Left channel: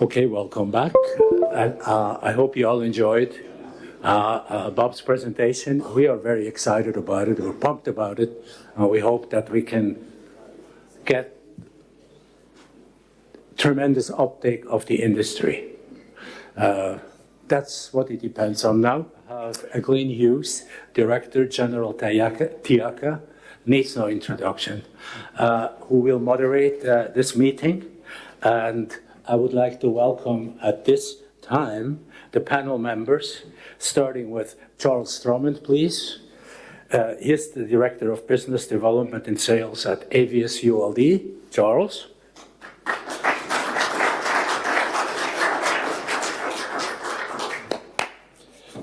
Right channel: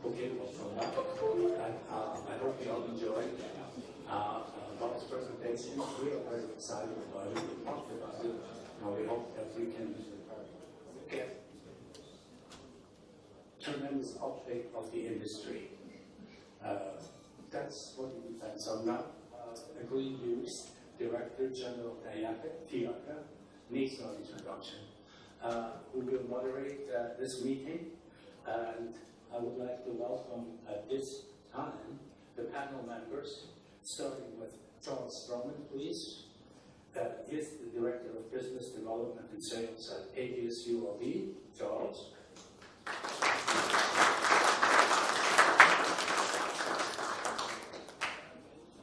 Okay, welcome back. And I hope you all enjoyed Bob's presentation. We are very excited about it. We're pumped about it. We hope that we can get tremendous uptake of the industry. That's what it depends on now. Glenn Hughes, Director General TIACA, needs no introduction, who will moderate this meeting. And I would like to welcome at this time the panel members, starting with Charles Drummond, please. He is the Director of Business Development and Sales at AVS ULD. Charles.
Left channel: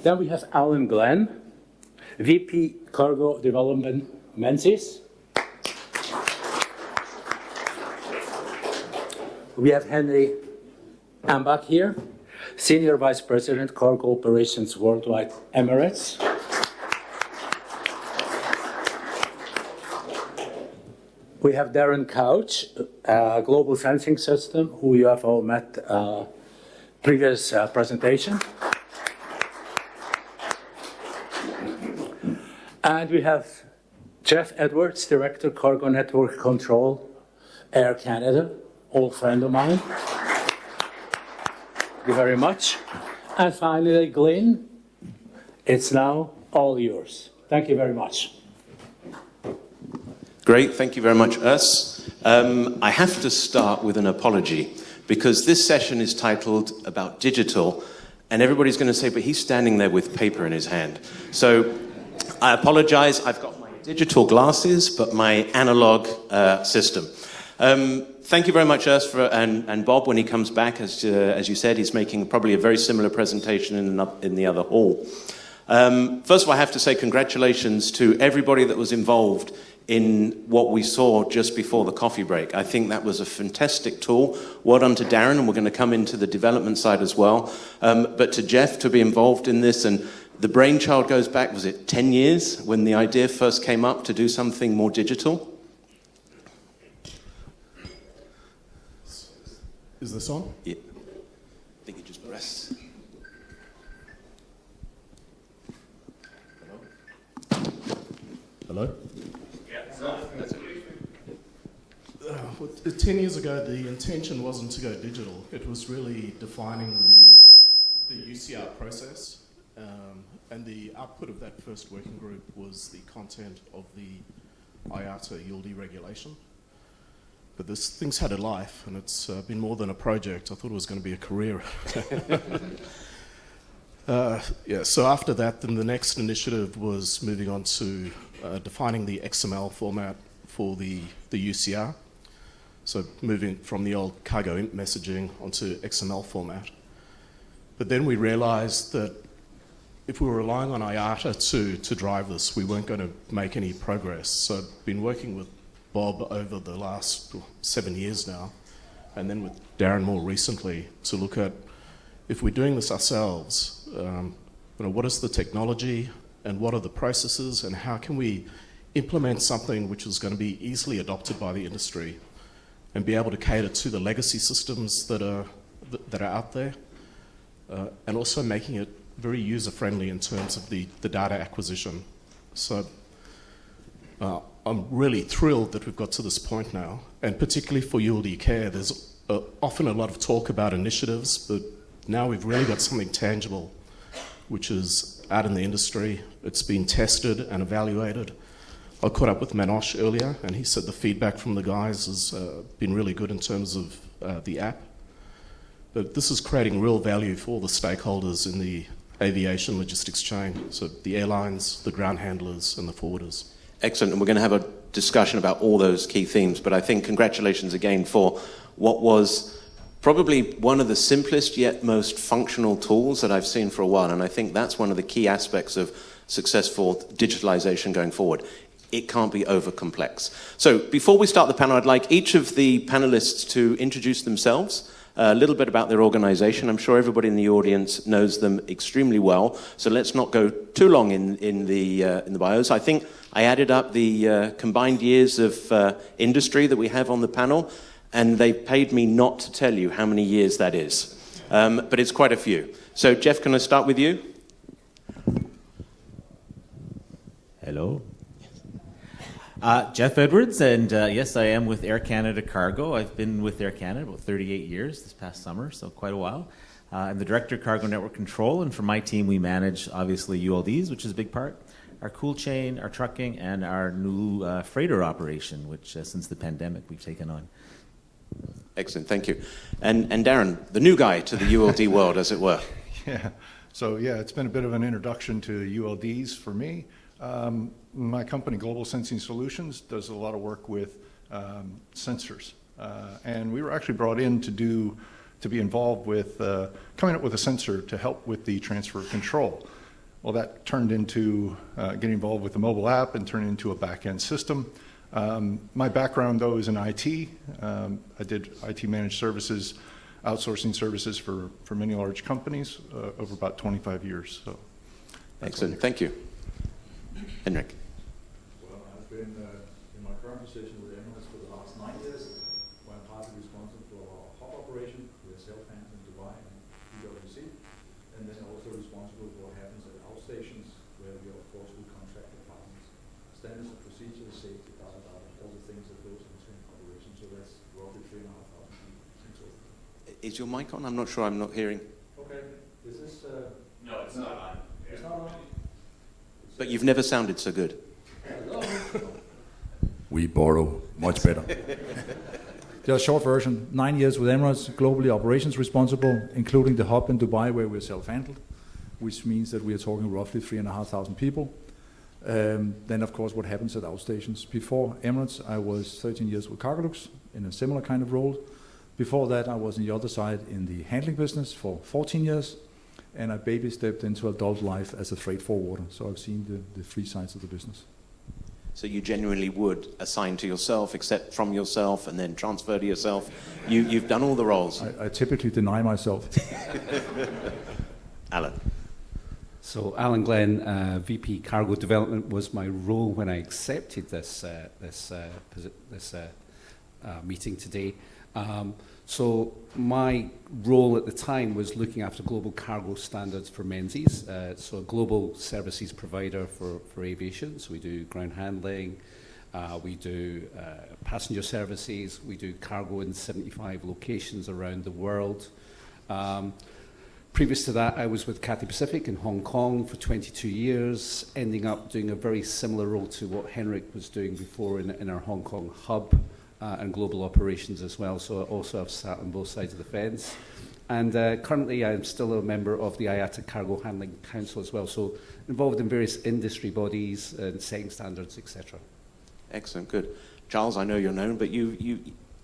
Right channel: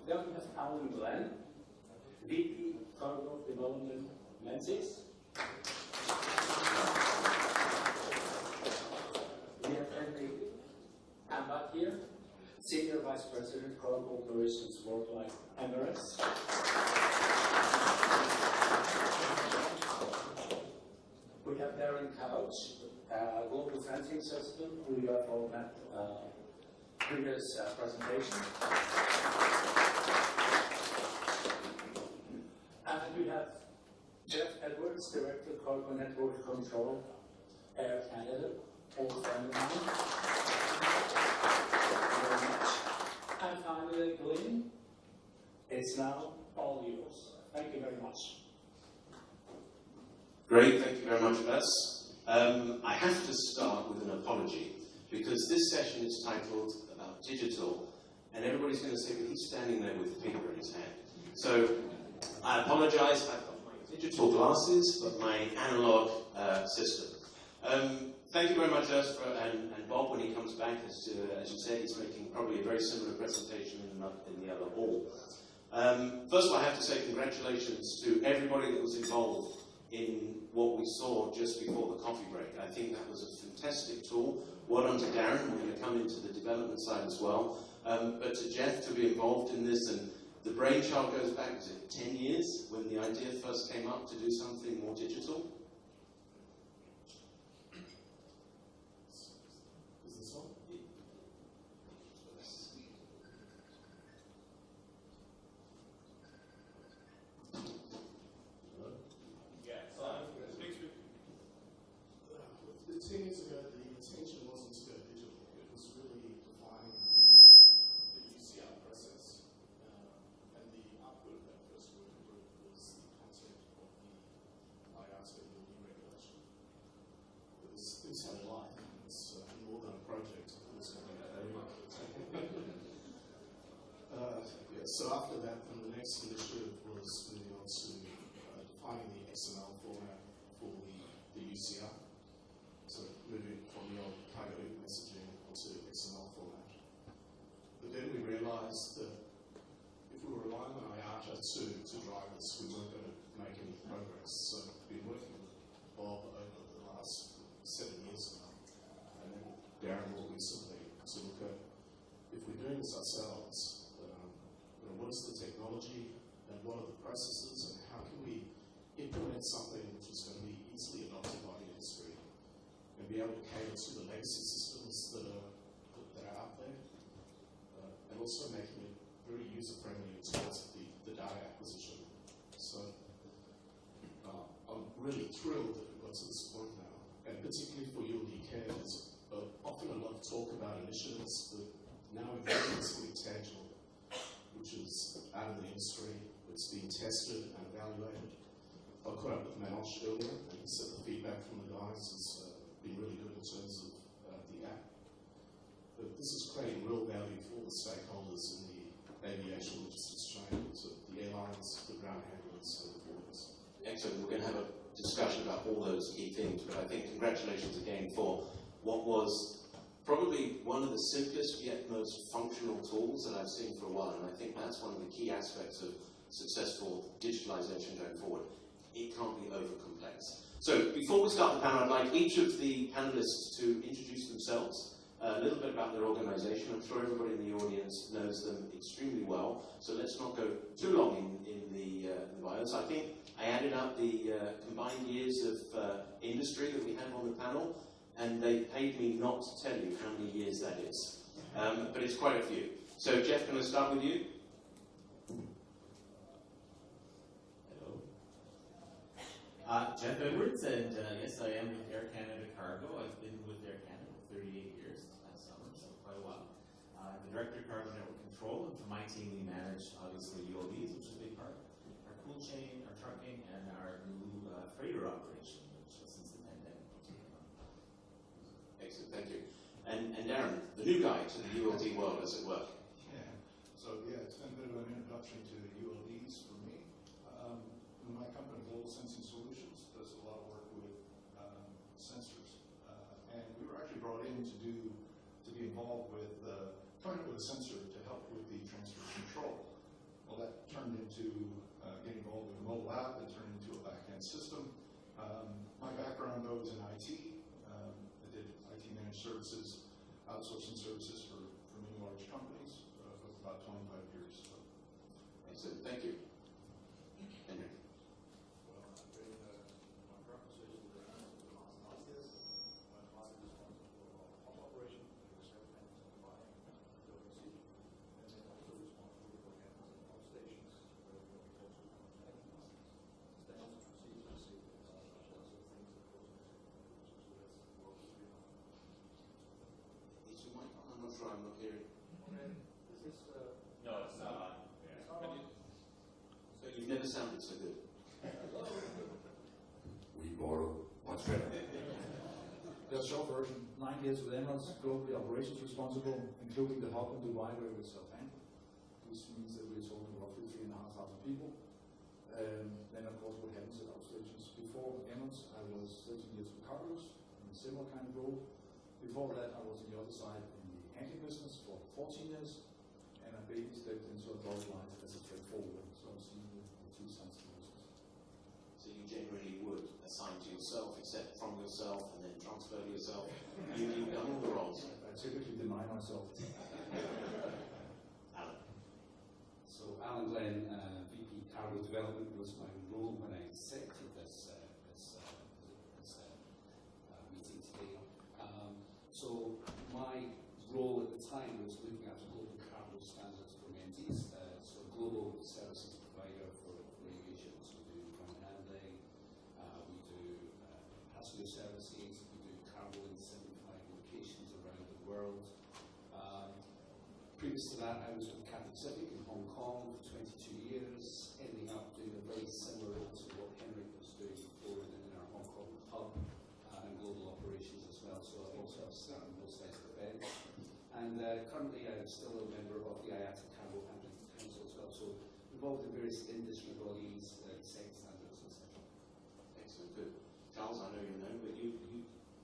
Then we have Alan Glenn, VP Cargo Development, Menzies. We have Henry Ambach here, Senior Vice President, Cargo Operations Worldwide, Emirates. We have Darren Couch, Global Sensing System, who you have all met previous presentation. And we have Jeff Edwards, Director, Cargo Network Control, Air Canada, old friend of mine. Thank you very much. And finally, Glenn, it's now all yours. Thank you very much. Great, thank you very much, Urs. I have to start with an apology, because this session is titled about digital, and everybody's going to say, but he's standing there with paper in his hand. So I apologize, I've got my digital glasses, but my analog system. Thank you very much, Urs, and Bob, when he comes back, as you said, he's making probably a very similar presentation in the other hall. First of all, I have to say congratulations to everybody that was involved in what we saw just before the coffee break. I think that was a fantastic tool. Well done to Darren, and we're going to come into the development side as well. But to Jeff to be involved in this, and the brainchild goes back, was it 10 years when the idea first came up to do something more digital? Is this on? Yeah. I think you just press. Hello? Yeah, that's it. 10 years ago, the intention wasn't to go digital. It was really defining the UCR process. And the output of that first working group was the content of the IATA ULD regulation. But thing's had a life, and it's been more than a project. I thought it was going to be a career. So after that, then the next initiative was moving on to defining the XML format for the UCR. So moving from the old cargo imp messaging onto XML format. But then we realized that if we were relying on IATA to drive this, we weren't going to make any progress. So I've been working with Bob over the last 7 years now, and then with Darren more recently, to look at, if we're doing this ourselves, what is the technology and what are the processes, and how can we implement something which is going to be easily adopted by the industry and be able to cater to the legacy systems that are out there, and also making it very user-friendly in terms of the data acquisition. So I'm really thrilled that we've got to this point now, and particularly for ULD Care, there's often a lot of talk about initiatives, but now we've really got something tangible, which is out in the industry. It's been tested and evaluated. I caught up with Manosh earlier, and he said the feedback from the guys has been really good in terms of the app. But this is creating real value for all the stakeholders in the aviation logistics chain, so the airlines, the ground handlers, and the forwarders. Excellent, and we're going to have a discussion about all those key themes, but I think congratulations again for what was probably one of the simplest yet most functional tools that I've seen for a while, and I think that's one of the key aspects of successful digitalization going forward. It can't be over complex. So before we start the panel, I'd like each of the panelists to introduce themselves, a little bit about their organization. I'm sure everybody in the audience knows them extremely well, so let's not go too long in the bios. I think I added up the combined years of industry that we have on the panel, and they paid me not to tell you how many years that is. But it's quite a few. So, Jeff, can I start with you? Hello. Jeff Edwards, and yes, I am with Air Canada Cargo. I've been with Air Canada about 38 years this past summer, so quite a while. I'm the Director of Cargo Network Control, and for my team, we manage, obviously, ULDs, which is a big part, our cool chain, our trucking, and our new freighter operation, which since the pandemic we've taken on. Excellent, thank you. And Darren, the new guy to the ULD world, as it were. Yeah, so yeah, it's been a bit of an introduction to ULDs for me. My company, Global Sensing Solutions, does a lot of work with sensors. And we were actually brought in to be involved with coming up with a sensor to help with the transfer of control. Well, that turned into getting involved with the mobile app and turned into a back-end system. My background, though, is in IT. I did IT managed services, outsourcing services for many large companies over about 25 years. So, excellent, thank you. Henrik. Well, I've been in my current position with Emirates for the last 9 years, where I'm partly responsible for our hub operation with self-handling in Dubai and PwC, and then also responsible for what happens at outstations, where we are, of course, with contracted partners. Standards and procedures, safety, all the things that goes into an operation. So that's roughly 3,500 people in total. Is your mic on? I'm not sure, I'm not hearing. Okay, is this... No, it's not on. It's not on? But you've never sounded so good. We borrow much better. The short version, 9 years with Emirates, globally operations responsible, including the hub in Dubai where we're self-handled, which means that we are talking roughly 3,500 people. Then, of course, what happens at outstations. Before Emirates, I was 13 years with Cargolux in a similar kind of role. Before that, I was on the other side in the handling business for 14 years. And I baby stepped into adult life as a freight forwarder. So I've seen the three sides of the business. So you genuinely would assign to yourself, accept from yourself, and then transfer to yourself. You've done all the roles. I typically deny myself. Alan. So Alan Glenn, VP Cargo Development, was my role when I accepted this meeting today. So my role at the time was looking after global cargo standards for Menzies, so a global services provider for aviation. So we do ground handling, we do passenger services, we do cargo in 75 locations around the world. Previous to that, I was with Cathay Pacific in Hong Kong for 22 years, ending up doing a very similar role to what Henrik was doing before in our Hong Kong hub. And global operations as well, so I also have sat on both sides of the fence. And currently I'm still a member of the IATA Cargo Handling Council as well, so involved in various industry bodies and setting standards, etc. Excellent, good. Charles, I know you're known, but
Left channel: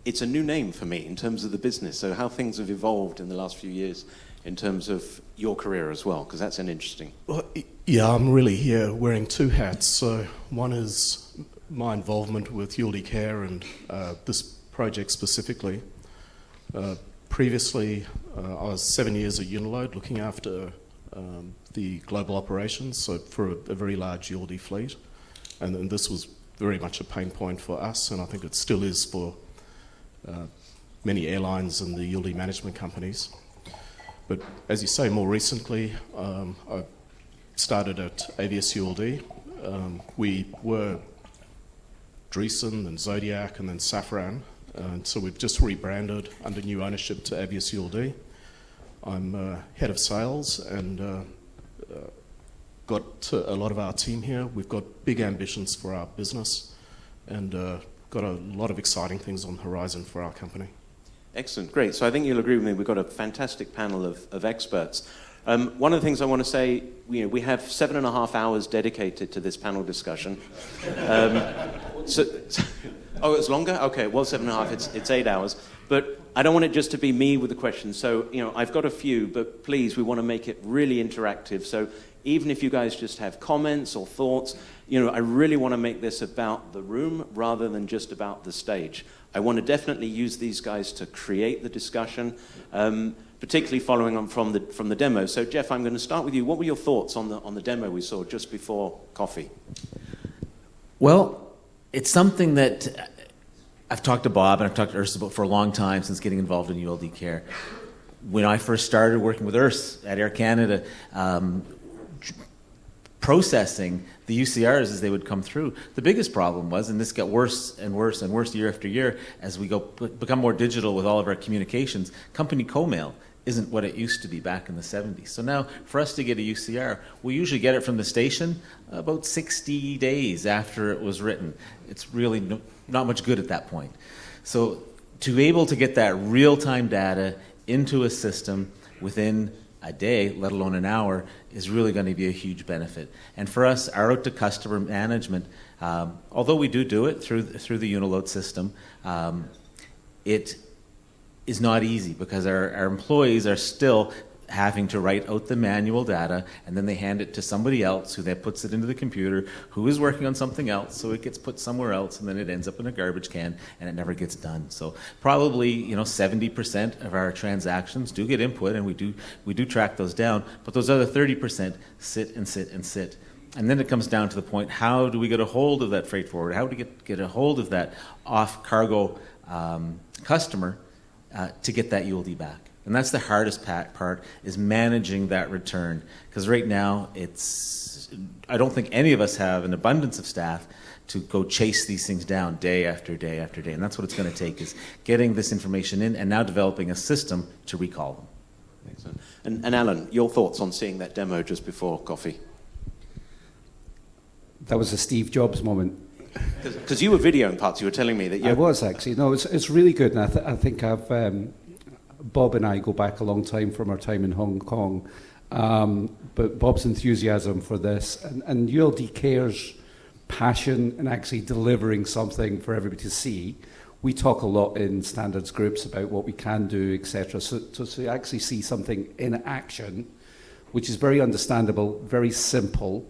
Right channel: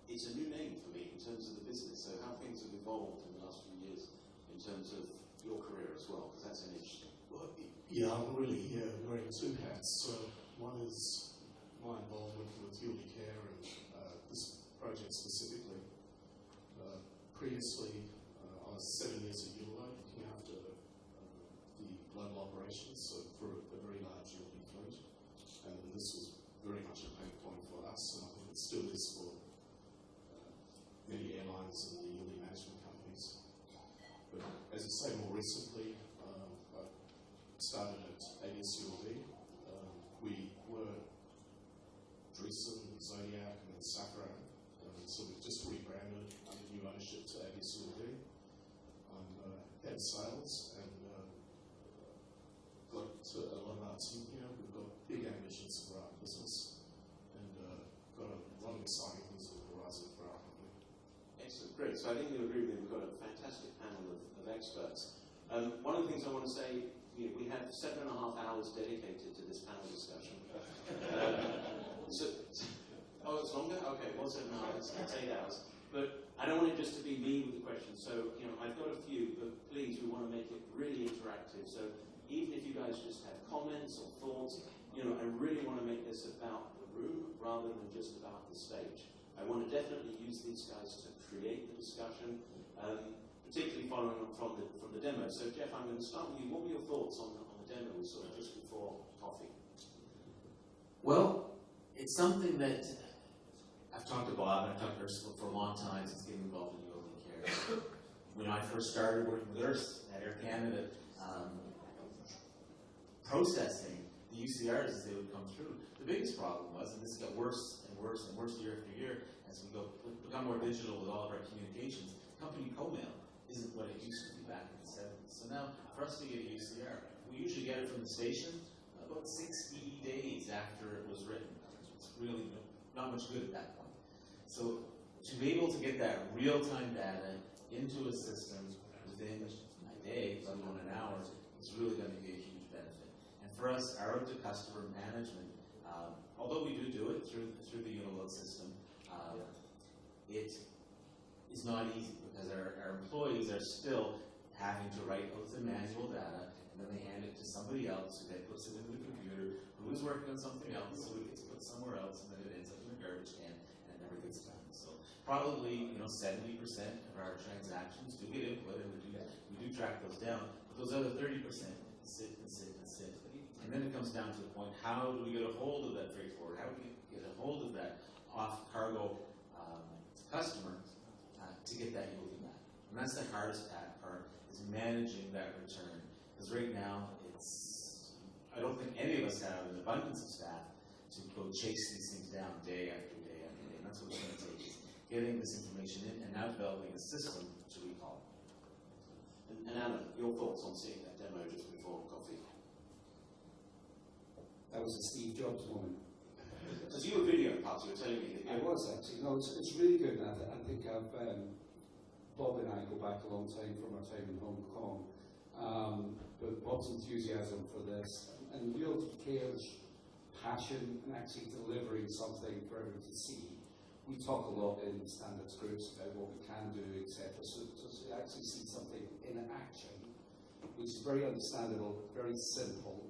it's a new name for me in terms of the business, so how things have evolved in the last few years in terms of your career as well, because that's an interesting... Well, yeah, I'm really here wearing two hats. So one is my involvement with ULD Care and this project specifically. Previously, I was 7 years at Uniload looking after the global operations, so for a very large ULD fleet. And this was very much a pain point for us, and I think it still is for many airlines and the ULD management companies. But as you say, more recently, I started at Avios ULD. We were Dreesen and Zodiac and then Safran. And so we've just rebranded under new ownership to Avios ULD. I'm head of sales and got a lot of our team here. We've got big ambitions for our business and got a lot of exciting things on the horizon for our company. Excellent, great. So I think you'll agree with me, we've got a fantastic panel of experts. One of the things I want to say, we have 7.5 hours dedicated to this panel discussion. Oh, it's longer? Okay, it was 7.5, it's 8 hours. But I don't want it just to be me with the questions. So, I've got a few, but please, we want to make it really interactive. So even if you guys just have comments or thoughts, I really want to make this about the room rather than just about the stage. I want to definitely use these guys to create the discussion, particularly following on from the demo. So Jeff, I'm going to start with you. What were your thoughts on the demo we saw just before coffee? Well, it's something that I've talked to Bob and I've talked to Urs about for a long time since getting involved in ULD Care. When I first started working with Urs at Air Canada, processing the UCRs as they would come through, the biggest problem was, and this got worse and worse and worse year after year as we become more digital with all of our communications, company co-mail isn't what it used to be back in the 70s. So now, for us to get a UCR, we usually get it from the station about 60 days after it was written. It's really not much good at that point. So to be able to get that real-time data into a system within a day, let alone an hour, is really going to be a huge benefit. And for us, our out-to-customer management, although we do it through the Uniload system, it is not easy because our employees are still having to write out the manual data, and then they hand it to somebody else who then puts it into the computer, who is working on something else, so it gets put somewhere else, and then it ends up in a garbage can, and it never gets done. So probably 70% of our transactions do get input, and we do track those down, but those other 30% sit and sit and sit. And then it comes down to the point, how do we get a hold of that freight forwarder? How do we get a hold of that off-cargo customer to get that ULD back? And that's the hardest part, is managing that return. Because right now, I don't think any of us have an abundance of staff to go chase these things down day after day after day. And that's what it's going to take, is getting this information in and now developing a system to recall them. Excellent. And Alan, your thoughts on seeing that demo just before coffee? That was a Steve Jobs moment. Because you were videoing parts, you were telling me that you... I was, actually. No, it's really good. And I think Bob and I go back a long time from our time in Hong Kong. But Bob's enthusiasm for this and ULD Care's passion in actually delivering something for everybody to see. We talk a lot in standards groups about what we can do, etc. So to actually see something in action, which is very understandable, very simple,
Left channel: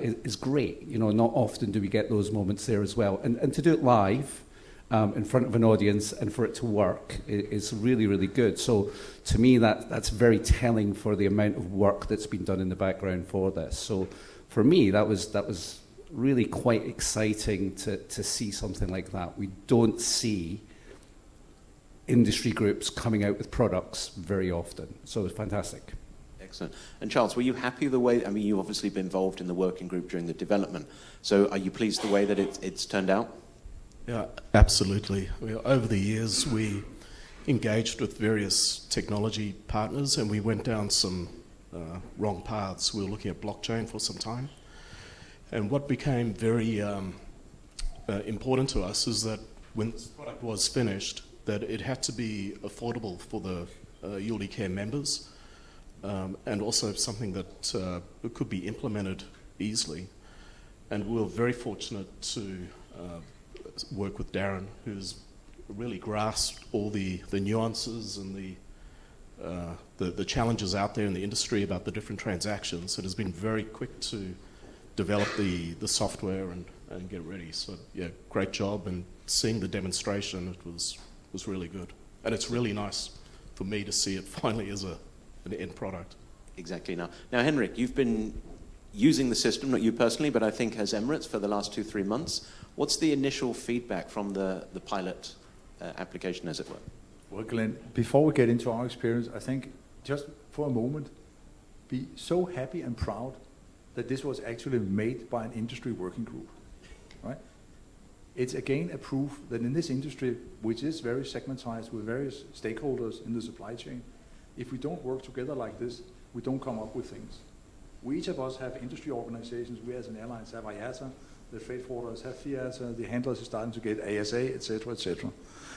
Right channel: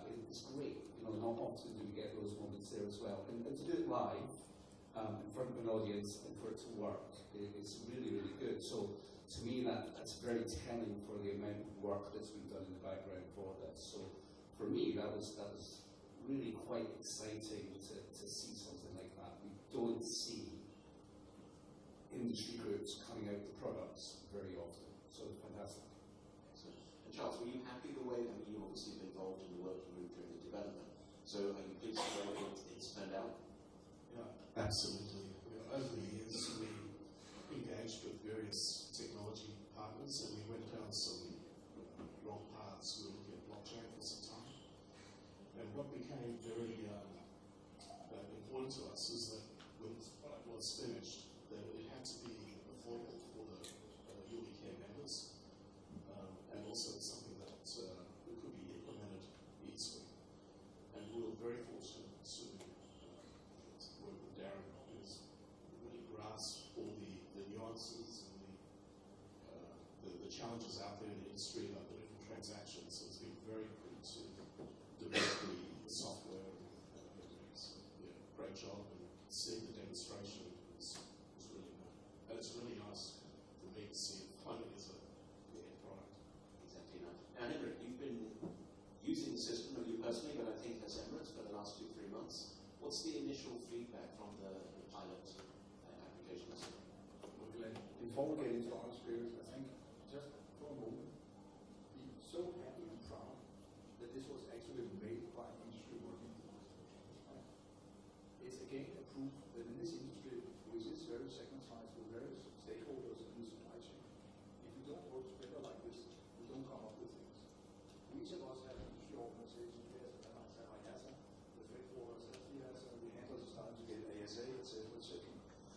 is great. Not often do we get those moments there as well. And to do it live, in front of an audience and for it to work is really, really good. So to me, that's very telling for the amount of work that's been done in the background for this. So for me, that was really quite exciting to see something like that. We don't see industry groups coming out with products very often. So it's fantastic. Excellent. And Charles, were you happy the way, you've obviously been involved in the working group during the development. So are you pleased the way that it's turned out? Yeah, absolutely. Over the years, we engaged with various technology partners, and we went down some wrong paths. We were looking at blockchain for some time. And what became very important to us is that when this product was finished, that it had to be affordable for the ULD Care members, and also something that could be implemented easily. And we were very fortunate to work with Darren, who's really grasped all the nuances and the challenges out there in the industry about the different transactions. It has been very quick to develop the software and get ready. So yeah, great job. And seeing the demonstration, it was really good. And it's really nice for me to see it finally as an end product. Exactly. Now Henrik, you've been using the system, not you personally, but I think as Emirates for the last 2-3 months. What's the initial feedback from the pilot application, as it were? Well, Glenn, before we get into our experience, I think just for a moment, be so happy and proud that this was actually made by an industry working group, right? It's again a proof that in this industry, which is very segmentized with various stakeholders in the supply chain, if we don't work together like this, we don't come up with things. We each of us have industry organizations. We as an airlines have IATA, the freight forwarders have FIATA, the handlers are starting to get ASA, etc., etc.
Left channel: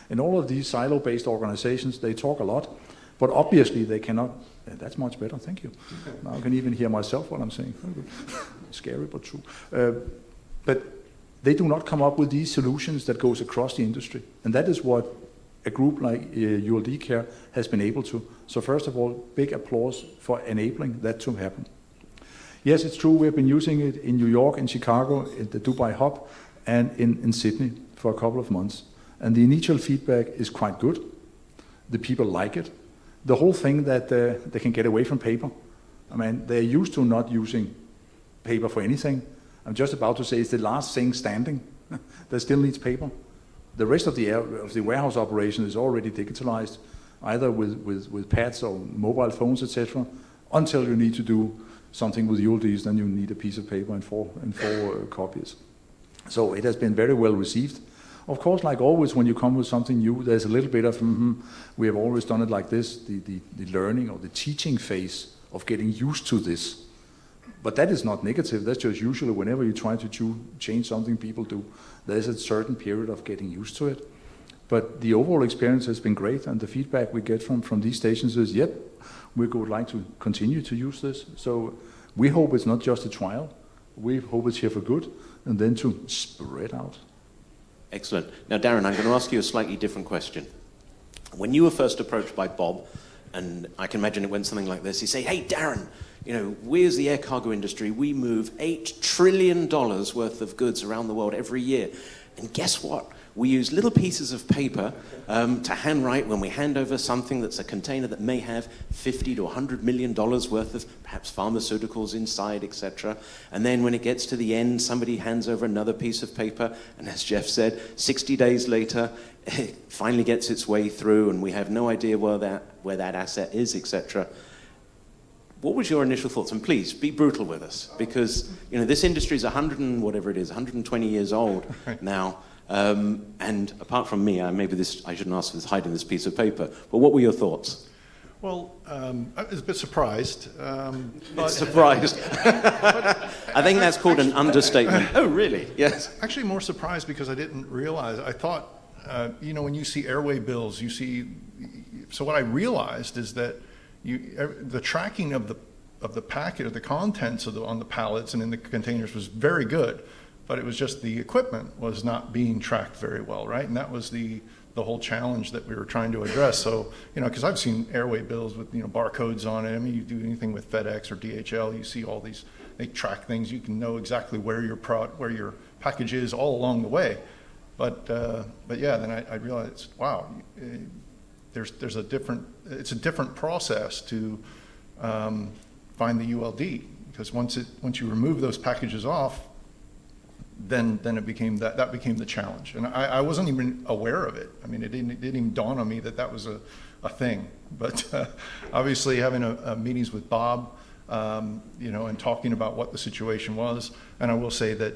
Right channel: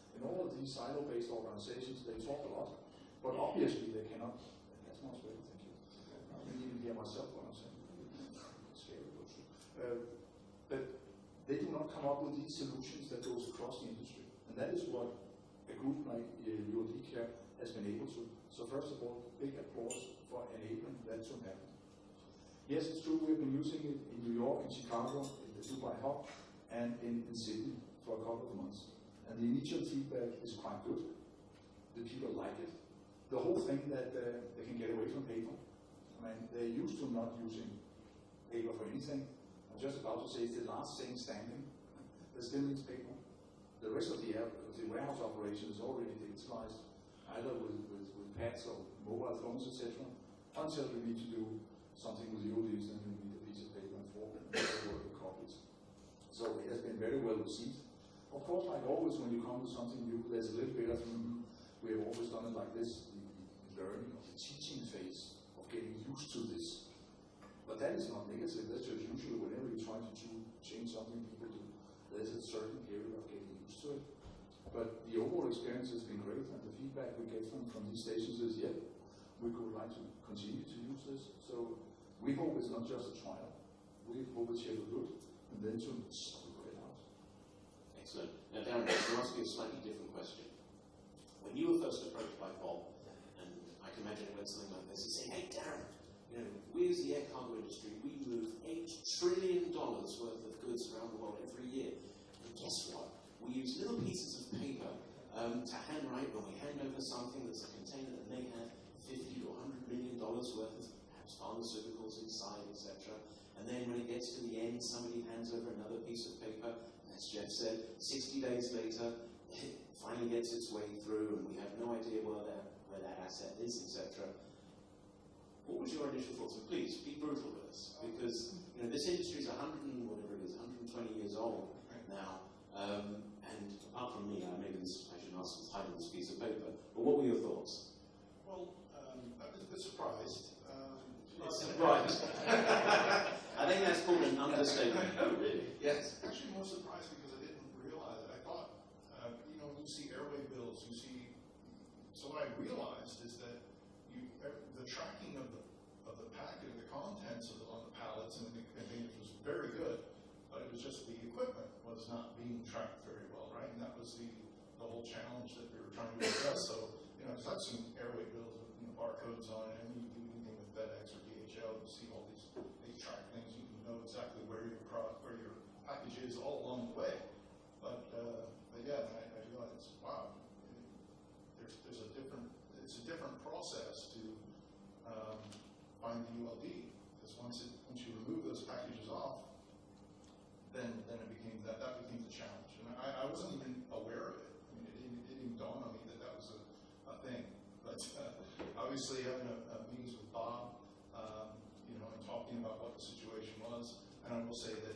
And all of these silo-based organizations, they talk a lot, but obviously they cannot. That's much better, thank you. Now I can even hear myself what I'm saying. Scary, but true. But they do not come up with these solutions that goes across the industry. And that is what a group like ULD Care has been able to. So first of all, big applause for enabling that to happen. Yes, it's true, we've been using it in New York, in Chicago, in the Dubai hub, and in Sydney for a couple of months. And the initial feedback is quite good. The people like it. The whole thing that they can get away from paper. They're used to not using paper for anything. I'm just about to say it's the last thing standing that still needs paper. The rest of the warehouse operation is already digitalized, either with pads or mobile phones, etc. Until you need to do something with ULDs, then you need a piece of paper and four copies. So it has been very well received. Of course, like always, when you come with something new, there's a little bit of, we have always done it like this, the learning or the teaching phase of getting used to this. But that is not negative. That's just usually whenever you try to change something people do, there's a certain period of getting used to it. But the overall experience has been great, and the feedback we get from these stations is, yep, we would like to continue to use this. So we hope it's not just a trial. We hope it's here for good, and then to spread out. Excellent. Now, Darren, I'm going to ask you a slightly different question. When you were first approached by Bob, and I can imagine it went something like this, he say, hey, Darren, you know, we as the air cargo industry, we move $8 trillion worth of goods around the world every year. And guess what? We use little pieces of paper to handwrite when we hand over something that's a container that may have $50 to $100 million worth of perhaps pharmaceuticals inside, etc. And then when it gets to the end, somebody hands over another piece of paper, and as Jeff said, 60 days later, it finally gets its way through, and we have no idea where that asset is, etc. What was your initial thoughts? And please, be brutal with us, because you know this industry is 120 years old now. And apart from me, maybe I shouldn't ask for this, hiding this piece of paper, but what were your thoughts? Well, I was a bit surprised. Surprised. I think that's called an understatement. Oh, really? Yes. Actually, more surprised because I didn't realize. I thought, you know, when you see airway bills, you see. So what I realized is that the tracking of the packet, of the contents on the pallets and in the containers was very good. But it was just the equipment was not being tracked very well, right? And that was the whole challenge that we were trying to address. So, you know, because I've seen airway bills with, you know, barcodes on it. I mean, you do anything with FedEx or DHL, you see all these, they track things. You can know exactly where your package is all along the way. But yeah, then I realized, wow, it's a different process to find the ULD, because once you remove those packages off, then it became that became the challenge, and I wasn't even aware of it. I mean, it didn't even dawn on me that was a thing. But obviously, having meetings with Bob, you know, and talking about what the situation was, and I will say that,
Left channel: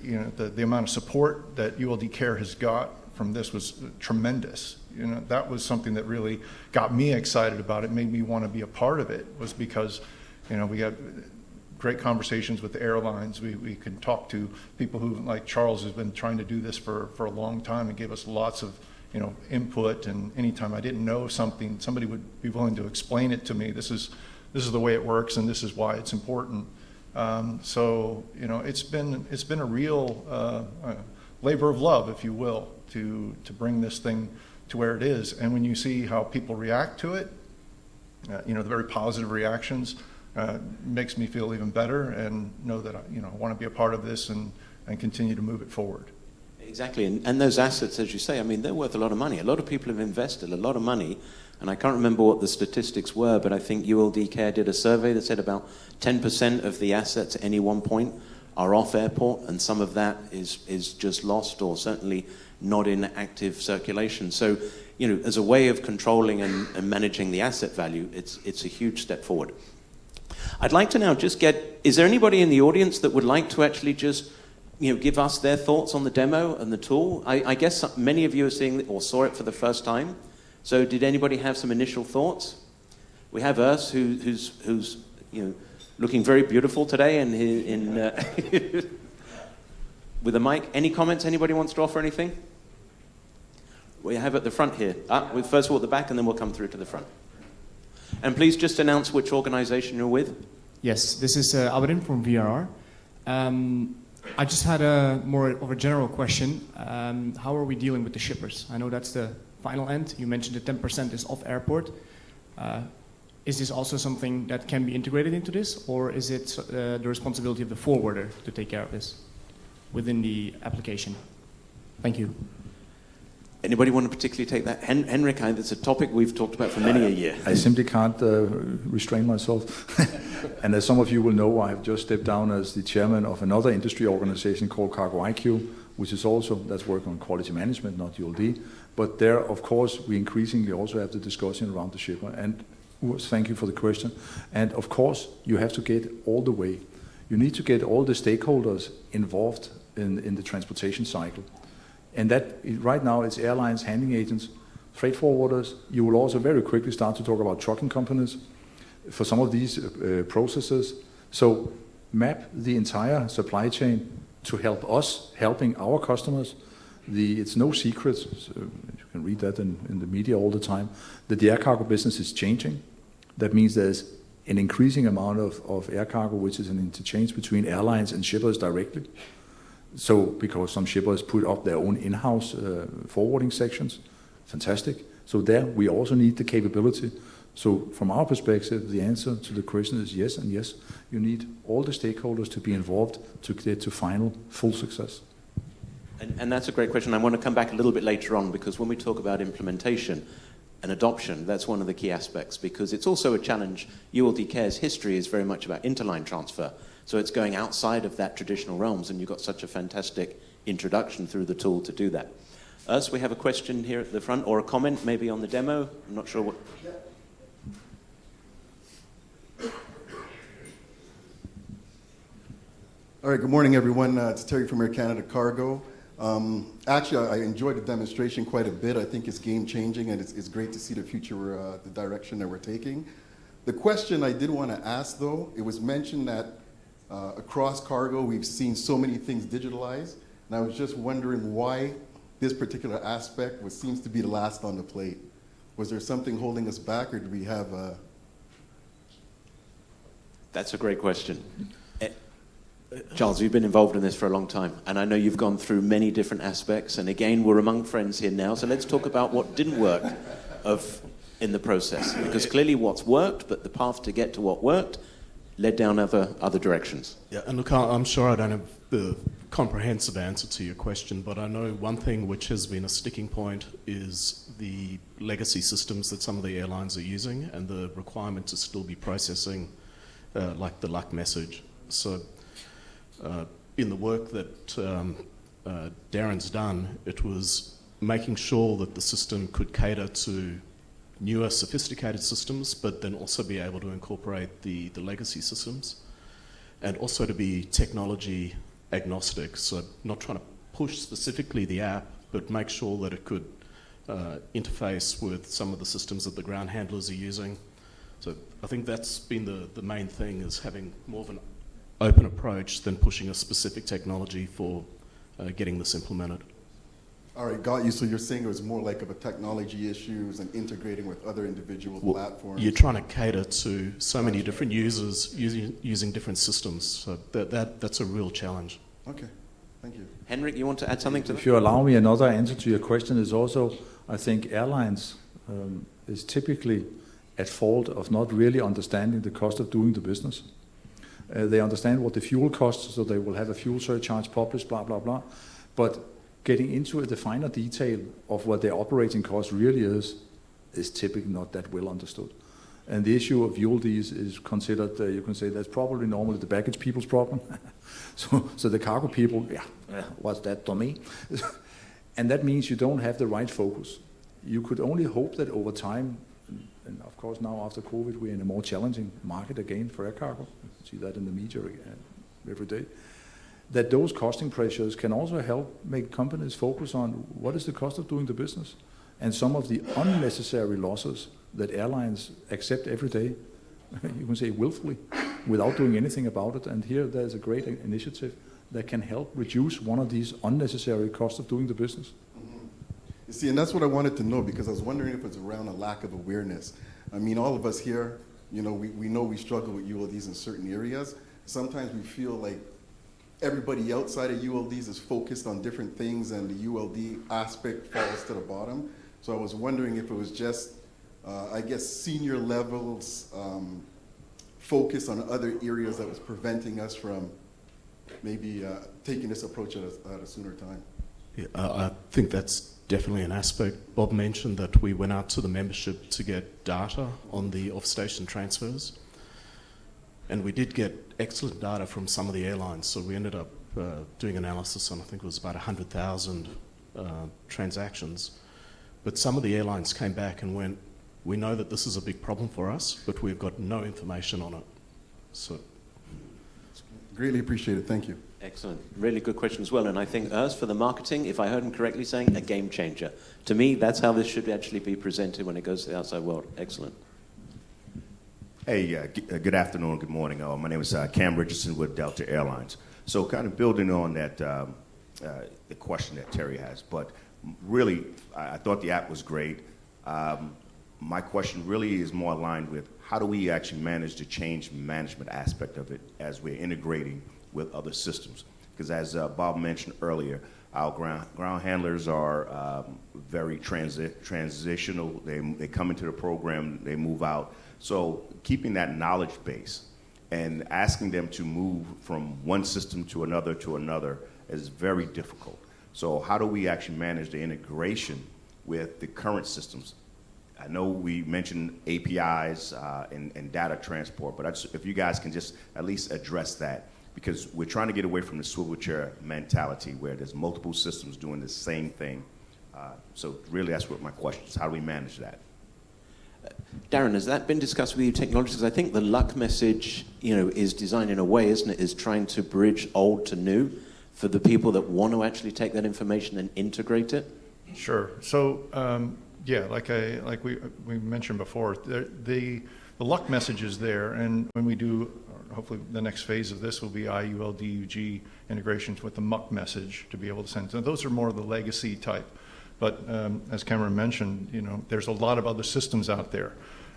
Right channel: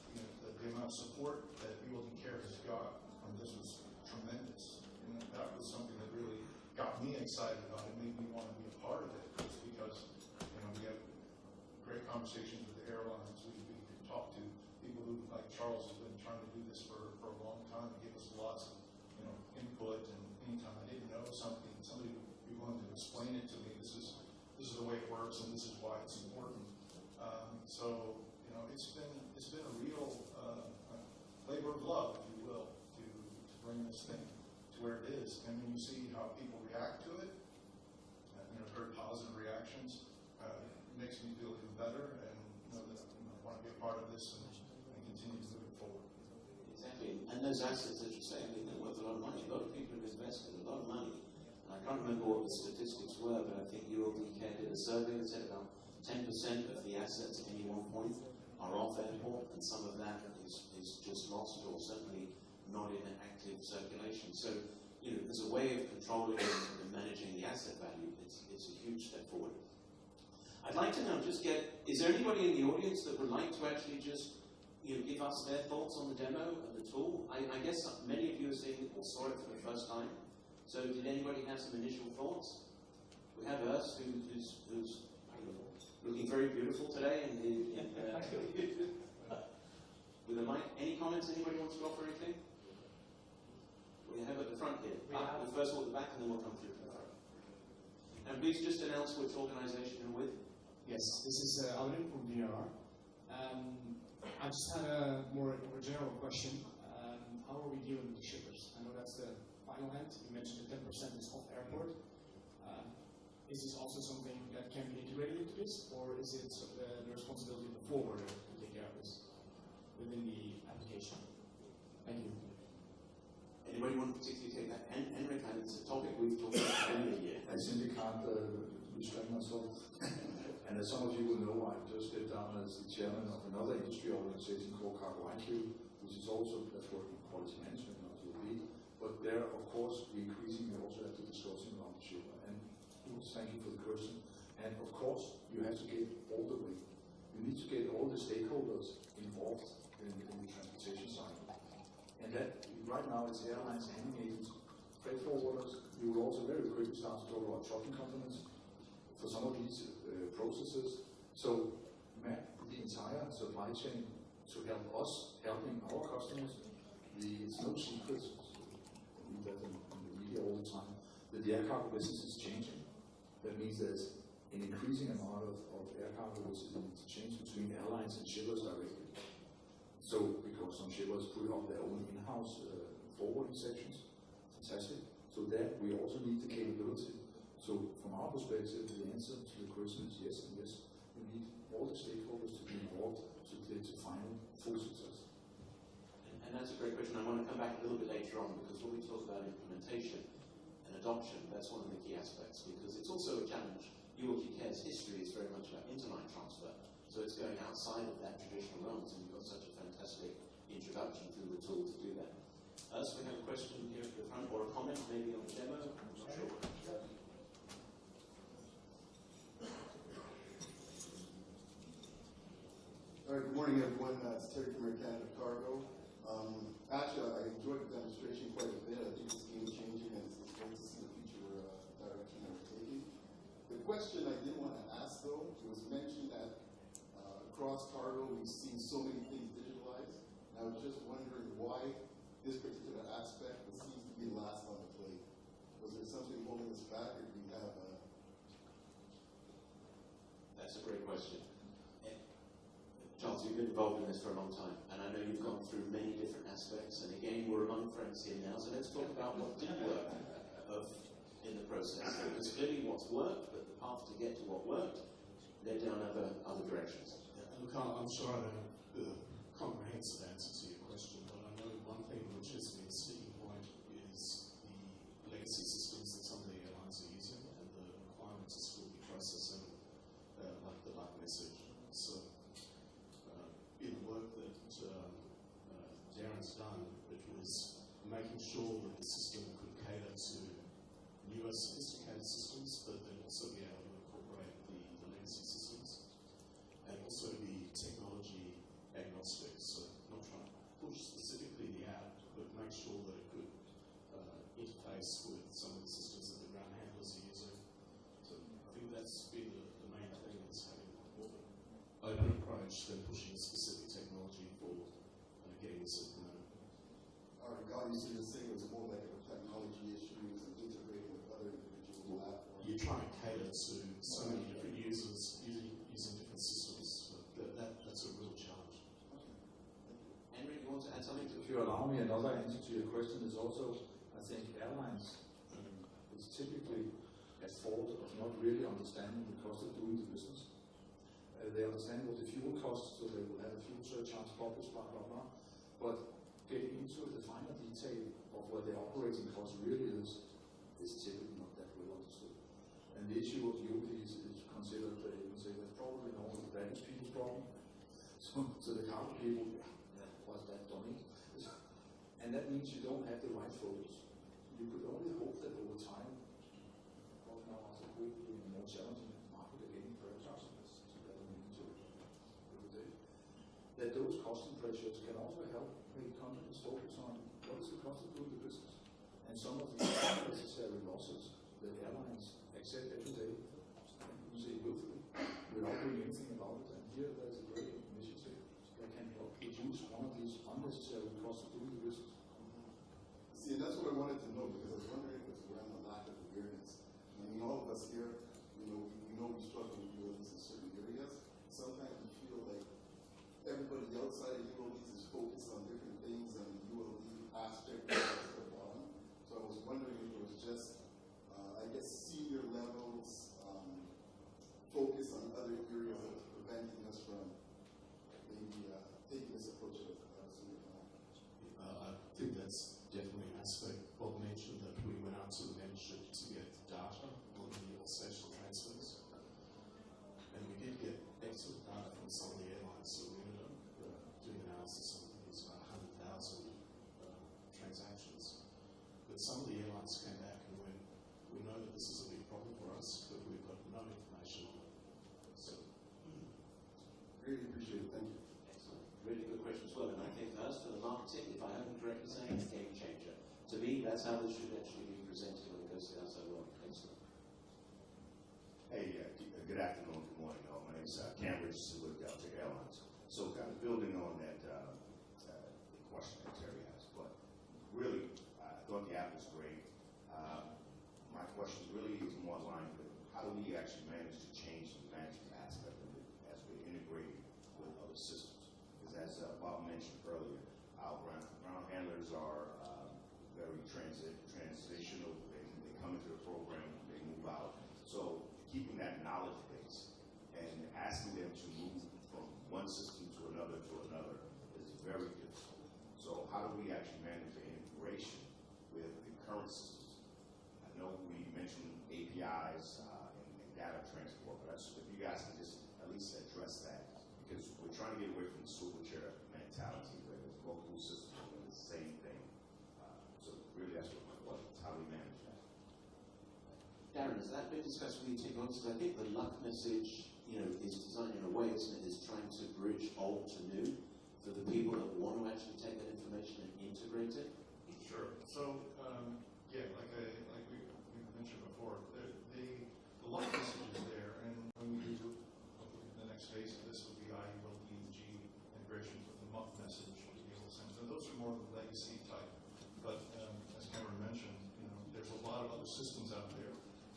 you know, the amount of support that ULD Care has got from this was tremendous. You know, that was something that really got me excited about it, made me want to be a part of it, was because, you know, we had great conversations with the airlines. We could talk to people who, like Charles, has been trying to do this for a long time and gave us lots of, you know, input. And anytime I didn't know something, somebody would be willing to explain it to me. This is the way it works, and this is why it's important. So, you know, it's been a real labor of love, if you will, to bring this thing to where it is. And when you see how people react to it, you know, the very positive reactions, makes me feel even better, and know that I want to be a part of this and continue to move it forward. Exactly, and those assets, as you say, I mean, they're worth a lot of money. A lot of people have invested a lot of money, and I can't remember what the statistics were, but I think ULD Care did a survey that said about 10% of the assets at any one point are off airport, and some of that is just lost, or certainly not in active circulation. So, you know, as a way of controlling and managing the asset value, it's a huge step forward. I'd like to now just is there anybody in the audience that would like to actually just, you know, give us their thoughts on the demo and the tool? I guess many of you are seeing or saw it for the first time. So did anybody have some initial thoughts? We have Urs, who's you know, looking very beautiful today, and with a mic. Any comments? Anybody wants to offer anything? We have at the front here. We'll first walk the back, and then we'll come through to the front. And please just announce which organization you're with. Yes, this is Albin from VRR. I just had a more of a general question. How are we dealing with the shippers? I know that's the final end. You mentioned the 10% is off airport. Is this also something that can be integrated into this, or is it the responsibility of the forwarder to take care of this within the application? Thank you. Anybody want to particularly take that? Henrik, it's a topic we've talked about for many a year. I simply can't restrain myself. And as some of you will know, I have just stepped down as the chairman of another industry organization called Cargo IQ, which is also, that's work on quality management, not ULD. But there, of course, we increasingly also have the discussion around the shipper. And Urs, thank you for the question. And of course, you have to get all the way. You need to get all the stakeholders involved in the transportation cycle. And that, right now, it's airlines, handling agents, freight forwarders. You will also very quickly start to talk about trucking companies for some of these processes. So map the entire supply chain to help us, helping our customers. It's no secret, so you can read that in the media all the time, that the air cargo business is changing. That means there's an increasing amount of air cargo, which is an interchange between airlines and shippers directly. So, because some shippers put up their own in-house forwarding sections, fantastic. So there, we also need the capability. So from our perspective, the answer to the question is yes and yes. You need all the stakeholders to be involved to get to final full success. And that's a great question. I want to come back a little bit later on, because when we talk about implementation and adoption, that's one of the key aspects, because it's also a challenge. ULD Care's history is very much about interline transfer. So it's going outside of that traditional realms, and you've got such a fantastic introduction through the tool to do that. Urs, we have a question here at the front, or a comment maybe on the demo. I'm not sure what... All right, good morning, everyone. It's Terry from Air Canada Cargo. Actually, I enjoyed the demonstration quite a bit. I think it's game-changing, and it's great to see the future, the direction that we're taking. The question I did want to ask, though, it was mentioned that across cargo, we've seen so many things digitalized, and I was just wondering why this particular aspect seems to be the last on the plate. Was there something holding us back, or do we have a... That's a great question. Charles, you've been involved in this for a long time, and I know you've gone through many different aspects, and again, we're among friends here now, so let's talk about what didn't work in the process, because clearly what's worked, but the path to get to what worked led down other directions. Yeah, and look, I'm sure I don't have the comprehensive answer to your question, but I know one thing which has been a sticking point is the legacy systems that some of the airlines are using and the requirement to still be processing like the luck message. So in the work that Darren's done, it was making sure that the system could cater to newer, sophisticated systems, but then also be able to incorporate the legacy systems, and also to be technology agnostic, so not trying to push specifically the app, but make sure that it could interface with some of the systems that the ground handlers are using. So I think that's been the main thing, is having more of an open approach than pushing a specific technology for getting this implemented. All right, got you. So you're saying it was more like of a technology issues and integrating with other individual platforms? You're trying to cater to so many different users using different systems. So that's a real challenge. Okay, thank you. Henrik, you want to add something to that? If you allow me, another answer to your question is also, I think airlines is typically at fault of not really understanding the cost of doing the business. They understand what the fuel costs, so they will have a fuel surcharge published, blah, blah, blah. But getting into the finer detail of what their operating cost really is typically not that well understood. And the issue of ULDs is considered, you can say that's probably normally the baggage people's problem. so the cargo people, what's that to me? And that means you don't have the right focus. You could only hope that over time, and of course now after COVID, we're in a more challenging market again for air cargo. You see that in the media every day. That those costing pressures can also help make companies focus on what is the cost of doing the business, and some of the unnecessary losses that airlines accept every day, you can say willfully, without doing anything about it. And here there's a great initiative that can help reduce one of these unnecessary costs of doing the business. Mm-hmm. You see, and that's what I wanted to know, because I was wondering if it's around a lack of awareness. I mean, all of us here, you know we struggle with ULDs in certain areas. Sometimes we feel like everybody outside of ULDs is focused on different things, and the ULD aspect falls to the bottom. So I was wondering if it was just, I guess, senior levels focus on other areas that was preventing us from maybe taking this approach at a sooner time. Yeah, I think that's definitely an aspect. Bob mentioned that we went out to the membership to get data on the off-station transfers, and we did get excellent data from some of the airlines, so we ended up doing analysis on, I think it was about 100,000 transactions. But some of the airlines came back and went, we know that this is a big problem for us, but we've got no information on it. So, Greatly appreciated. Thank you. Excellent. Really good question as well. And I think Urs, for the marketing, if I heard him correctly saying, a game changer. To me, that's how this should actually be presented when it goes to the outside world. Excellent. Hey, good afternoon, good morning. My name is Cam Richardson with Delta Airlines. So kind of building on that, the question that Terry has, but really, I thought the app was great. My question really is more aligned with how do we actually manage the change management aspect of it as we're integrating with other systems? Because as Bob mentioned earlier, our ground handlers are very transitional. They come into the program, they move out. So keeping that knowledge base and asking them to move from one system to another is very difficult. So how do we actually manage the integration with the current systems? I know we mentioned APIs and data transport, but if you guys can just at least address that, because we're trying to get away from the swivel chair mentality where there's multiple systems doing the same thing. So really that's what my question is. How do we manage that? Darren, has that been discussed with you technologists? Because I think the luck message, is designed in a way, isn't it, is trying to bridge old to new for the people that want to actually take that information and integrate it? Sure. So, yeah, like we mentioned before, the luck message is there, and when we do, hopefully the next phase of this will be IULDUG integrations with the muck message to be able to send. So those are more of the legacy type. But as Cameron mentioned, there's a lot of other systems out there.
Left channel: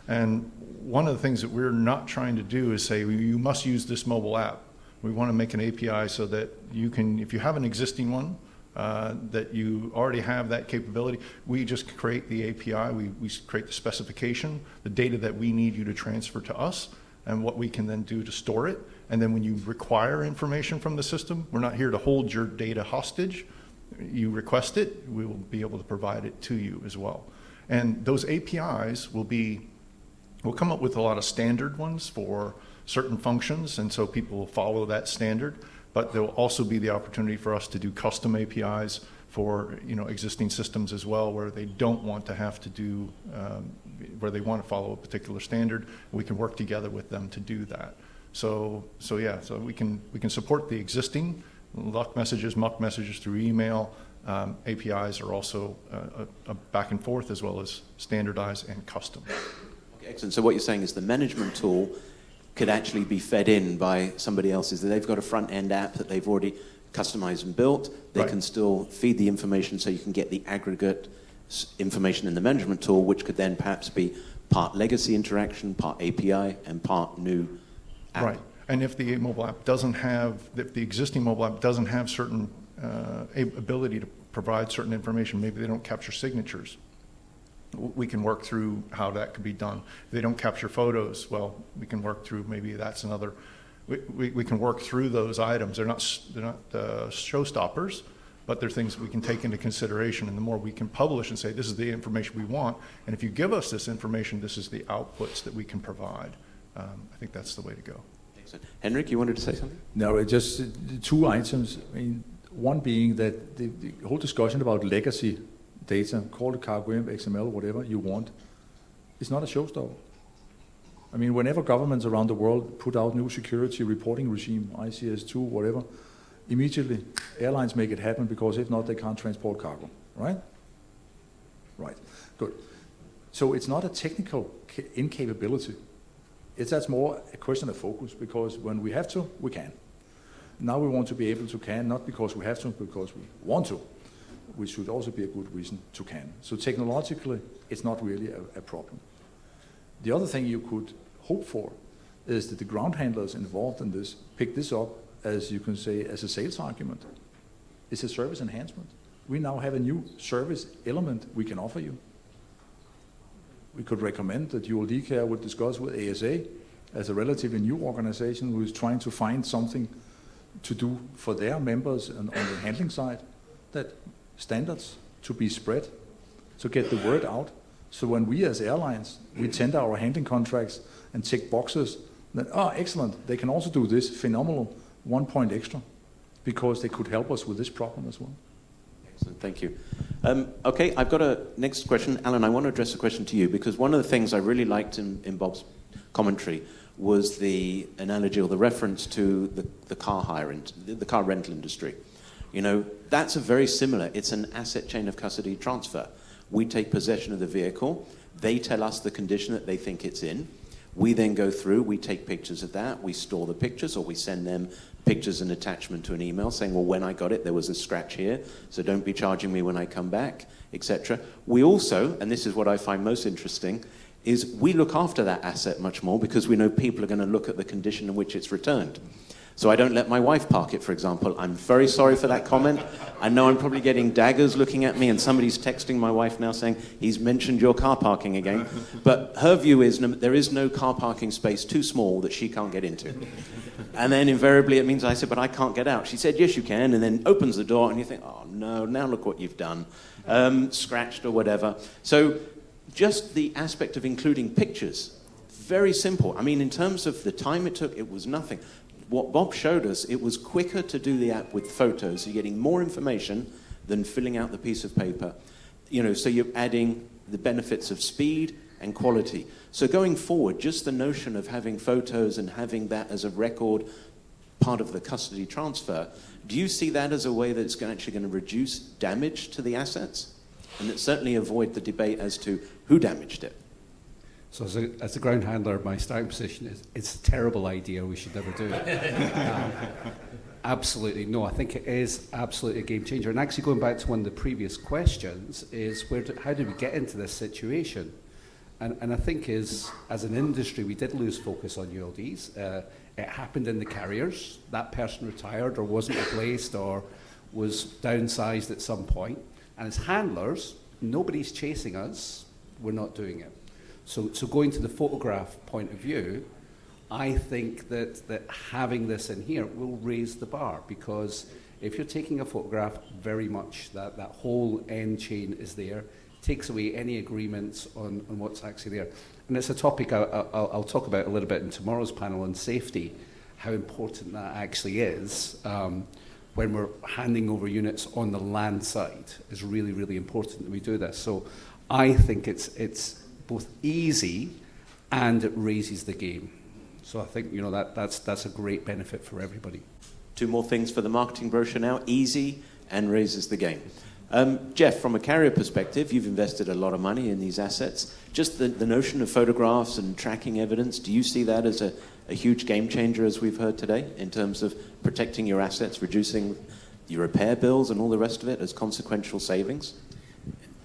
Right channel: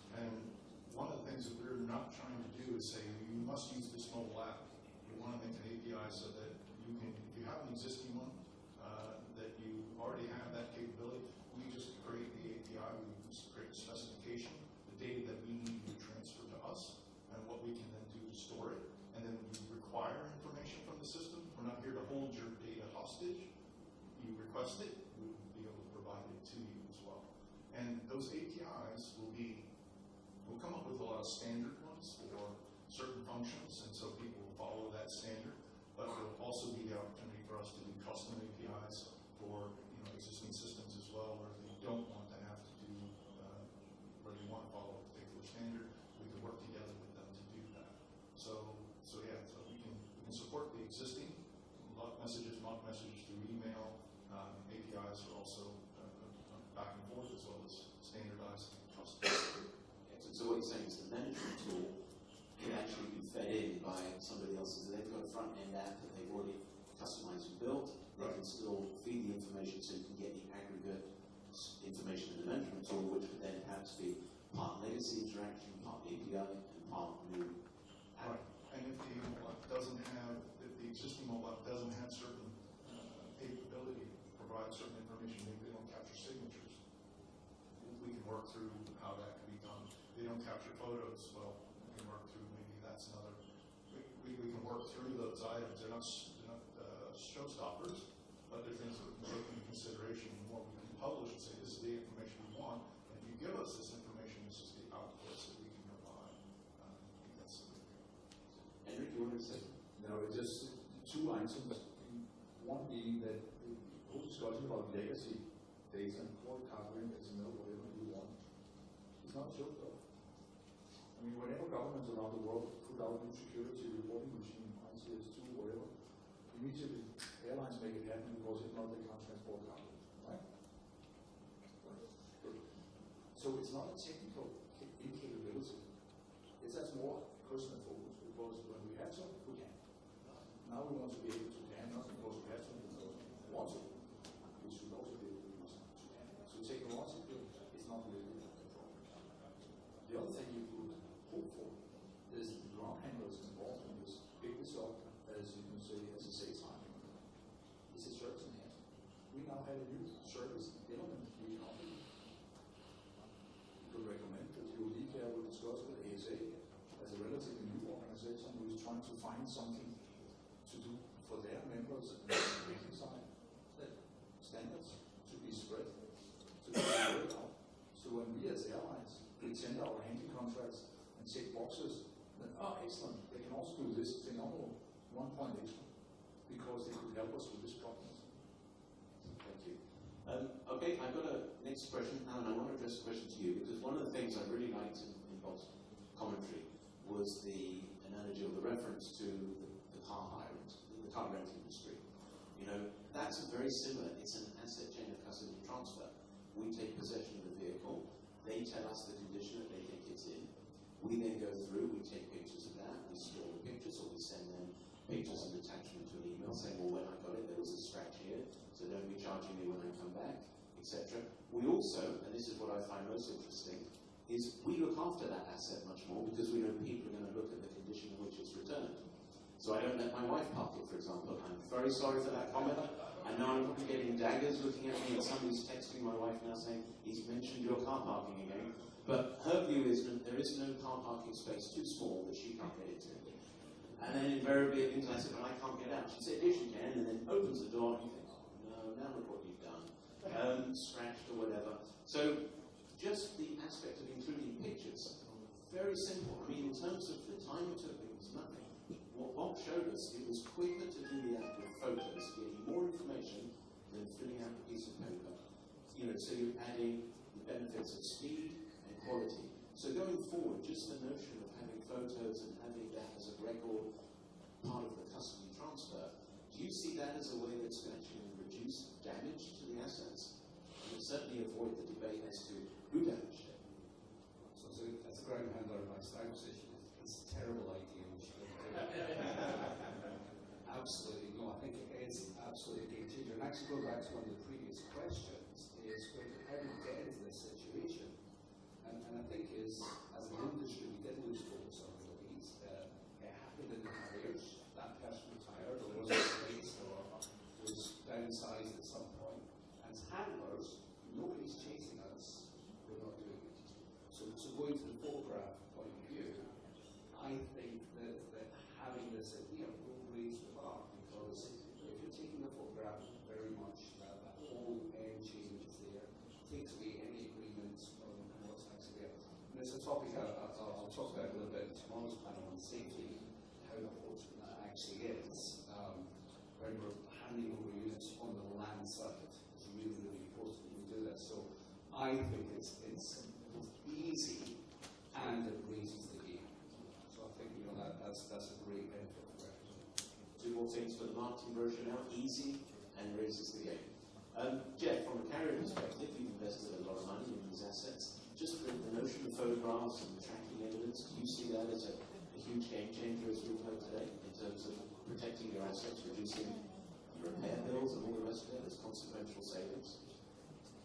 And one of the things that we're not trying to do is say, you must use this mobile app. We want to make an API so that you can, if you have an existing one, that you already have that capability, we just create the API, we create the specification, the data that we need you to transfer to us, and what we can then do to store it. And then when you require information from the system, we're not here to hold your data hostage. You request it, we will be able to provide it to you as well. And those APIs we'll come up with a lot of standard ones for certain functions, and so people will follow that standard. But there will also be the opportunity for us to do custom APIs for existing systems as well, where they don't want to have to do, where they want to follow a particular standard. We can work together with them to do that. So we can support the existing luck messages, muck messages through email. APIs are also a back and forth as well as standardized and custom. Okay, excellent. So what you're saying is the management tool could actually be fed in by somebody else's. They've got a front-end app that they've already customized and built. They can still feed the information so you can get the aggregate information in the management tool, which could then perhaps be part legacy interaction, part API, and part new app. Right. And if the mobile app doesn't have, if the existing mobile app doesn't have certain ability to provide certain information, maybe they don't capture signatures, we can work through how that could be done. If they don't capture photos, well, we can work through, maybe that's another, we can work through those items. They're not showstoppers, but they're things we can take into consideration. And the more we can publish and say, this is the information we want, and if you give us this information, this is the outputs that we can provide. I think that's the way to go. Excellent. Henrik, you wanted to say something? No, just two items. I mean, one being that the whole discussion about legacy data, call it CargoImp, XML, whatever you want, is not a showstopper. I mean, whenever governments around the world put out new security reporting regime, ICS2, whatever, immediately airlines make it happen, because if not, they can't transport cargo, right? Right, good. So it's not a technical incapability. That's more a question of focus, because when we have to, we can. Now we want to be able to can, not because we have to, because we want to, which should also be a good reason to can. So technologically, it's not really a problem. The other thing you could hope for is that the ground handlers involved in this pick this up, as you can say, as a sales argument. It's a service enhancement. We now have a new service element we can offer you. We could recommend that ULD Care would discuss with ASA as a relatively new organization who is trying to find something to do for their members on the handling side, that standards to be spread, to get the word out. So when we as airlines, we tender our handling contracts and tick boxes, that, excellent, they can also do this, phenomenal, 1 point extra. because they could help us with this problem as well. Excellent, thank you. Okay, I've got a next question. Alan, I want to address a question to you, because one of the things I really liked in Bob's commentary was the analogy or the reference to the car hire and the car rental industry. You know, that's a very similar, it's an asset chain of custody transfer. We take possession of the vehicle, they tell us the condition that they think it's in, we then go through, we take pictures of that, we store the pictures, or we send them pictures and attachment to an email saying, well, when I got it, there was a scratch here, so don't be charging me when I come back, etc. We also, and this is what I find most interesting, is we look after that asset much more because we know people are going to look at the condition in which it's returned. So I don't let my wife park it, for example. I'm very sorry for that comment. I know I'm probably getting daggers looking at me, and somebody's texting my wife now saying, he's mentioned your car parking again. But her view is there is no car parking space too small that she can't get into. And then invariably it means I said, but I can't get out. She said, yes, you can, and then opens the door, and you think, oh, no, now look what you've done. Scratched or whatever. So just the aspect of including pictures, very simple. I mean, in terms of the time it took, it was nothing. What Bob showed us, it was quicker to do the app with photos. You're getting more information than filling out the piece of paper. You know, so you're adding the benefits of speed and quality. So going forward, just the notion of having photos and having that as a record part of the custody transfer, do you see that as a way that's actually going to reduce damage to the assets? And it certainly avoid the debate as to who damaged it. So as a ground handler, my starting position is it's a terrible idea, we should never do it. Absolutely, no, I think it is absolutely a game changer. And actually going back to one of the previous questions is how did we get into this situation? And I think as an industry, we did lose focus on ULDs. It happened in the carriers. That person retired or wasn't replaced or was downsized at some point. And as handlers, nobody's chasing us, we're not doing it. So going to the photograph point of view, I think that having this in here will raise the bar, because if you're taking a photograph, very much that whole end chain is there, takes away any agreements on what's actually there. And it's a topic I'll talk about a little bit in tomorrow's panel on safety, how important that actually is when we're handing over units on the land side. Is really, really important that we do this. So I think it's both easy and it raises the game. So I think that's a great benefit for everybody. Two more things for the marketing brochure now: easy and raises the game. Jeff, from a carrier perspective, you've invested a lot of money in these assets. Just the notion of photographs and tracking evidence, do you see that as a huge game changer, as we've heard today, in terms of protecting your assets, reducing your repair bills and all the rest of it as consequential savings?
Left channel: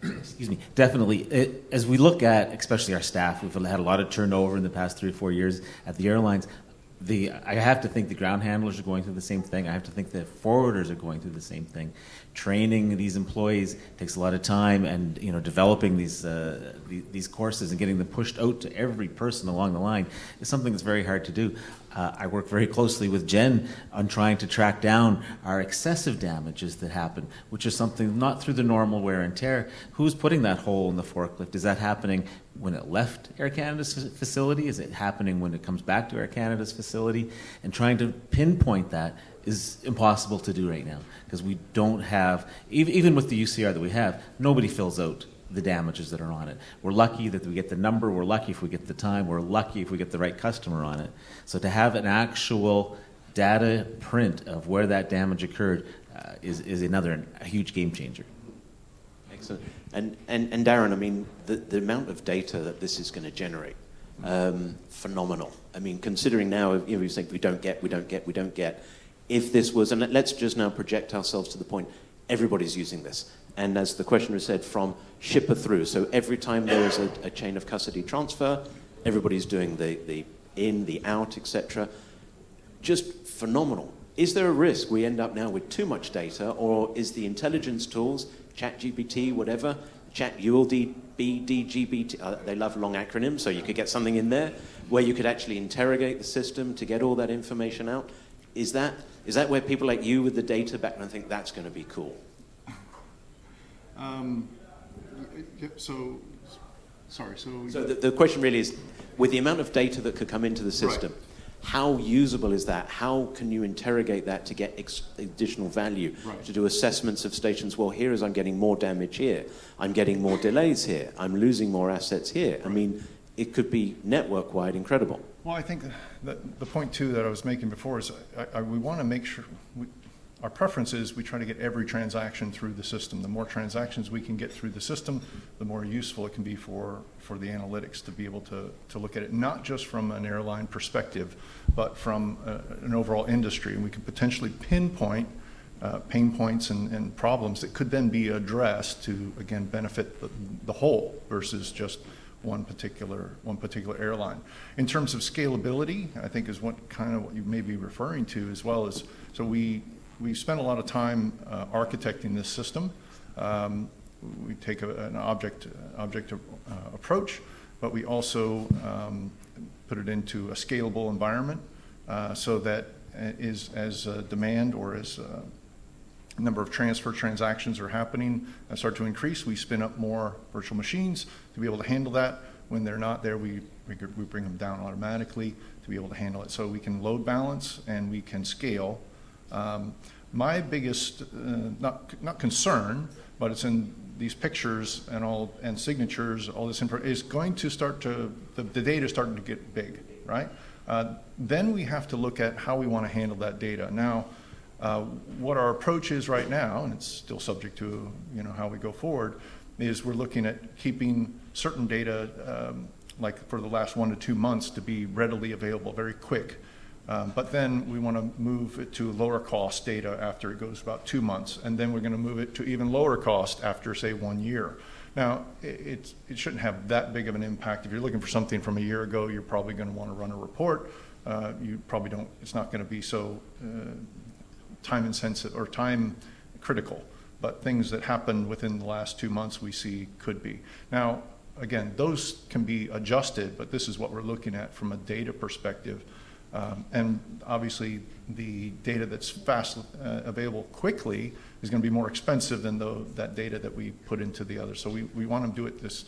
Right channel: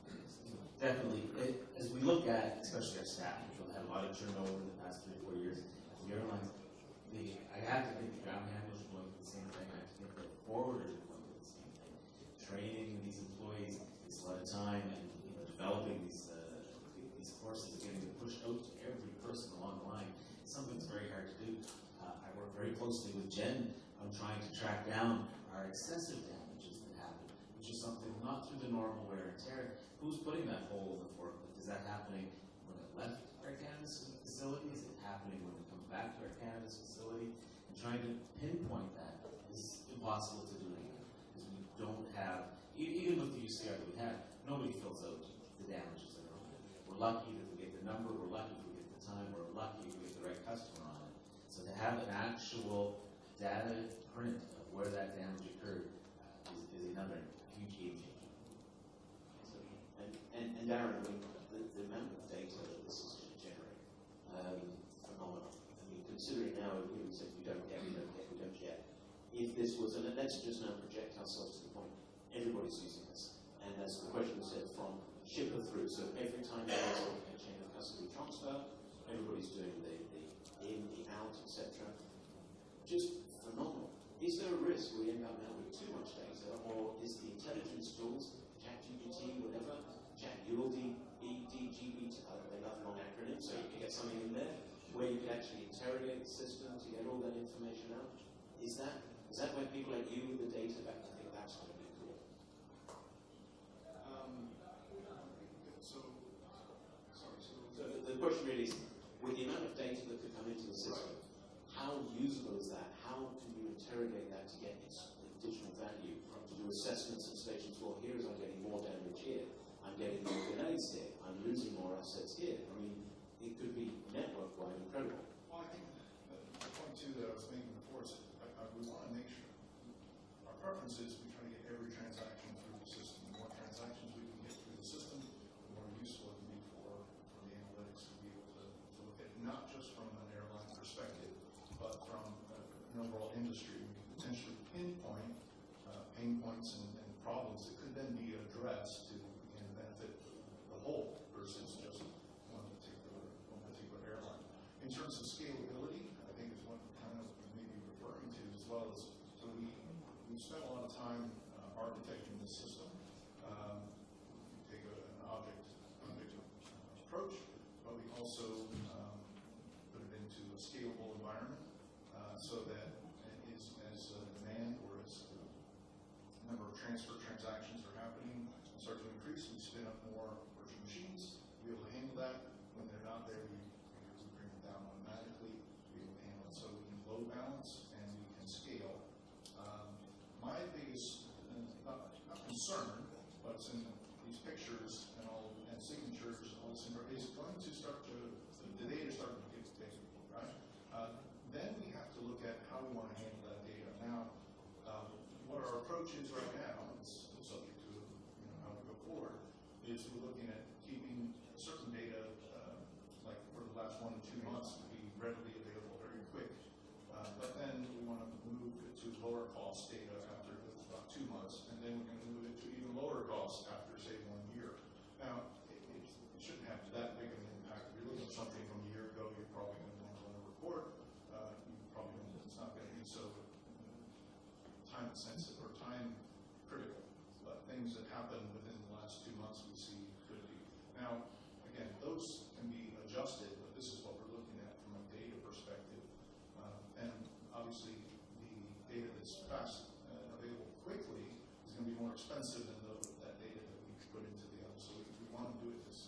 Excuse me, definitely. As we look at, especially our staff, we've had a lot of turnover in the past 3 or 4 years at the airlines. I have to think the ground handlers are going through the same thing. I have to think the forwarders are going through the same thing. Training these employees takes a lot of time, and developing these courses and getting them pushed out to every person along the line is something that's very hard to do. I work very closely with Jen on trying to track down our excessive damages that happen, which is something not through the normal wear and tear. Who's putting that hole in the forklift? Is that happening when it left Air Canada's facility? Is it happening when it comes back to Air Canada's facility? And trying to pinpoint that is impossible to do right now, because we don't have, even with the UCR that we have, nobody fills out the damages that are on it. We're lucky that we get the number, we're lucky if we get the time, we're lucky if we get the right customer on it. So to have an actual data print of where that damage occurred is another huge game changer. Excellent. And Darren, I mean, the amount of data that this is going to generate, phenomenal. I mean, considering now, we say we don't get. If this was, and let's just now project ourselves to the point, everybody's using this. And as the questioner said, from shipper through. So every time there is a chain of custody transfer, everybody's doing the in, the out, etc. Just phenomenal. Is there a risk we end up now with too much data, or is the intelligence tools, ChatGPT, whatever, ChatULD, BDGBT, they love long acronyms, so you could get something in there where you could actually interrogate the system to get all that information out? Is that where people like you with the data background think that's going to be cool? So the question really is, with the amount of data that could come into the system, how usable is that? How can you interrogate that to get additional value? Right. To do assessments of stations, well, here is I'm getting more damage here, I'm getting more delays here, I'm losing more assets here. I mean, it could be network-wide incredible. Well, I think that the point, too, that I was making before is we want to make sure, our preference is we try to get every transaction through the system. The more transactions we can get through the system, the more useful it can be for the analytics to be able to look at it, not just from an airline perspective, but from an overall industry. And we can potentially pinpoint pain points and problems that could then be addressed to, again, benefit the whole versus just one particular airline. In terms of scalability, I think is what you may be referring to as well as, so we spent a lot of time architecting this system. We take an object approach, but we also put it into a scalable environment so that as demand or as number of transactions are happening start to increase, we spin up more virtual machines to be able to handle that. When they're not there, we bring them down automatically to be able to handle it. So we can load balance and we can scale. My biggest, not concern, but it's in these pictures and signatures, all this info is going to start to, the data is starting to get big, right? Then we have to look at how we want to handle that data. Now, what our approach is right now, and it's still subject to how we go forward, is we're looking at keeping certain data, like for the last 1 to 2 months, to be readily available, very quick. But then we want to move it to lower cost data after it goes about 2 months, and then we're going to move it to even lower cost after, say, 1 year. Now, it shouldn't have that big of an impact. If you're looking for something from a year ago, you're probably going to want to run a report. You probably don't. It's not going to be so time intensive or time critical. But things that happened within the last 2 months we see could be. Now, again, those can be adjusted, but this is what we're looking at from a data perspective. And obviously, the data that's fast available quickly is going to be more expensive than that data that we put into the other. So we want to do it this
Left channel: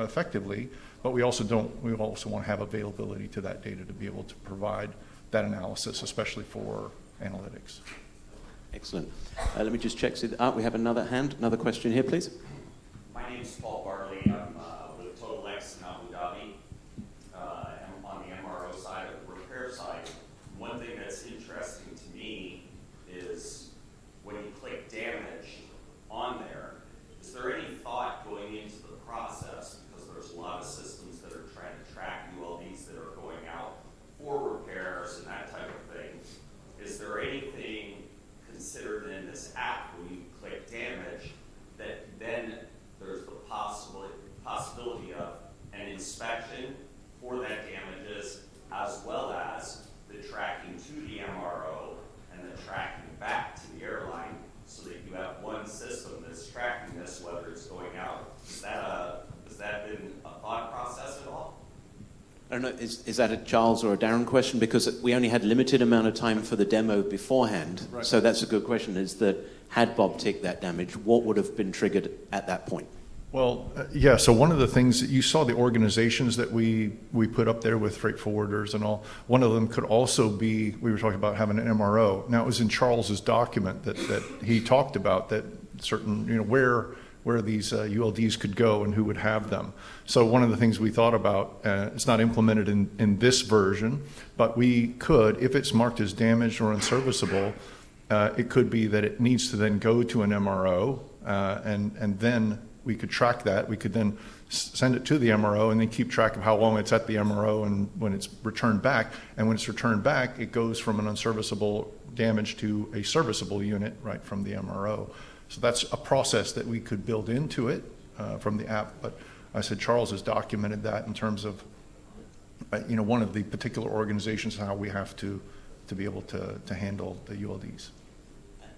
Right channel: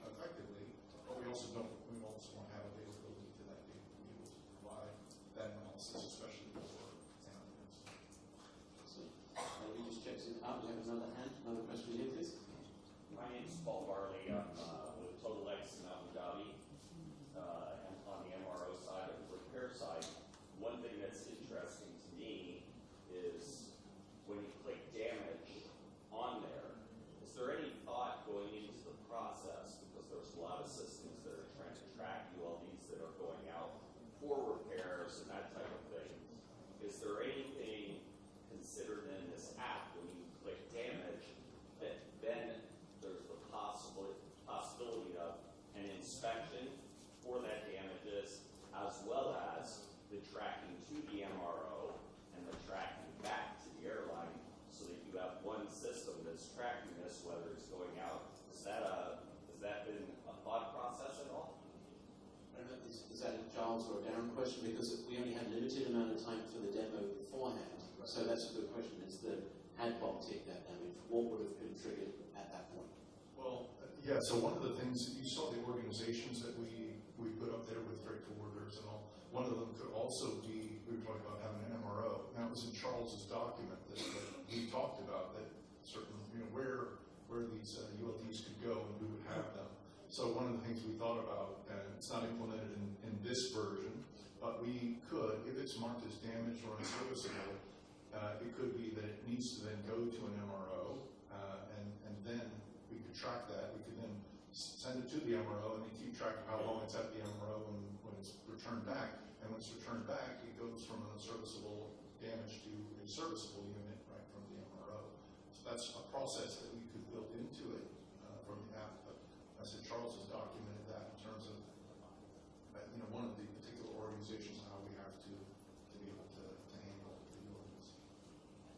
effectively, but we also want to have availability to that data to be able to provide that analysis, especially for analytics. Excellent. Let me just check. We have another question here, please. My name is Paul Barley. I'm with Total X in Abu Dhabi. I'm on the MRO side of the repair side. One thing that's interesting to me is when you click damage on there, is there any thought going into the process, because there's a lot of systems that are trying to track ULDs that are going out for repairs and that type of thing. Is there anything considered in this app when you click damage that then there's the possibility of an inspection for that damages, as well as the tracking to the MRO and the tracking back to the airline, so that you have one system that's tracking this, whether it's going out? Has that been a thought process at all? I don't know, is that a Charles or a Darren question? Because we only had limited amount of time for the demo beforehand. Right. So that's a good question, is that had Bob ticked that damage, what would have been triggered at that point? Well, yeah, so one of the things that you saw, the organizations that we put up there with freight forwarders and all, one of them could also be, we were talking about having an MRO. Now, it was in Charles's document that he talked about that certain, where these ULDs could go and who would have them. So one of the things we thought about, it's not implemented in this version, but we could, if it's marked as damaged or unserviceable, it could be that it needs to then go to an MRO, and then we could track that. We could then send it to the MRO and then keep track of how long it's at the MRO and when it's returned back. And when it's returned back, it goes from an unserviceable damage to a serviceable unit right from the MRO. So that's a process that we could build into it from the app. But I said Charles has documented that in terms of one of the particular organizations, how we have to be able to handle the ULDs.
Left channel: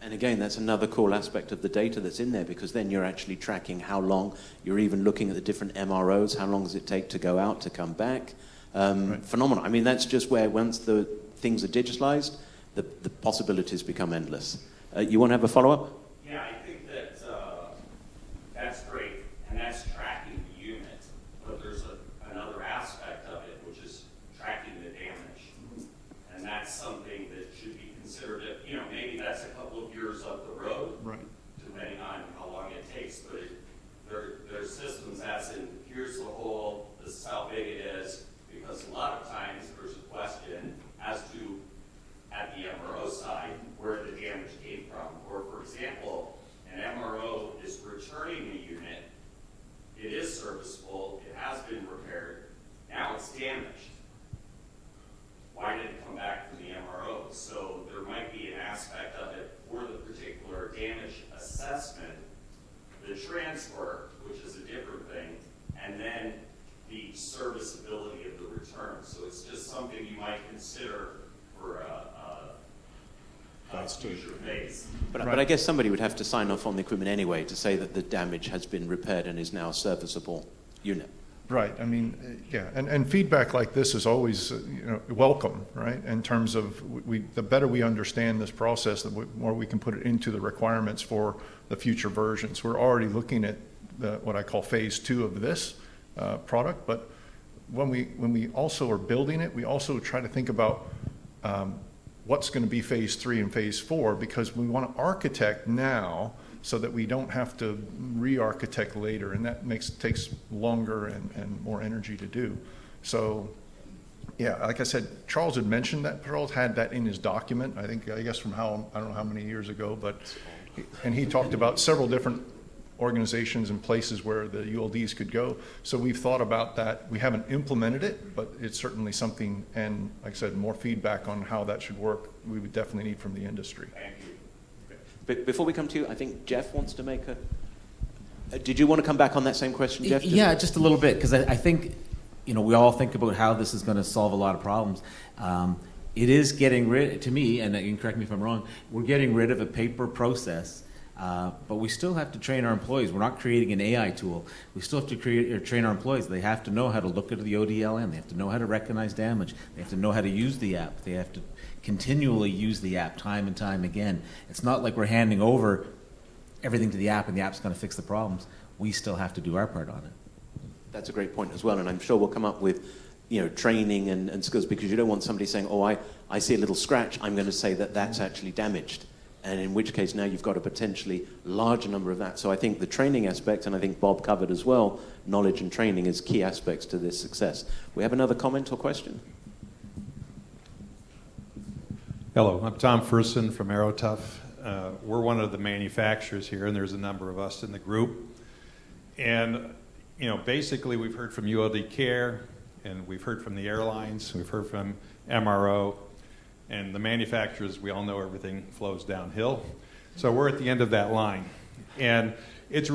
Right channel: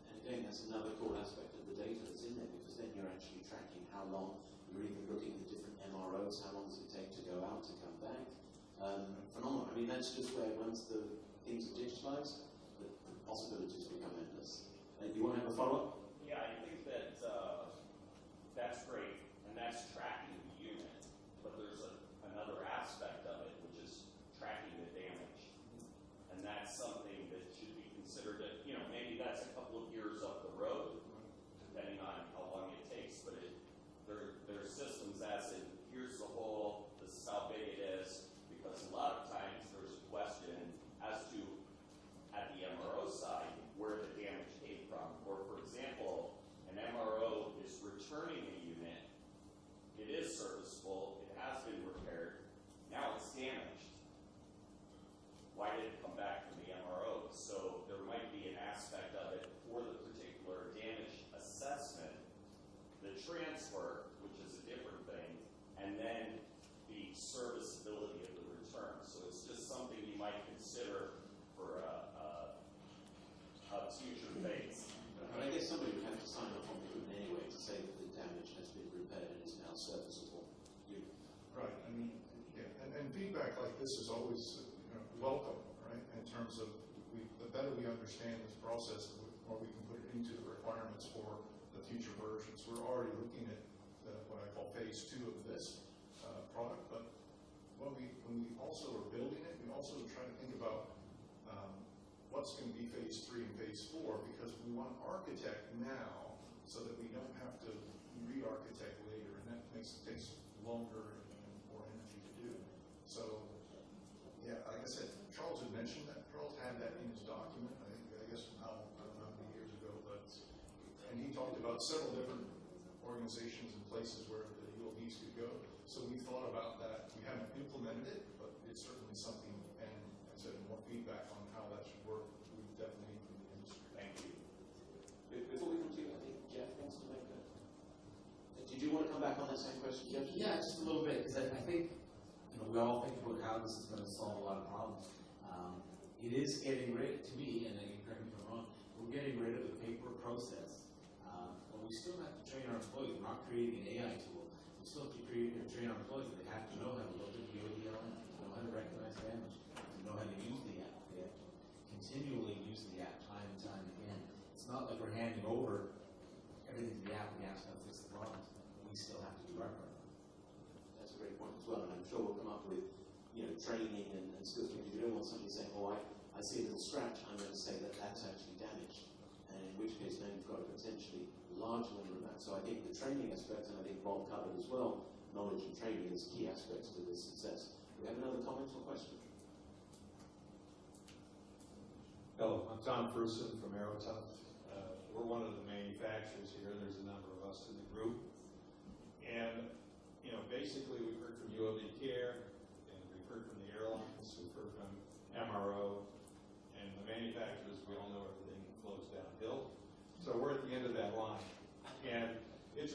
And again, that's another cool aspect of the data that's in there, because then you're actually tracking how long, you're even looking at the different MROs, how long does it take to go out, to come back. Right. Phenomenal. I mean, that's just where once the things are digitalized, the possibilities become endless. You want to have a follow-up? Yeah, I think that's great, and that's tracking the unit. But there's another aspect of it, which is tracking the damage. might consider for a future phase. But I guess somebody would have to sign off on the equipment anyway to say that the damage has been repaired and is now a serviceable unit. Right. I mean, yeah, and feedback like this is always, welcome, right? In terms of the better we understand this process, the more we can put it into the requirements for the future versions. We're already looking at what I call phase 2 of this product, but when we also are building it, we also try to think about what's going to be phase 3 and phase 4, because we want to architect now so that we don't have to re-architect later, and that takes longer and more energy to do. So, yeah, like I said, Charles had mentioned that. Charles had that in his document, I guess from I don't know how many years ago, and he talked about several different organizations and places where the ULDs could go. So we've thought about that. We haven't implemented it, but it's certainly something, and like I said, more feedback on how that should work, we would definitely need from the industry. Thank you. But before we come to you, I think Jeff wants to make did you want to come back on that same question, Jeff? Yeah, just a little bit, because I think, we all think about how this is going to solve a lot of problems. It is getting rid, to me, and you can correct me if I'm wrong, we're getting rid of a paper process, but we still have to train our employees. We're not creating an AI tool. We still have to train our employees. They have to know how to look at the ODLN. They have to know how to recognize damage. They have to know how to use the app. They have to continually use the app time and time again. It's not like we're handing over everything to the app and the app's going to fix the problems. We still have to do our part on it. That's a great point as well, and I'm sure we'll come up with training and skills, because you don't want somebody saying, oh, I see a little scratch, I'm going to say that that's actually damaged, and in which case now you've got a potentially larger number of that. So I think the training aspect, and I think Bob covered as well, knowledge and training is key aspects to this success. We have another comment or question? Hello, I'm Tom Ferson from Aerotuff. We're one of the manufacturers here, and there's a number of us in the group. And, basically we've heard from ULD Care, and we've heard from the airlines, we've heard from MRO, and the manufacturers, we all know everything flows downhill. So we're at the end of that line. And this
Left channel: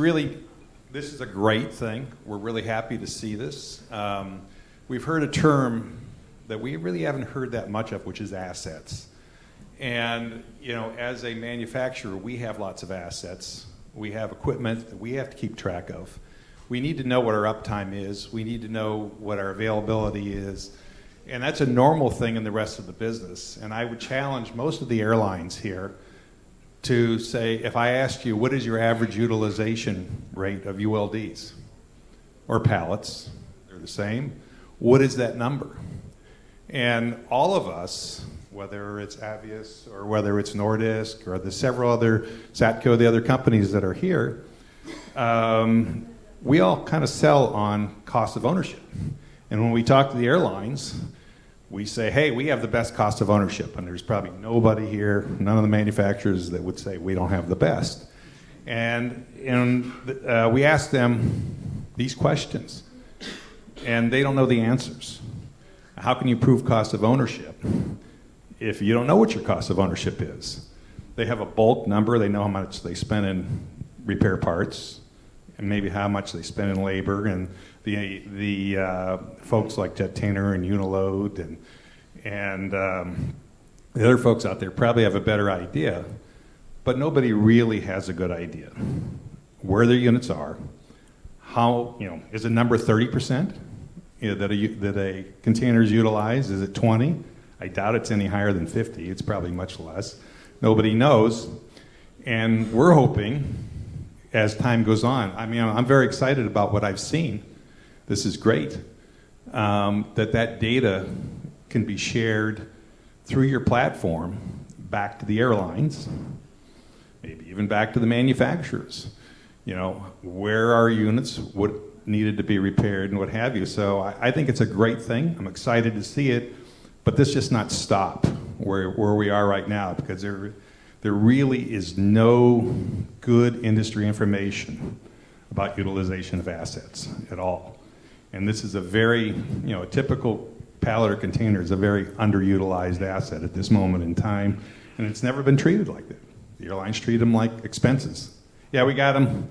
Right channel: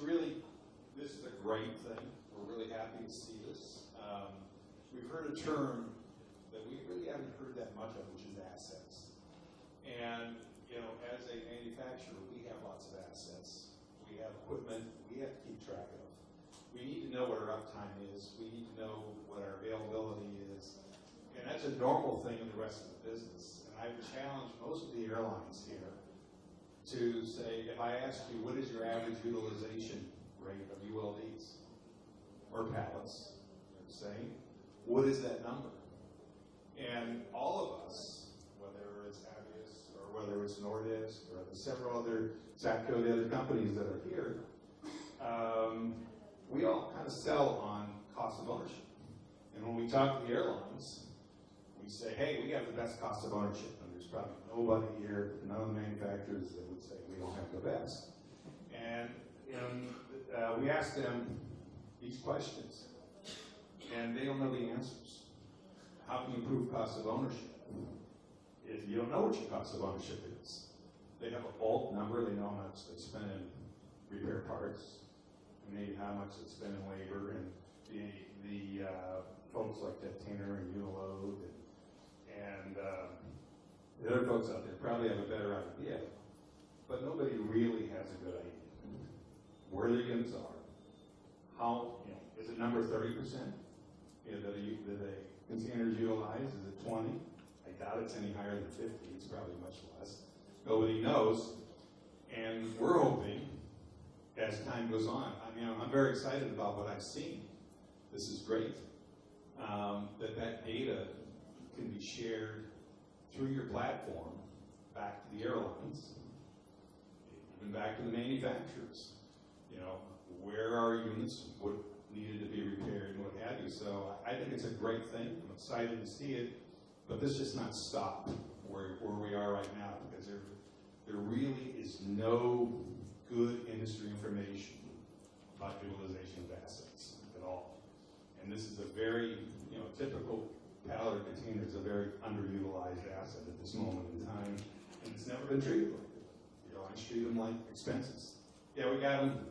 is a great thing. We're really happy to see this. We've heard a term that we really haven't heard that much of, which is assets. And, as a manufacturer, we have lots of assets. We have equipment that we have to keep track of. We need to know what our uptime is. We need to know what our availability is. And that's a normal thing in the rest of the business. And I would challenge most of the airlines here to say, if I asked you, what is your average utilization rate of ULDs or pallets? They're the same. What is that number? And all of us, whether it's Avius or whether it's Nordisk or the several other, Satco, the other companies that are here, we all kind of sell on cost of ownership. And when we talk to the airlines, we say, hey, we have the best cost of ownership. And there's probably nobody here, none of the manufacturers, that would say we don't have the best. And we ask them these questions, and they don't know the answers. How can you prove cost of ownership if you don't know what your cost of ownership is? They have a bulk number. They know how much they spend in repair parts and maybe how much they spend in labor. And the folks like Jetainer and Uniload and the other folks out there probably have a better idea, but nobody really has a good idea where their units are. How, is the number 30% that a container is utilized? Is it 20? I doubt it's any higher than 50. It's probably much less. Nobody knows. And we're hoping, as time goes on, I'm very excited about what I've seen. This is great. That data can be shared through your platform back to the airlines, maybe even back to the manufacturers. Where are units, what needed to be repaired, and what have you. So I think it's a great thing. I'm excited to see it. But this just not stop where we are right now, because there really is no good industry information about utilization of assets at all. And this is a very, a typical pallet or container is a very underutilized asset at this moment in time, and it's never been treated like that. The airlines treat them like expenses. Yeah, we got them.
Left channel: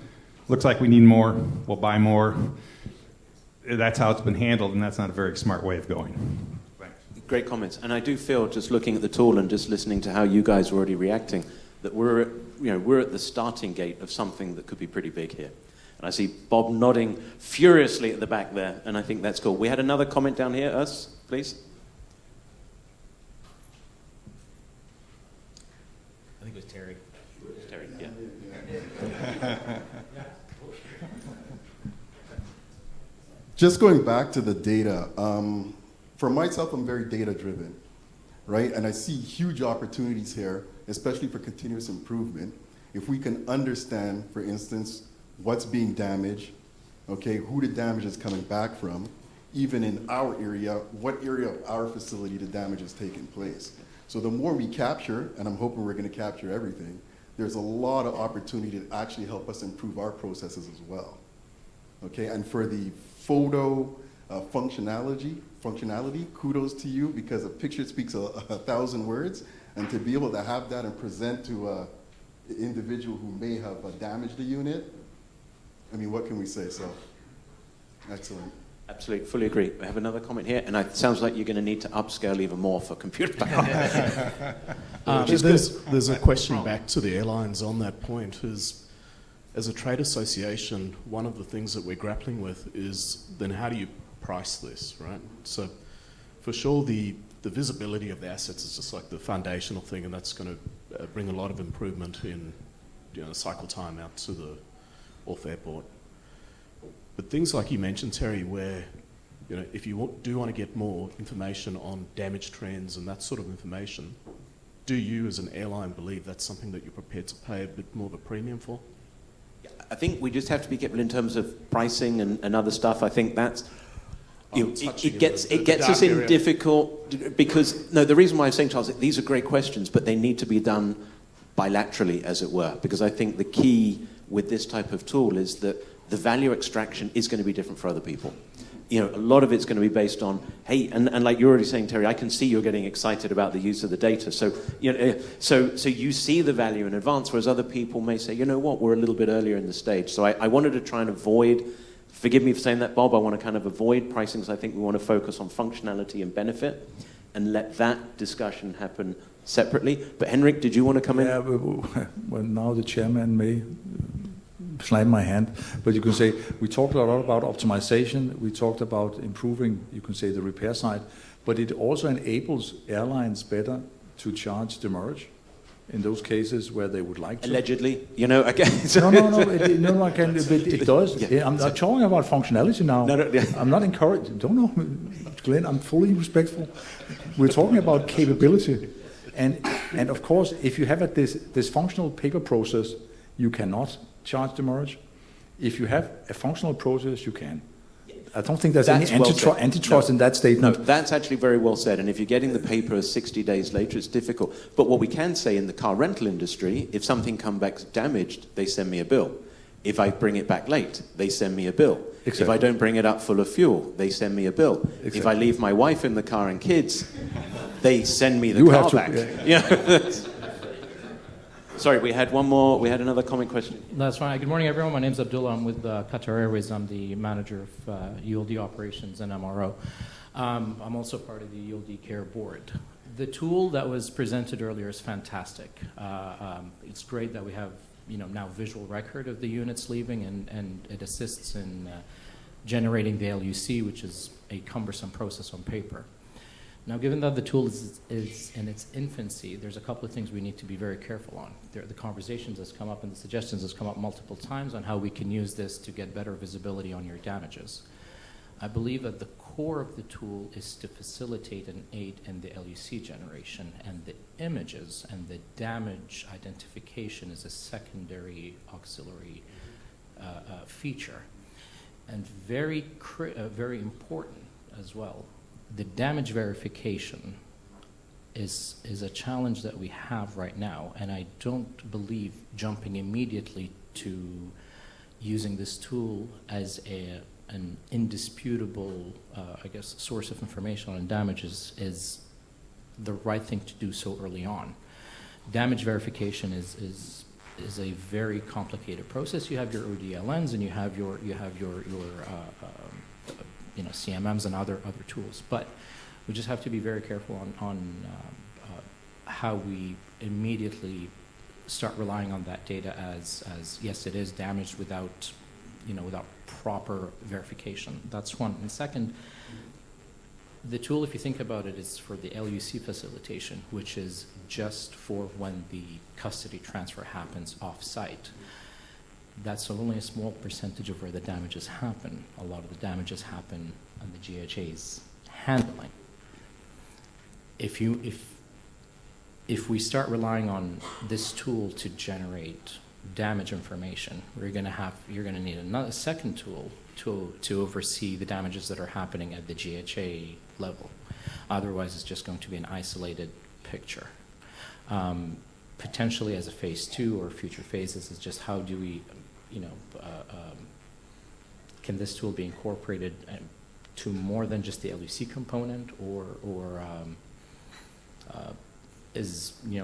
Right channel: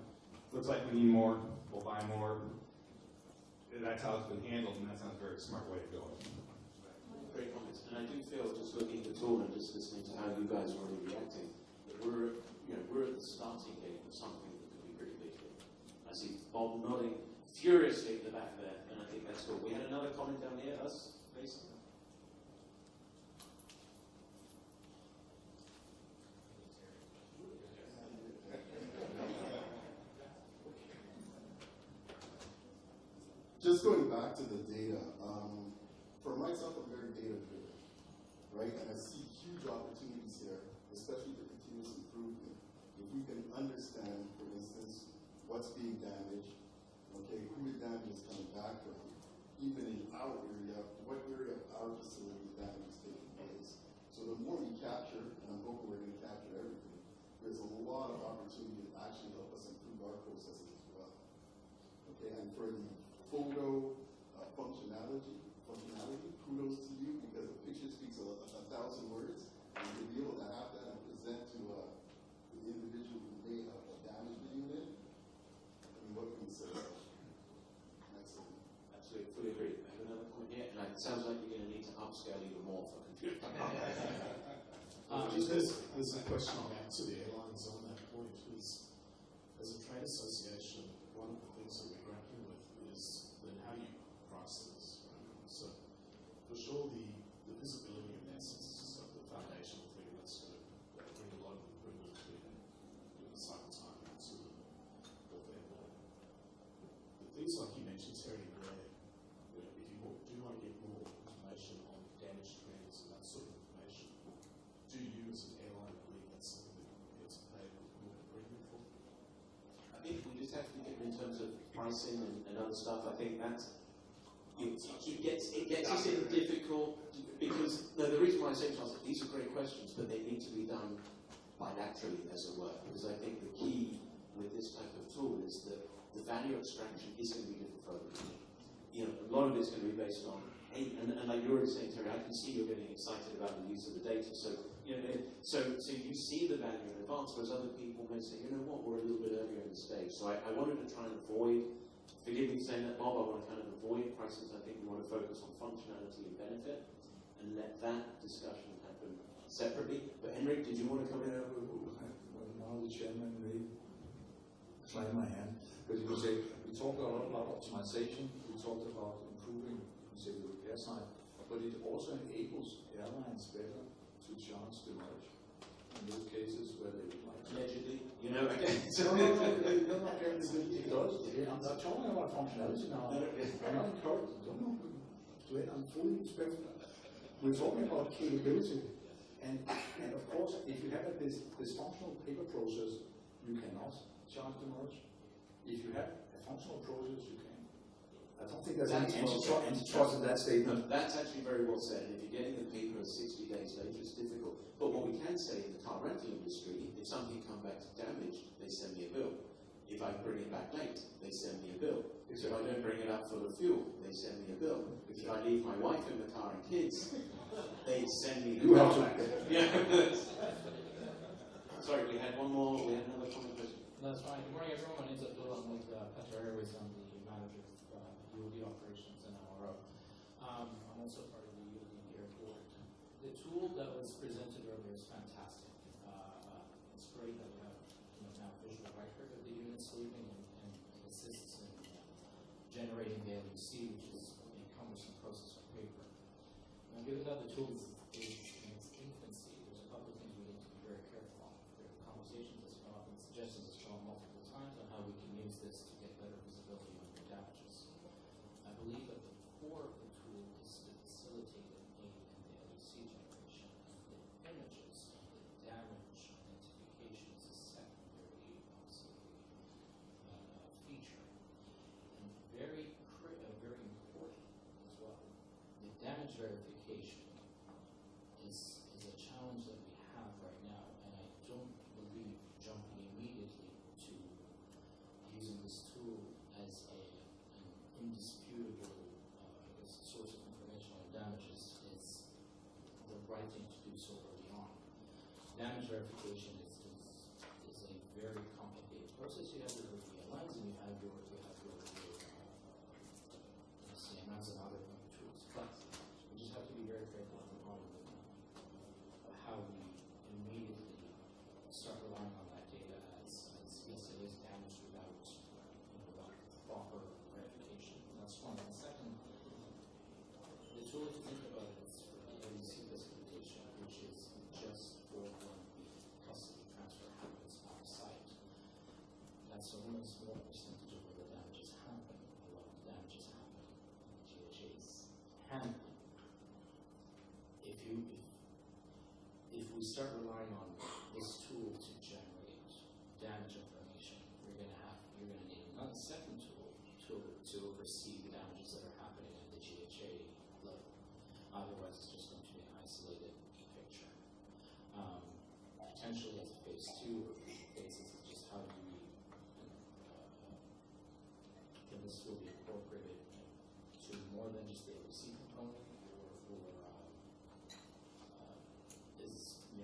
Looks like we need more. We'll buy more. That's how it's been handled, and that's not a very smart way of going. Great comments. And I do feel, just looking at the tool and just listening to how you guys are already reacting, that we're at the starting gate of something that could be pretty big here. And I see Bob nodding furiously at the back there, and I think that's cool. We had another comment down here. Us, please. I think it was Terry. Terry, yeah. Just going back to the data, for myself, I'm very data-driven, right? And I see huge opportunities here, especially for continuous improvement. If we can understand, for instance, what's being damaged, okay, who the damage is coming back from, even in our area, what area of our facility the damage is taking place. So the more we capture, and I'm hoping we're going to capture everything, there's a lot of opportunity to actually help us improve our processes as well. Okay, and for the photo functionality, kudos to you, because a picture speaks a 1,000 words, and to be able to have that and present to an individual who may have damaged the unit, I mean, what can we say? So, excellent. Absolutely, fully agree. We have another comment here, and it sounds like you're going to need to upscale even more for computer power. There's a question back to the airlines on that point. As a trade association, one of the things that we're grappling with is then how do you price this, right? So for sure, the visibility of the assets is just like the foundational thing, and that's going to bring a lot of improvement in cycle time out to the off airport. But things like you mentioned, Terry, where if you do want to get more information on damage trends and that sort of information, do you as an airline believe that's something that you're prepared to pay a bit more of a premium for? I think we just have to be careful in terms of pricing and other stuff. I think that's it gets us in difficult because the reason why I'm saying, Charles, these are great questions, but they need to be done bilaterally, as it were, because I think the key with this type of tool is that the value extraction is going to be different for other people. A lot of it's going to be based on, hey, and like you're already saying, Terry, I can see you're getting excited about the use of the data. So, so you see the value in advance, whereas other people may say, you know what, we're a little bit earlier in the stage. So I wanted to try and avoid, forgive me for saying that, Bob, I want to kind of avoid pricing because I think we want to focus on functionality and benefit and let that discussion happen separately. But Henrik, did you want to come in? Yeah, well, now the chairman may slam my hand, but you can say we talked a lot about optimization, we talked about improving, you can say, the repair side, but it also enables airlines better to charge demurrage in those cases where they would like to. Allegedly, again. No, I can, but it does. Yeah. I'm not talking about functionality now. I'm not encouraged. Don't know, Glenn, I'm fully respectful. We're talking about capability. And of course, if you have this functional paper process, you cannot charge demurrage. If you have a functional process, you can. I don't think there's any antitrust in that statement. No, that's actually very well said. And if you're getting the paper 60 days later, it's difficult. But what we can say in the car rental industry, if something comes back damaged, they send me a bill. If I bring it back late, they send me a bill. Exactly. If I don't bring it up full of fuel, they send me a bill. Exactly. If I leave my wife in the car and kids, they send me the car back. Yeah. Sorry, we had another comment question. That's right. Good morning, everyone. My name's Abdullah. I'm with Qatar Airways. I'm the manager of ULD operations and MRO. I'm also part of the ULD Care Board. The tool that was presented earlier is fantastic. It's great that we have now visual record of the units leaving, and it assists in generating the LUC, which is a cumbersome process on paper. Now, given that the tool is in its infancy, there's a couple of things we need to be very careful on. The conversations that's come up and the suggestions that's come up multiple times on how we can use this to get better visibility on your damages. I believe that the core of the tool is to facilitate and aid in the LUC generation, and the images and the damage identification is a secondary auxiliary feature, and very important as well. The damage verification is a challenge that we have right now, and I don't believe jumping immediately to using this tool as an indisputable, source of information on damages is the right thing to do so early on. Damage verification is a very complicated process. You have your ODLNs and you have your CMMs and other tools. But We just have to be very careful on how we immediately start relying on that data as yes, it is damaged without, without proper verification. That's one. And second, the tool, if you think about it, is for the LUC facilitation, which is just for when the custody transfer happens off-site. That's only a small percentage of where the damages happen. A lot of the damages happen on the GHA's handling. If we start relying on this tool to generate damage information, you're going to need a second tool to oversee the damages that are happening at the GHA level. Otherwise, it's just going to be an isolated picture. Potentially as a phase 2 or future phases is just how do we, can this tool be incorporated to more than just the LUC component, or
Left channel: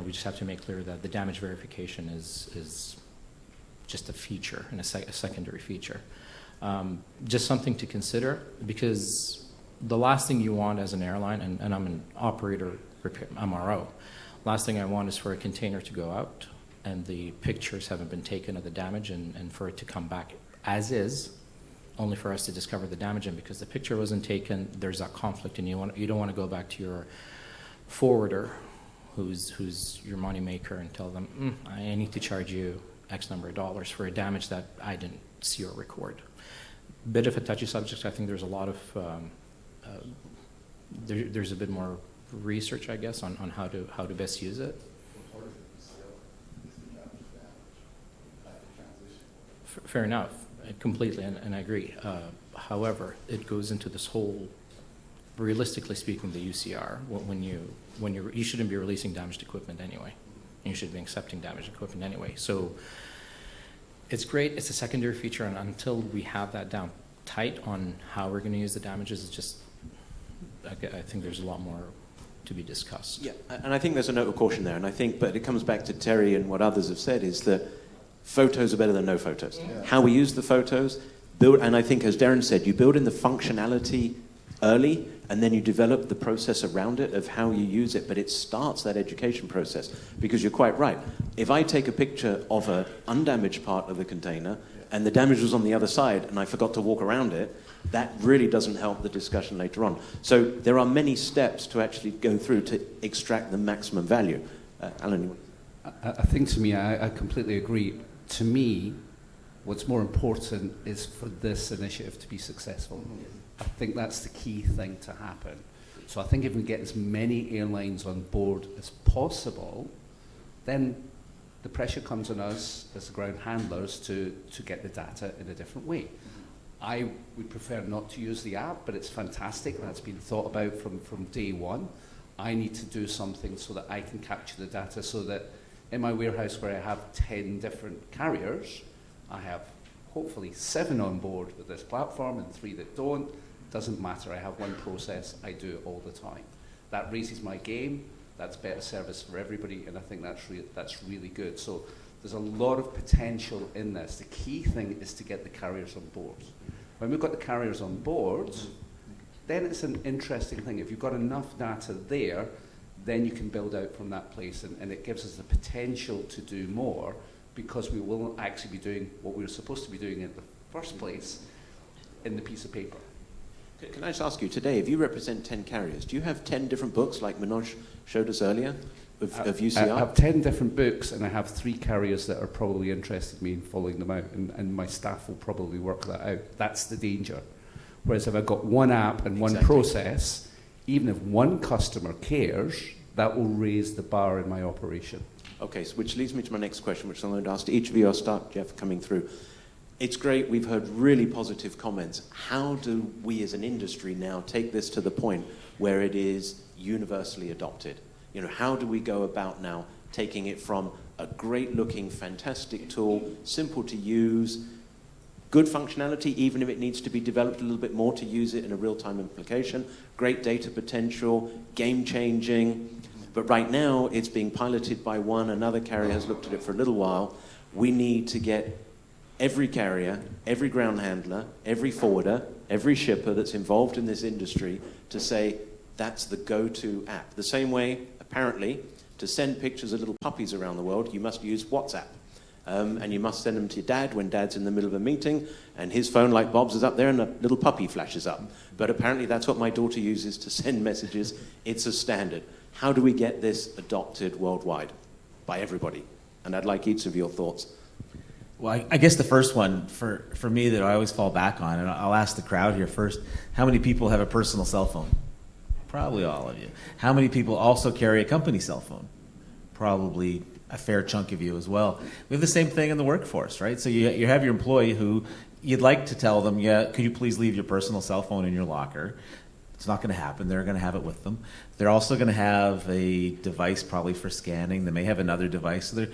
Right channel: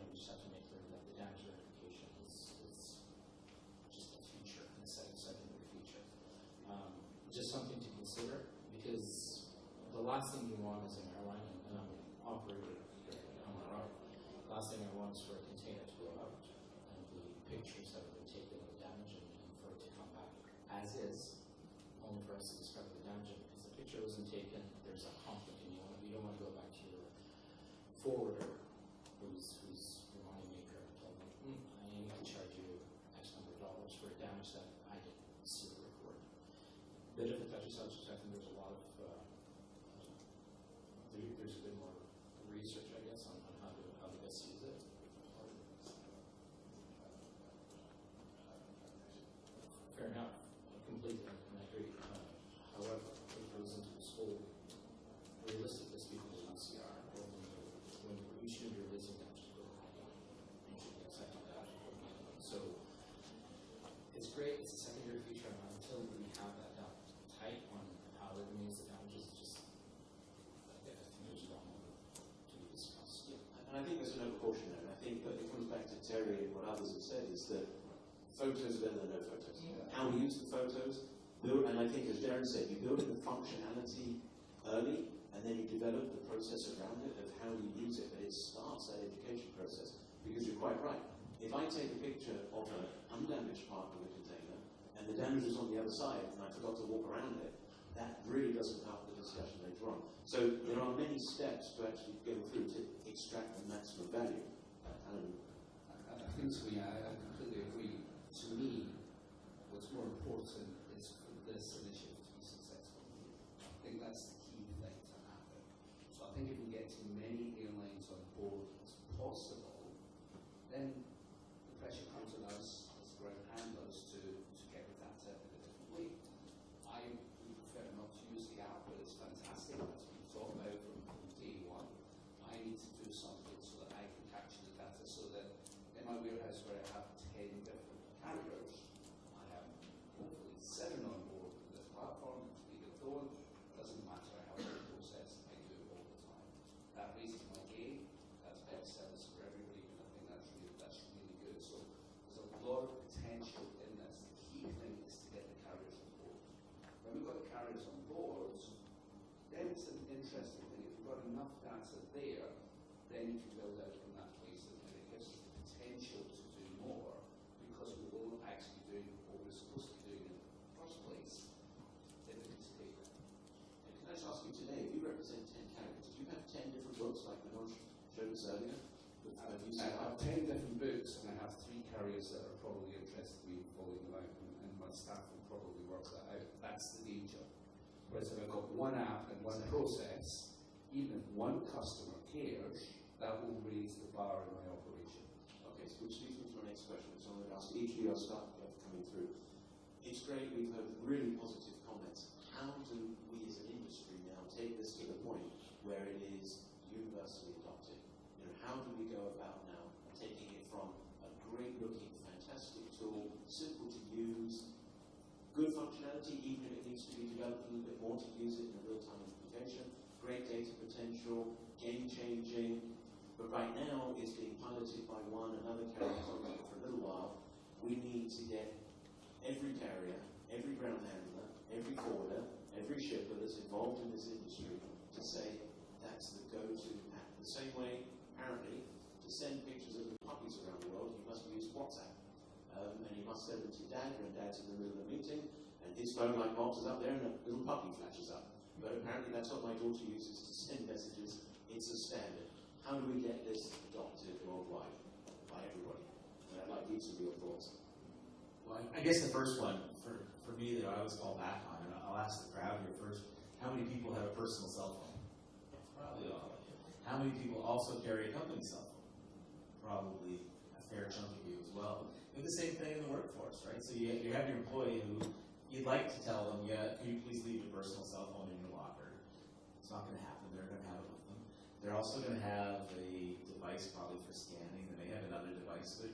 we just have to make clear that the damage verification is just a feature and a secondary feature. Just something to consider, because the last thing you want as an airline, and I'm an operator repair, MRO, last thing I want is for a container to go out and the pictures haven't been taken of the damage, and for it to come back as is, only for us to discover the damage. And because the picture wasn't taken, there's that conflict, and you don't want to go back to your forwarder, who's your money maker, and tell them, I need to charge you X number of dollars for a damage that I didn't see or record. Bit of a touchy subject. I think there's a lot of there's a bit more research, I guess, on how to best use it. Fair enough, completely, and I agree. However, it goes into this whole, realistically speaking, the UCR. When you shouldn't be releasing damaged equipment anyway. You should be accepting damaged equipment anyway. So it's great. It's a secondary feature, and until we have that down tight on how we're going to use the damages, it's just, I think there's a lot more to be discussed. Yeah, and I think there's a note of caution there, but it comes back to Terry and what others have said, is that photos are better than no photos. Yeah. How we use the photos, and I think, as Darren said, you build in the functionality early, and then you develop the process around it of how you use it, but it starts that education process, because you're quite right. If I take a picture of an undamaged part of the container, and the damage was on the other side, and I forgot to walk around it, that really doesn't help the discussion later on. So there are many steps to actually go through to extract the maximum value. Alan? I think, to me, I completely agree. To me, what's more important is for this initiative to be successful. I think that's the key thing to happen. So I think if we get as many airlines on board as possible, then the pressure comes on us as the ground handlers to get the data in a different way. I would prefer not to use the app, but it's fantastic. That's been thought about from day one. I need to do something so that I can capture the data, so that in my warehouse, where I have 10 different carriers, I have hopefully 7 on board with this platform and 3 that don't. Doesn't matter. I have one process. I do it all the time. That raises my game. That's better service for everybody, and I think that's really good. So there's a lot of potential in this. The key thing is to get the carriers on board. When we've got the carriers on board, then it's an interesting thing. If you've got enough data there, then you can build out from that place, and it gives us the potential to do more, because we will actually be doing what we were supposed to be doing in the first place in the piece of paper. Can I just ask you, today, if you represent 10 carriers, do you have 10 different books like Manoj showed us earlier of UCR? I have 10 different books, and I have 3 carriers that are probably interested in me in following them out, and my staff will probably work that out. That's the danger. Whereas if I've got one app and one process, even if one customer cares, that will raise the bar in my operation. Okay, so which leads me to my next question, which I'm going to ask to each of you. I'll start, Jeff, coming through. It's great, we've heard really positive comments. How do we as an industry now take this to the point where it is universally adopted? How do we go about now taking it from a great looking, fantastic tool, simple to use, good functionality, even if it needs to be developed a little bit more to use it in a real-time implication, great data potential, game-changing, but right now it's being piloted by one, another carrier has looked at it for a little while. We need to get every carrier, every ground handler, every forwarder, every shipper that's involved in this industry to say, that's the go-to app. The same way, apparently, to send pictures of little puppies around the world, you must use WhatsApp. And you must send them to your dad when dad's in the middle of a meeting, and his phone, like Bob's, is up there and a little puppy flashes up. But apparently that's what my daughter uses to send messages. It's a standard. How do we get this adopted worldwide by everybody? And I'd like each of your thoughts. Well, I guess the first one for me that I always fall back on, and I'll ask the crowd here first, how many people have a personal cell phone? Probably all of you. How many people also carry a company cell phone? Probably a fair chunk of you as well. We have the same thing in the workforce, right? So you have your employee who you'd like to tell them, yeah, could you please leave your personal cell phone in your locker? It's not going to happen. They're going to have it with them. They're also going to have a device probably for scanning. They may have another device. So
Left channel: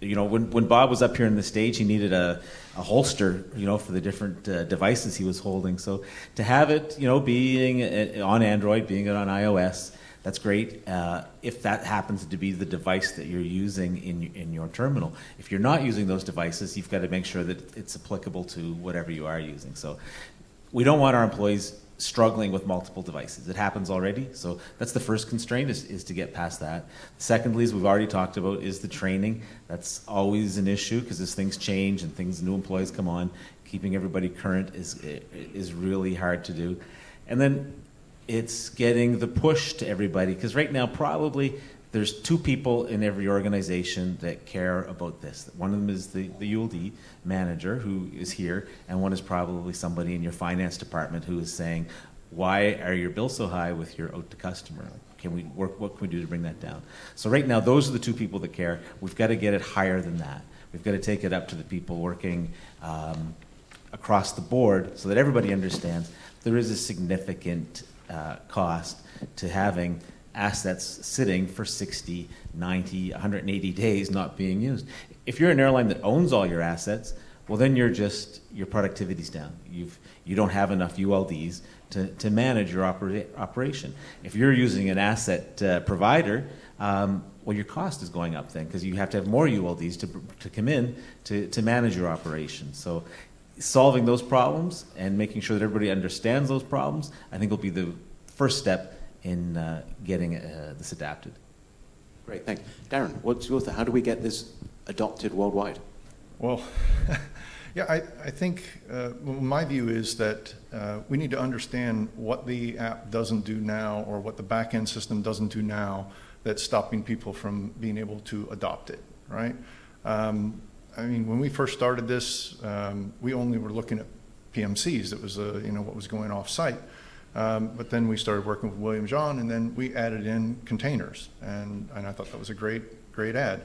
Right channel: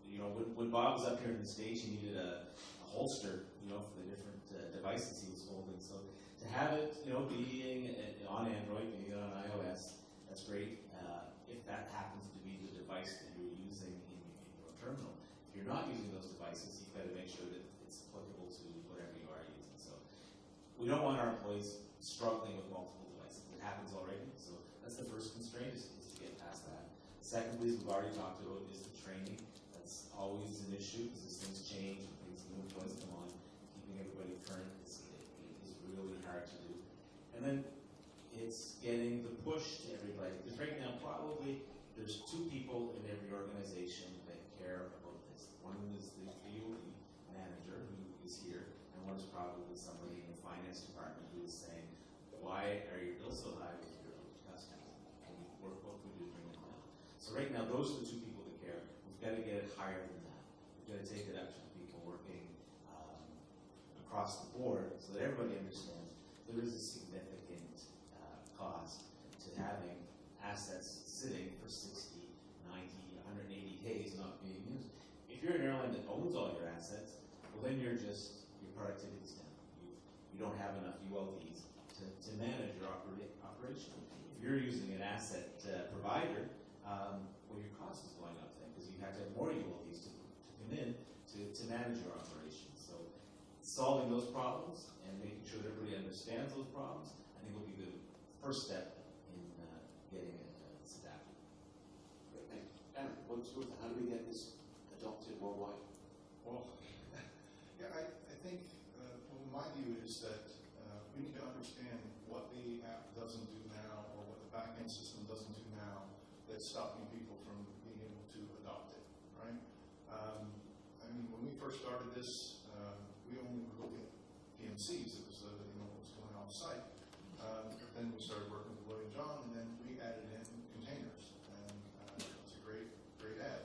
when Bob was up here on the stage, he needed a holster, for the different devices he was holding. So to have it, being on Android, being it on iOS, that's great. If that happens to be the device that you're using in your terminal. If you're not using those devices, you've got to make sure that it's applicable to whatever you are using. So we don't want our employees struggling with multiple devices. It happens already. So that's the first constraint is to get past that. Secondly, as we've already talked about, is the training. That's always an issue because as things change and new employees come on, keeping everybody current is really hard to do. And then it's getting the push to everybody, because right now probably there's two people in every organization that care about this. One of them is the ULD manager who is here, and one is probably somebody in your finance department who is saying, why are your bills so high with your out to customer? What can we do to bring that down? So right now, those are the two people that care. We've got to get it higher than that. We've got to take it up to the people working across the board so that everybody understands there is a significant cost to having assets sitting for 60, 90, 180 days not being used. If you're an airline that owns all your assets, well then your productivity's down. You don't have enough ULDs to manage your operation. If you're using an asset provider, well your cost is going up then because you have to have more ULDs to come in to manage your operation. So solving those problems and making sure that everybody understands those problems, I think will be the first step in getting this adapted. Great, thanks. Darren, what's your thought? How do we get this adopted worldwide? Well, yeah, I think my view is that we need to understand what the app doesn't do now or what the back-end system doesn't do now that's stopping people from being able to adopt it, right? I mean, when we first started this, we only were looking at PMCs. That was what was going off-site. But then we started working with William John, and then we added in containers, and I thought that was a great add.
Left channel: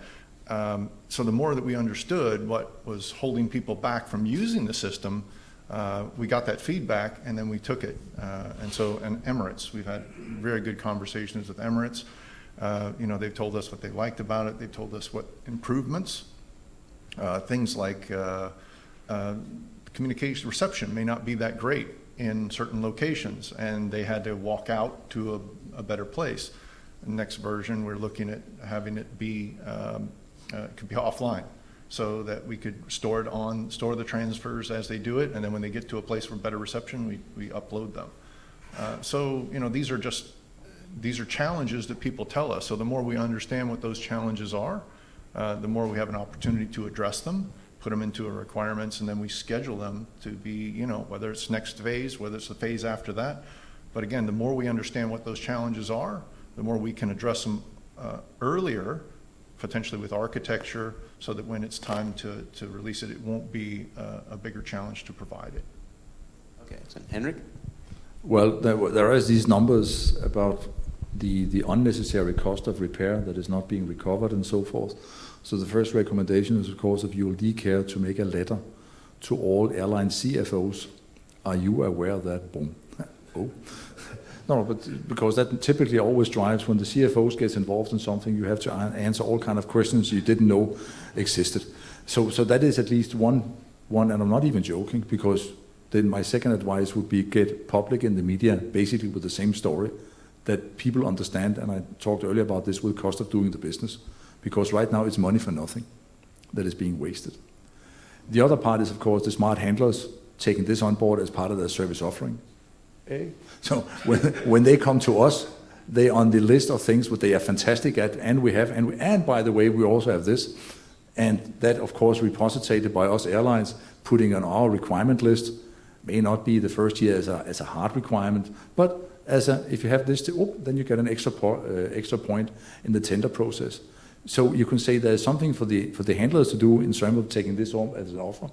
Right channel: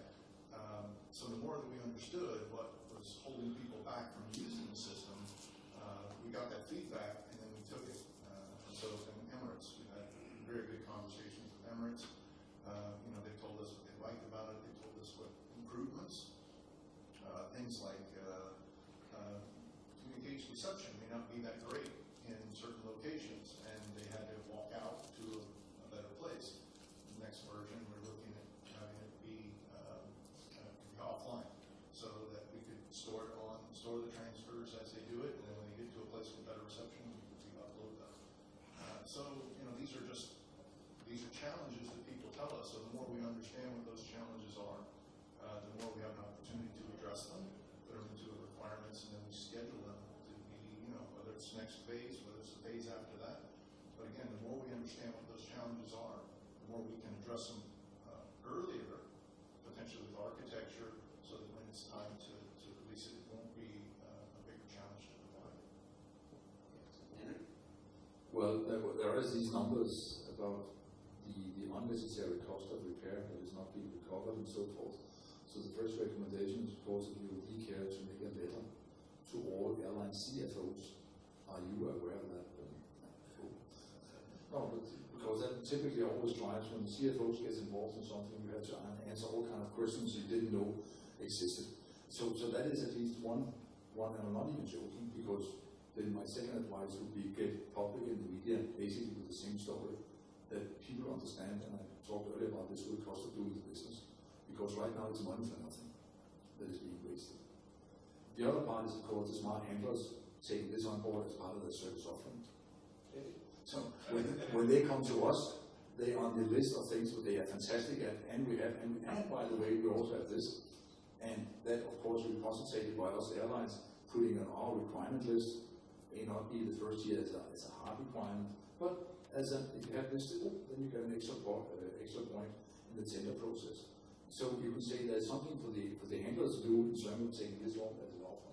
So the more that we understood what was holding people back from using the system, we got that feedback, and then we took it. And Emirates, we've had very good conversations with Emirates. They've told us what they liked about it. They've told us what improvements. Things like communication reception may not be that great in certain locations, and they had to walk out to a better place. The next version, we're looking at having it be could be offline, so that we could store the transfers as they do it, and then when they get to a place for better reception, we upload them. So these are challenges that people tell us. So the more we understand what those challenges are, the more we have an opportunity to address them, put them into our requirements, and then we schedule them to be, whether it's next phase, whether it's the phase after that. But again, the more we understand what those challenges are, the more we can address them earlier, potentially with architecture, so that when it's time to release it, it won't be a bigger challenge to provide it. Okay, so Henrik? Well, there are these numbers about the unnecessary cost of repair that is not being recovered and so forth. So the first recommendation is, of course, of ULD Care to make a letter to all airline CFOs. Are you aware of that? Boom. Oh. No, but because that typically always drives when the CFOs gets involved in something, you have to answer all kind of questions you didn't know existed. So that is at least one, and I'm not even joking, because then my second advice would be get public in the media, basically with the same story, that people understand, and I talked earlier about this with cost of doing the business, because right now it's money for nothing that is being wasted. The other part is, of course, the smart handlers taking this on board as part of their service offering. So when they come to us They're on the list of things what they are fantastic at, and we have, and by the way, we also have this, and that of course repositorated by us airlines, putting on our requirement list. May not be the first year as a hard requirement, but if you have this, then you get an extra point in the tender process. So you can say there's something for the handlers to do in terms of taking this on as an offer.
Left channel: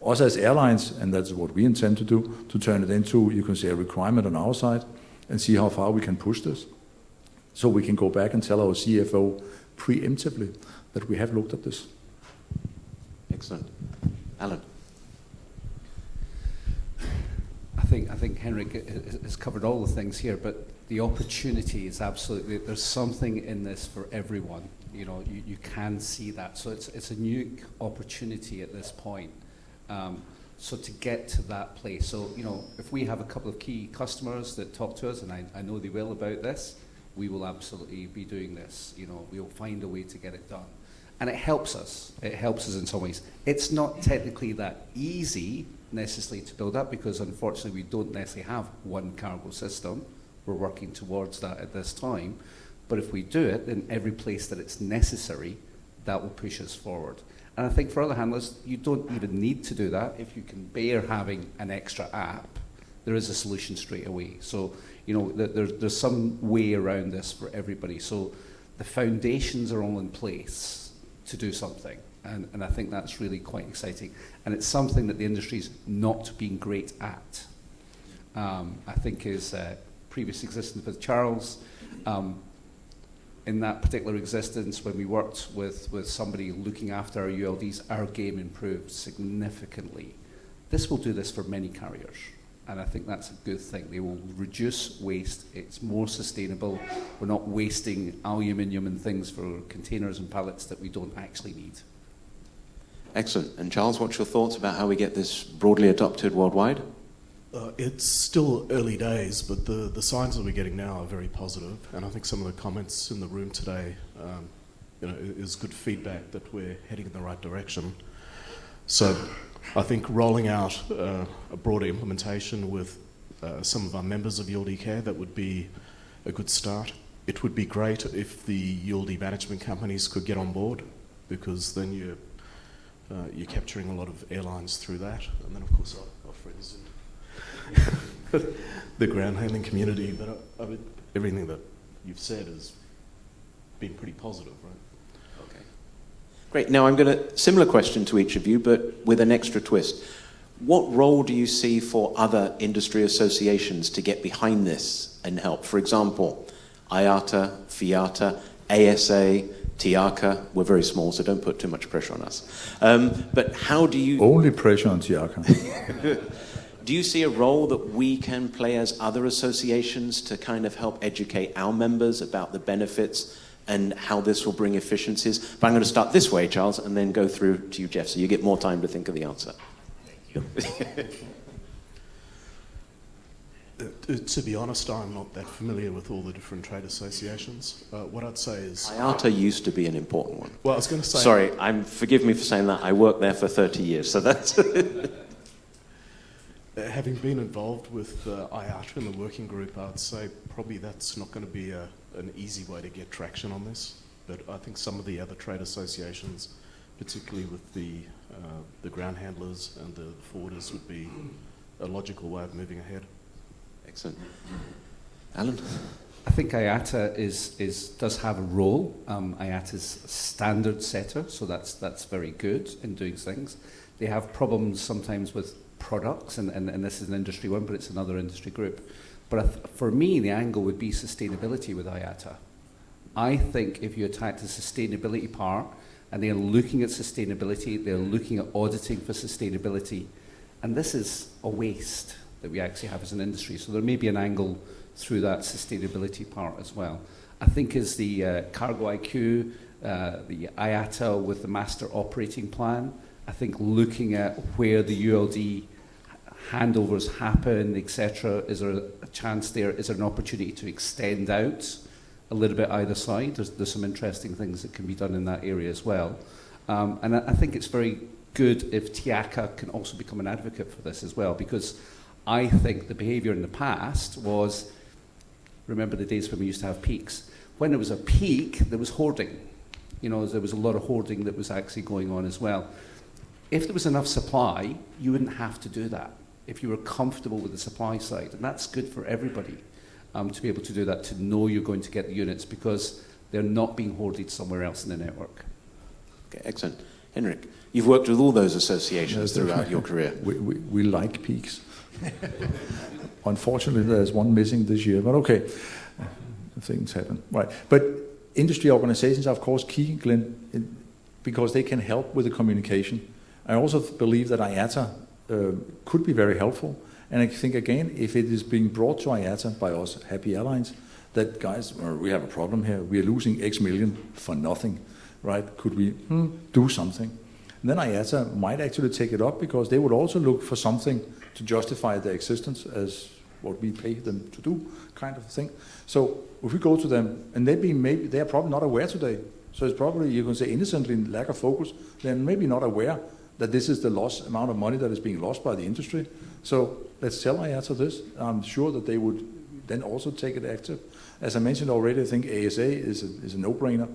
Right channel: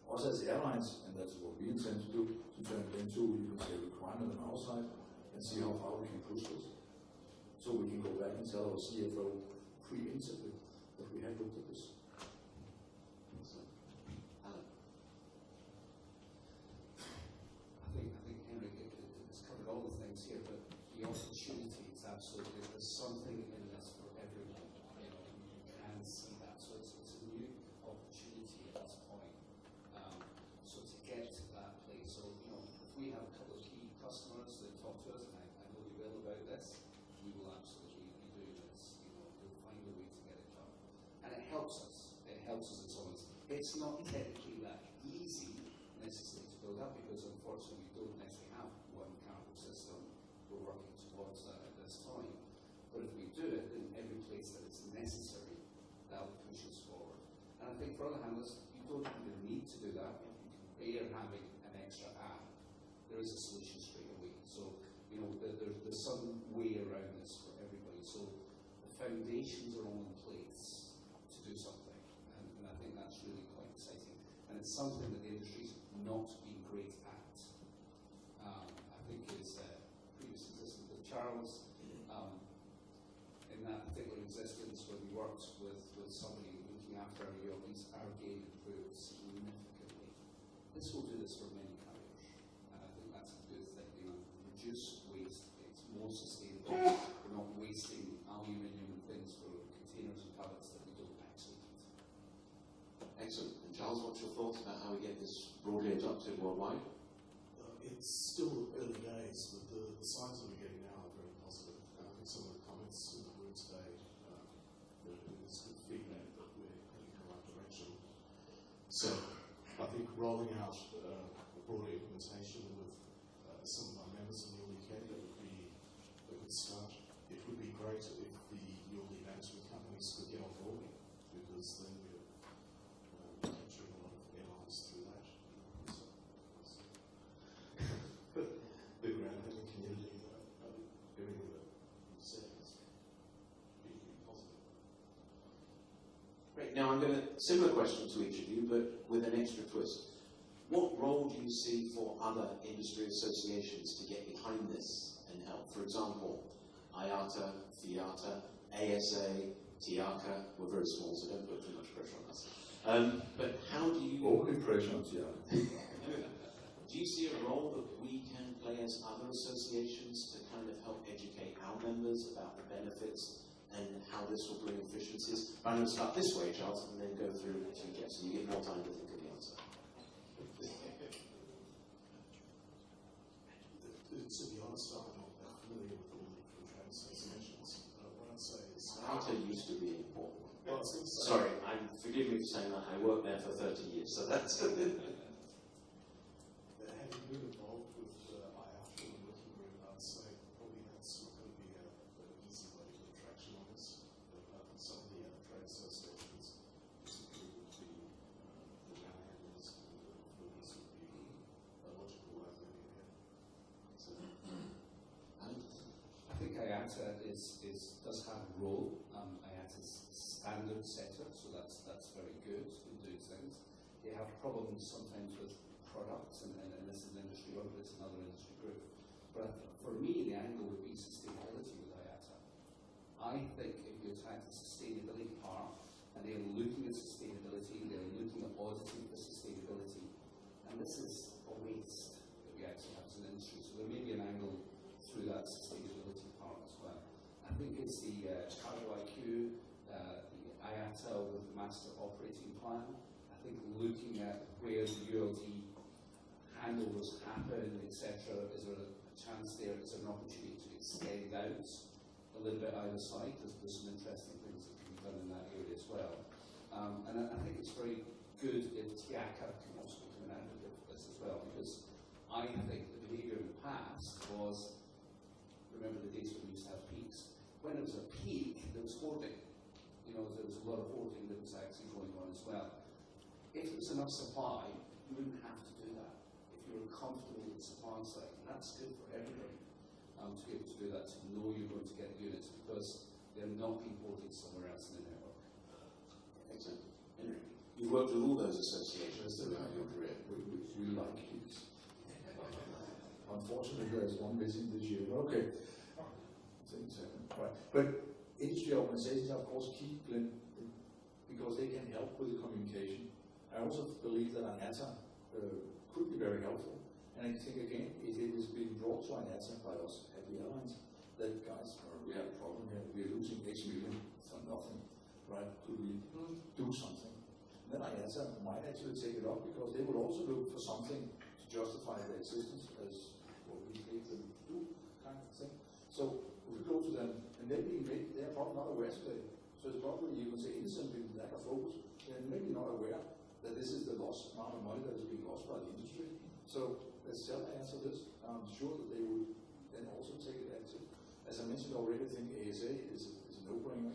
Also as airlines, and that's what we intend to do, to turn it into, you can say, a requirement on our side and see how far we can push this. So we can go back and tell our CFO preemptively that we have looked at this. Excellent. Alan. I think Henrik has covered all the things here, but the opportunity is absolutely, there's something in this for everyone. You know, you can see that. So it's a new opportunity at this point. So to get to that place, so, you know, if we have a couple of key customers that talk to us, and I know they will about this, we will absolutely be doing this. You know, we'll find a way to get it done. And it helps us. It helps us in some ways. It's not technically that easy necessarily to build up, because unfortunately we don't necessarily have one cargo system. We're working towards that at this time. But if we do it in every place that it's necessary, that will push us forward. And I think for other handlers, you don't even need to do that. If you can bear having an extra app, there is a solution straight away. So, you know, there's some way around this for everybody. So the foundations are all in place to do something. And I think that's really quite exciting. And it's something that the industry's not been great at. I think his previous existence with Charles, in that particular existence, when we worked with somebody looking after our ULDs, our game improved significantly. This will do this for many carriers, and I think that's a good thing. They will reduce waste. It's more sustainable. We're not wasting aluminium and things for containers and pallets that we don't actually need. Excellent. And Charles, what's your thoughts about how we get this broadly adopted worldwide? It's still early days, but the signs that we're getting now are very positive, and I think some of the comments in the room today, is good feedback that we're heading in the right direction. So I think rolling out a broader implementation with some of our members of ULD Care, that would be a good start. It would be great if the ULD management companies could get on board, because then you're capturing a lot of airlines through that, and then of course our friends in the ground handling community. But I mean, everything that you've said has been pretty positive, right? Okay. Great. Now I'm going to, similar question to each of you, but with an extra twist. What role do you see for other industry associations to get behind this and help? For example, IATA, FIATA, ASA, TIACA. We're very small, so don't put too much pressure on us. But how do you... Only pressure on TIACA. Do you see a role that we can play as other associations to kind of help educate our members about the benefits and how this will bring efficiencies? But I'm going to start this way, Charles, and then go through to you, Jeff, so you get more time to think of the answer. To be honest, I'm not that familiar with all the different trade associations. What I'd say is... IATA used to be an important one. Well, I was going to say... Sorry, forgive me for saying that. I worked there for 30 years, so that's... Having been involved with IATA and the working group, I'd say probably that's not going to be an easy way to get traction on this. But I think some of the other trade associations, particularly with the ground handlers and the forwarders, would be a logical way of moving ahead. Excellent. Alan? I think IATA does have a role. IATA's a standard setter, so that's very good in doing things. They have problems sometimes with products, and this is an industry one, but it's another industry group. But for me, the angle would be sustainability with IATA. I think if you attack the sustainability part, and they're looking at sustainability, they're looking at auditing for sustainability, and this is a waste that we actually have as an industry. So there may be an angle through that sustainability part as well. I think as the Cargo IQ, the IATA with the master operating plan, I think looking at where the ULD handovers happen, etc., is there a chance there? Is there an opportunity to extend out a little bit either side? There's some interesting things that can be done in that area as well. And I think it's very good if TIACA can also become an advocate for this as well, because I think the behaviour in the past was remember the days when we used to have peaks. When there was a peak, there was hoarding. You know, there was a lot of hoarding that was actually going on as well. If there was enough supply, you wouldn't have to do that if you were comfortable with the supply side. And that's good for everybody to be able to do that, to know you're going to get the units because they're not being hoarded somewhere else in the network. Okay, excellent. Henrik, you've worked with all those associations throughout your career. We like peaks. Unfortunately, there's one missing this year, but okay, things happen. Right, but industry organizations are of course key, Glenn, because they can help with the communication. I also believe that IATA could be very helpful, and I think again, if it is being brought to IATA by us, Happy Airlines, that guys, we have a problem here, we are losing X million for nothing, right? Could we do something? And then IATA might actually take it up because they would also look for something to justify their existence as what we pay them to do, kind of thing. So if we go to them, and maybe they are probably not aware today, so it's probably, you can say innocently, lack of focus, they're maybe not aware that this is the amount of money that is being lost by the industry. So let's tell IATA this. I'm sure that they would then also take it active. As I mentioned already, I think ASA is a no-brainer.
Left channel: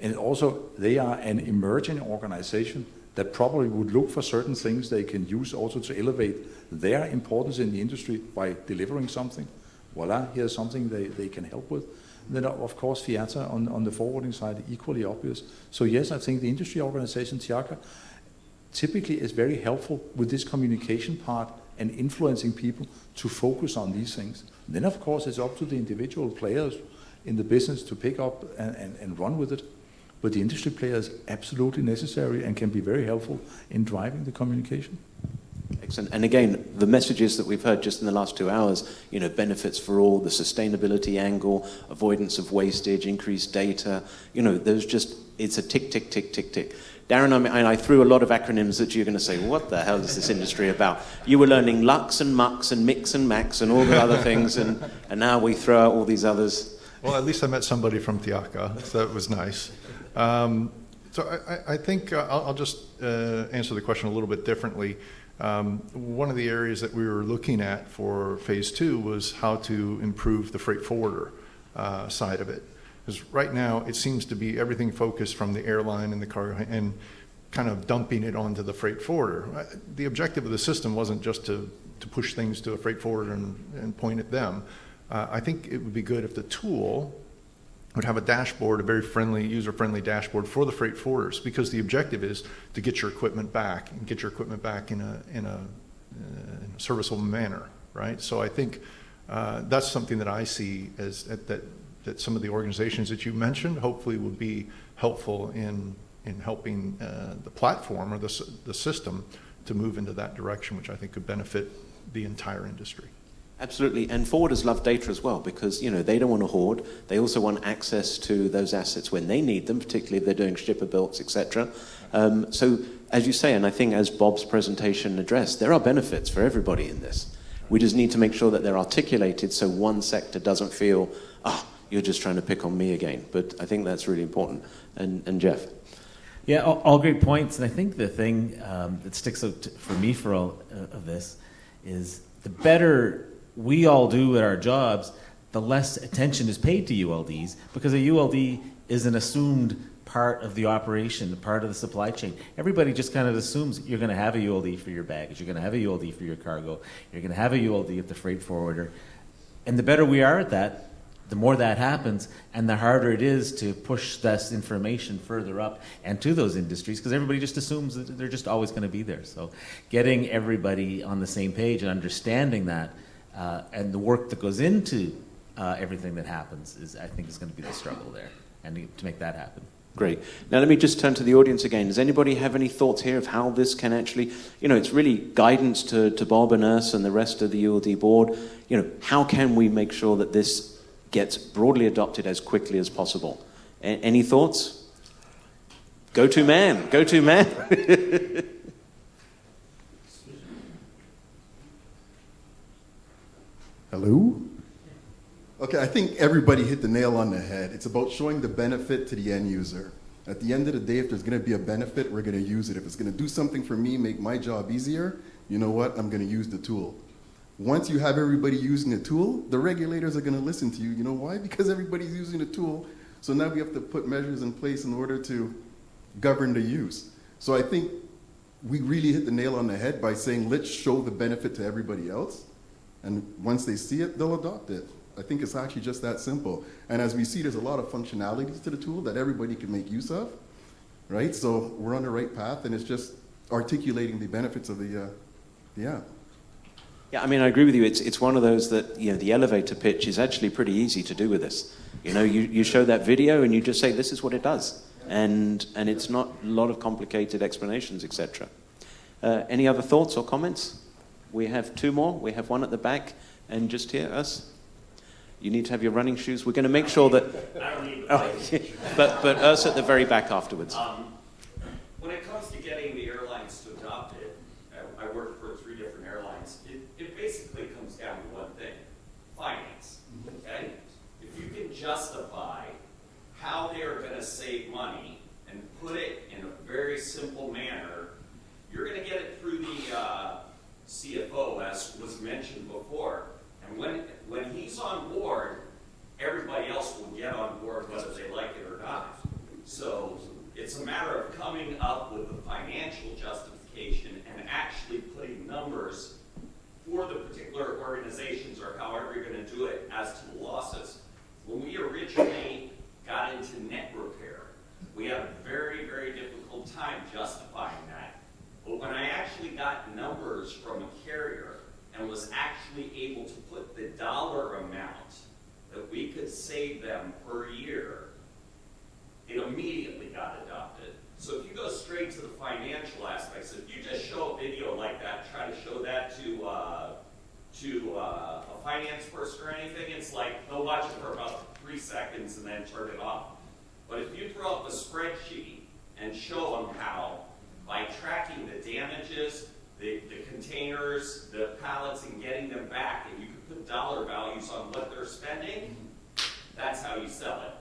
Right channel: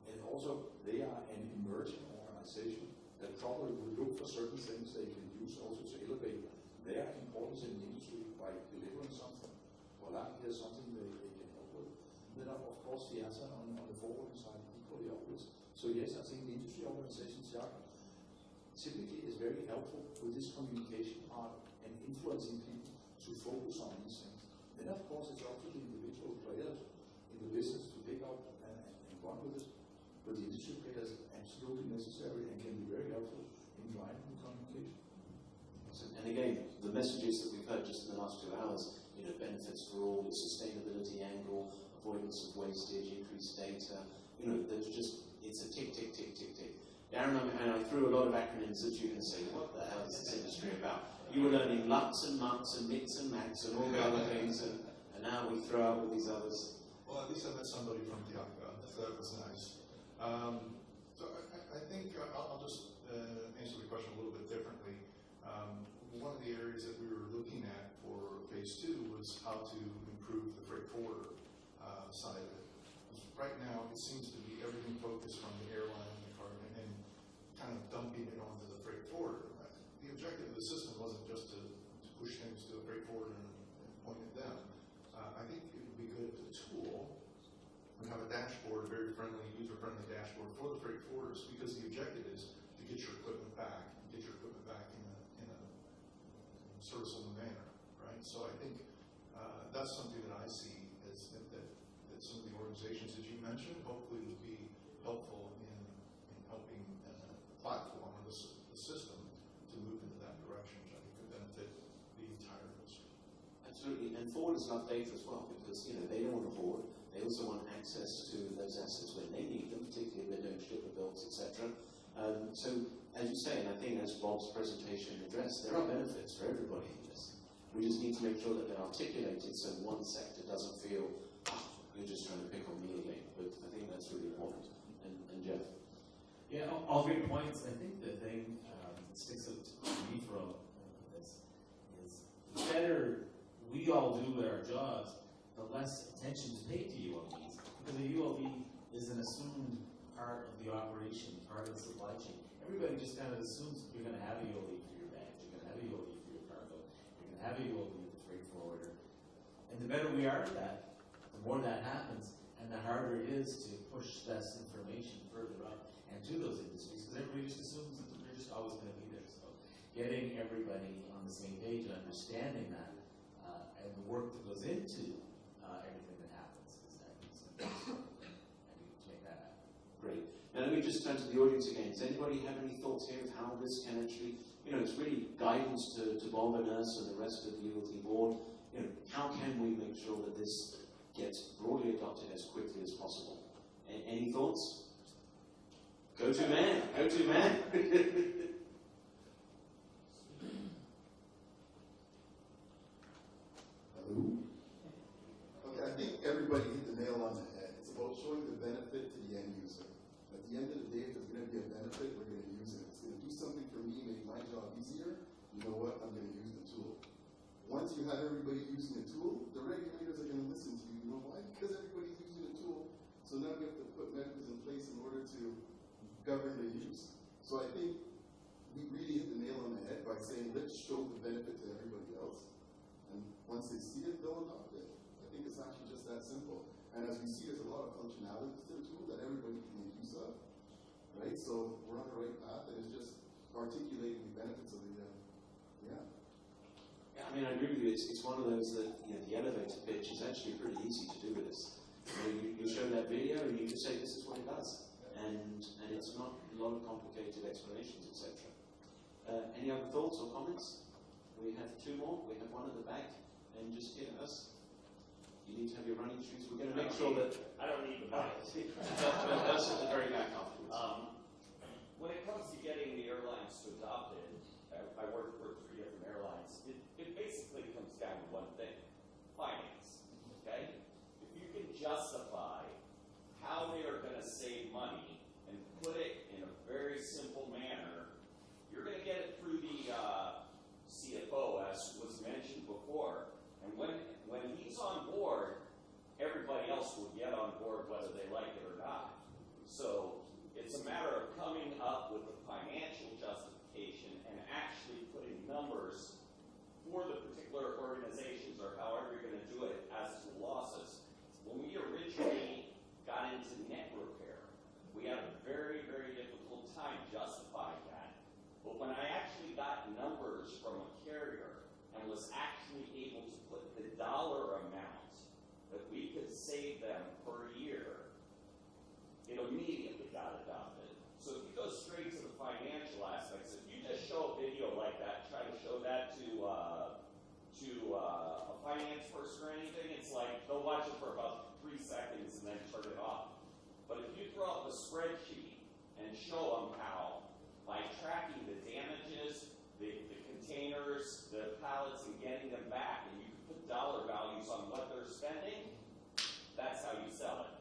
And also, they are an emerging organization that probably would look for certain things they can use also to elevate their importance in the industry by delivering something. Voila, here's something they can help with. And then, of course, FIATA on the forwarding side, equally obvious. So yes, I think the industry organization, TIACA, typically is very helpful with this communication part and influencing people to focus on these things. And then, of course, it's up to the individual players in the business to pick up and run with it. But the industry player is absolutely necessary and can be very helpful in driving the communication. Excellent. And again, the messages that we've heard just in the last 2 hours, you know, benefits for all, the sustainability angle, avoidance of wastage, increased data, you know, there's just, it's a tick, tick, tick, tick, tick. Darren, I threw a lot of acronyms that you're going to say, what the hell is this industry about? You were learning Lux and Mux and Mix and Max and all the other things, and now we throw out all these others. Well, at least I met somebody from TIACA, so that was nice. So I think I'll just answer the question a little bit differently. One of the areas that we were looking at for phase 2 was how to improve the freight forwarder side of it. Because right now it seems to be everything focused from the airline and the cargo and kind of dumping it onto the freight forwarder. The objective of the system wasn't just to push things to a freight forwarder and point at them. I think it would be good if the tool would have a dashboard, a very friendly, user-friendly dashboard for the freight forwarders, because the objective is to get your equipment back and get your equipment back in a serviceable manner, right? So I think that's something that I see as that some of the organizations that you mentioned hopefully would be helpful in helping the platform or the system to move into that direction, which I think could benefit the entire industry. Absolutely, and forwarders love data as well because, you know, they don't want to hoard. They also want access to those assets when they need them, particularly if they're doing shipper builds, etc. So, as you say, and I think as Bob's presentation addressed, there are benefits for everybody in this. We just need to make sure that they're articulated so one sector doesn't feel, you're just trying to pick on me again. But I think that's really important. And Jeff? Yeah, all great points. And I think the thing that sticks out for me for all of this is the better we all do at our jobs, the less attention is paid to ULDs, because a ULD is an assumed part of the operation, part of the supply chain. Everybody just kind of assumes you're going to have a ULD for your baggage, you're going to have a ULD for your cargo, you're going to have a ULD at the freight forwarder. And the better we are at that, the more that happens, and the harder it is to push this information further up and to those industries, because everybody just assumes that they're just always going to be there. So getting everybody on the same page and understanding that, and the work that goes into everything that happens I think is going to be the struggle there, and to make that happen. Great. Now let me just turn to the audience again. Does anybody have any thoughts here of how this can actually, you know, it's really guidance to Bob and us and the rest of the ULD board. You know, how can we make sure that this gets broadly adopted as quickly as possible? Any thoughts? Go-to man. Go-to man. Hello? Okay, I think everybody hit the nail on the head. It's about showing the benefit to the end user. At the end of the day, if there's going to be a benefit, we're going to use it. If it's going to do something for me, make my job easier, you know what? I'm going to use the tool. Once you have everybody using the tool, the regulators are going to listen to you. You know why? Because everybody's using the tool. So now we have to put measures in place in order to govern the use. So I think we really hit the nail on the head by saying, let's show the benefit to everybody else. And once they see it, they'll adopt it. I think it's actually just that simple. And as we see, there's a lot of functionalities to the tool that everybody can make use of, right? So we're on the right path, and it's just articulating the benefits of the app. Yeah, I mean, I agree with you. It's one of those that, you know, the elevator pitch is actually pretty easy to do with this. You know, you show that video and you just say, this is what it does. And it's not a lot of complicated explanations, etc. Any other thoughts or comments? We have two more. We have one at the back and just here, us. You need to have your running shoes. We're going to make sure that... I don't need but us at the very back afterwards. When it comes to getting the airlines to adopt it, I worked for 3 different airlines. It basically comes down to one thing: finance. Okay? If you can justify how they are going to save money and put it in a very simple manner, you're going to get it through the CFO, as was mentioned before. And when he's on board, everybody else will get on board whether they like it or not. So it's a matter of coming up with a financial justification and actually putting numbers for the particular organizations or however you're going to do it as to the losses. When we originally got into net repair, we had a very, very difficult time justifying that. But when I actually got numbers from a carrier and was actually able to put the dollar amount that we could save them per year, it immediately got adopted. So if you go straight to the financial aspects, if you just show a video like that, try to show that to a finance person or anything, it's like they'll watch it for about 3 seconds and then turn it off. But if you throw up a spreadsheet and show them how, by tracking the damages, the containers, the pallets, and getting them back, and you can put dollar values on what they're spending, that's how you sell it.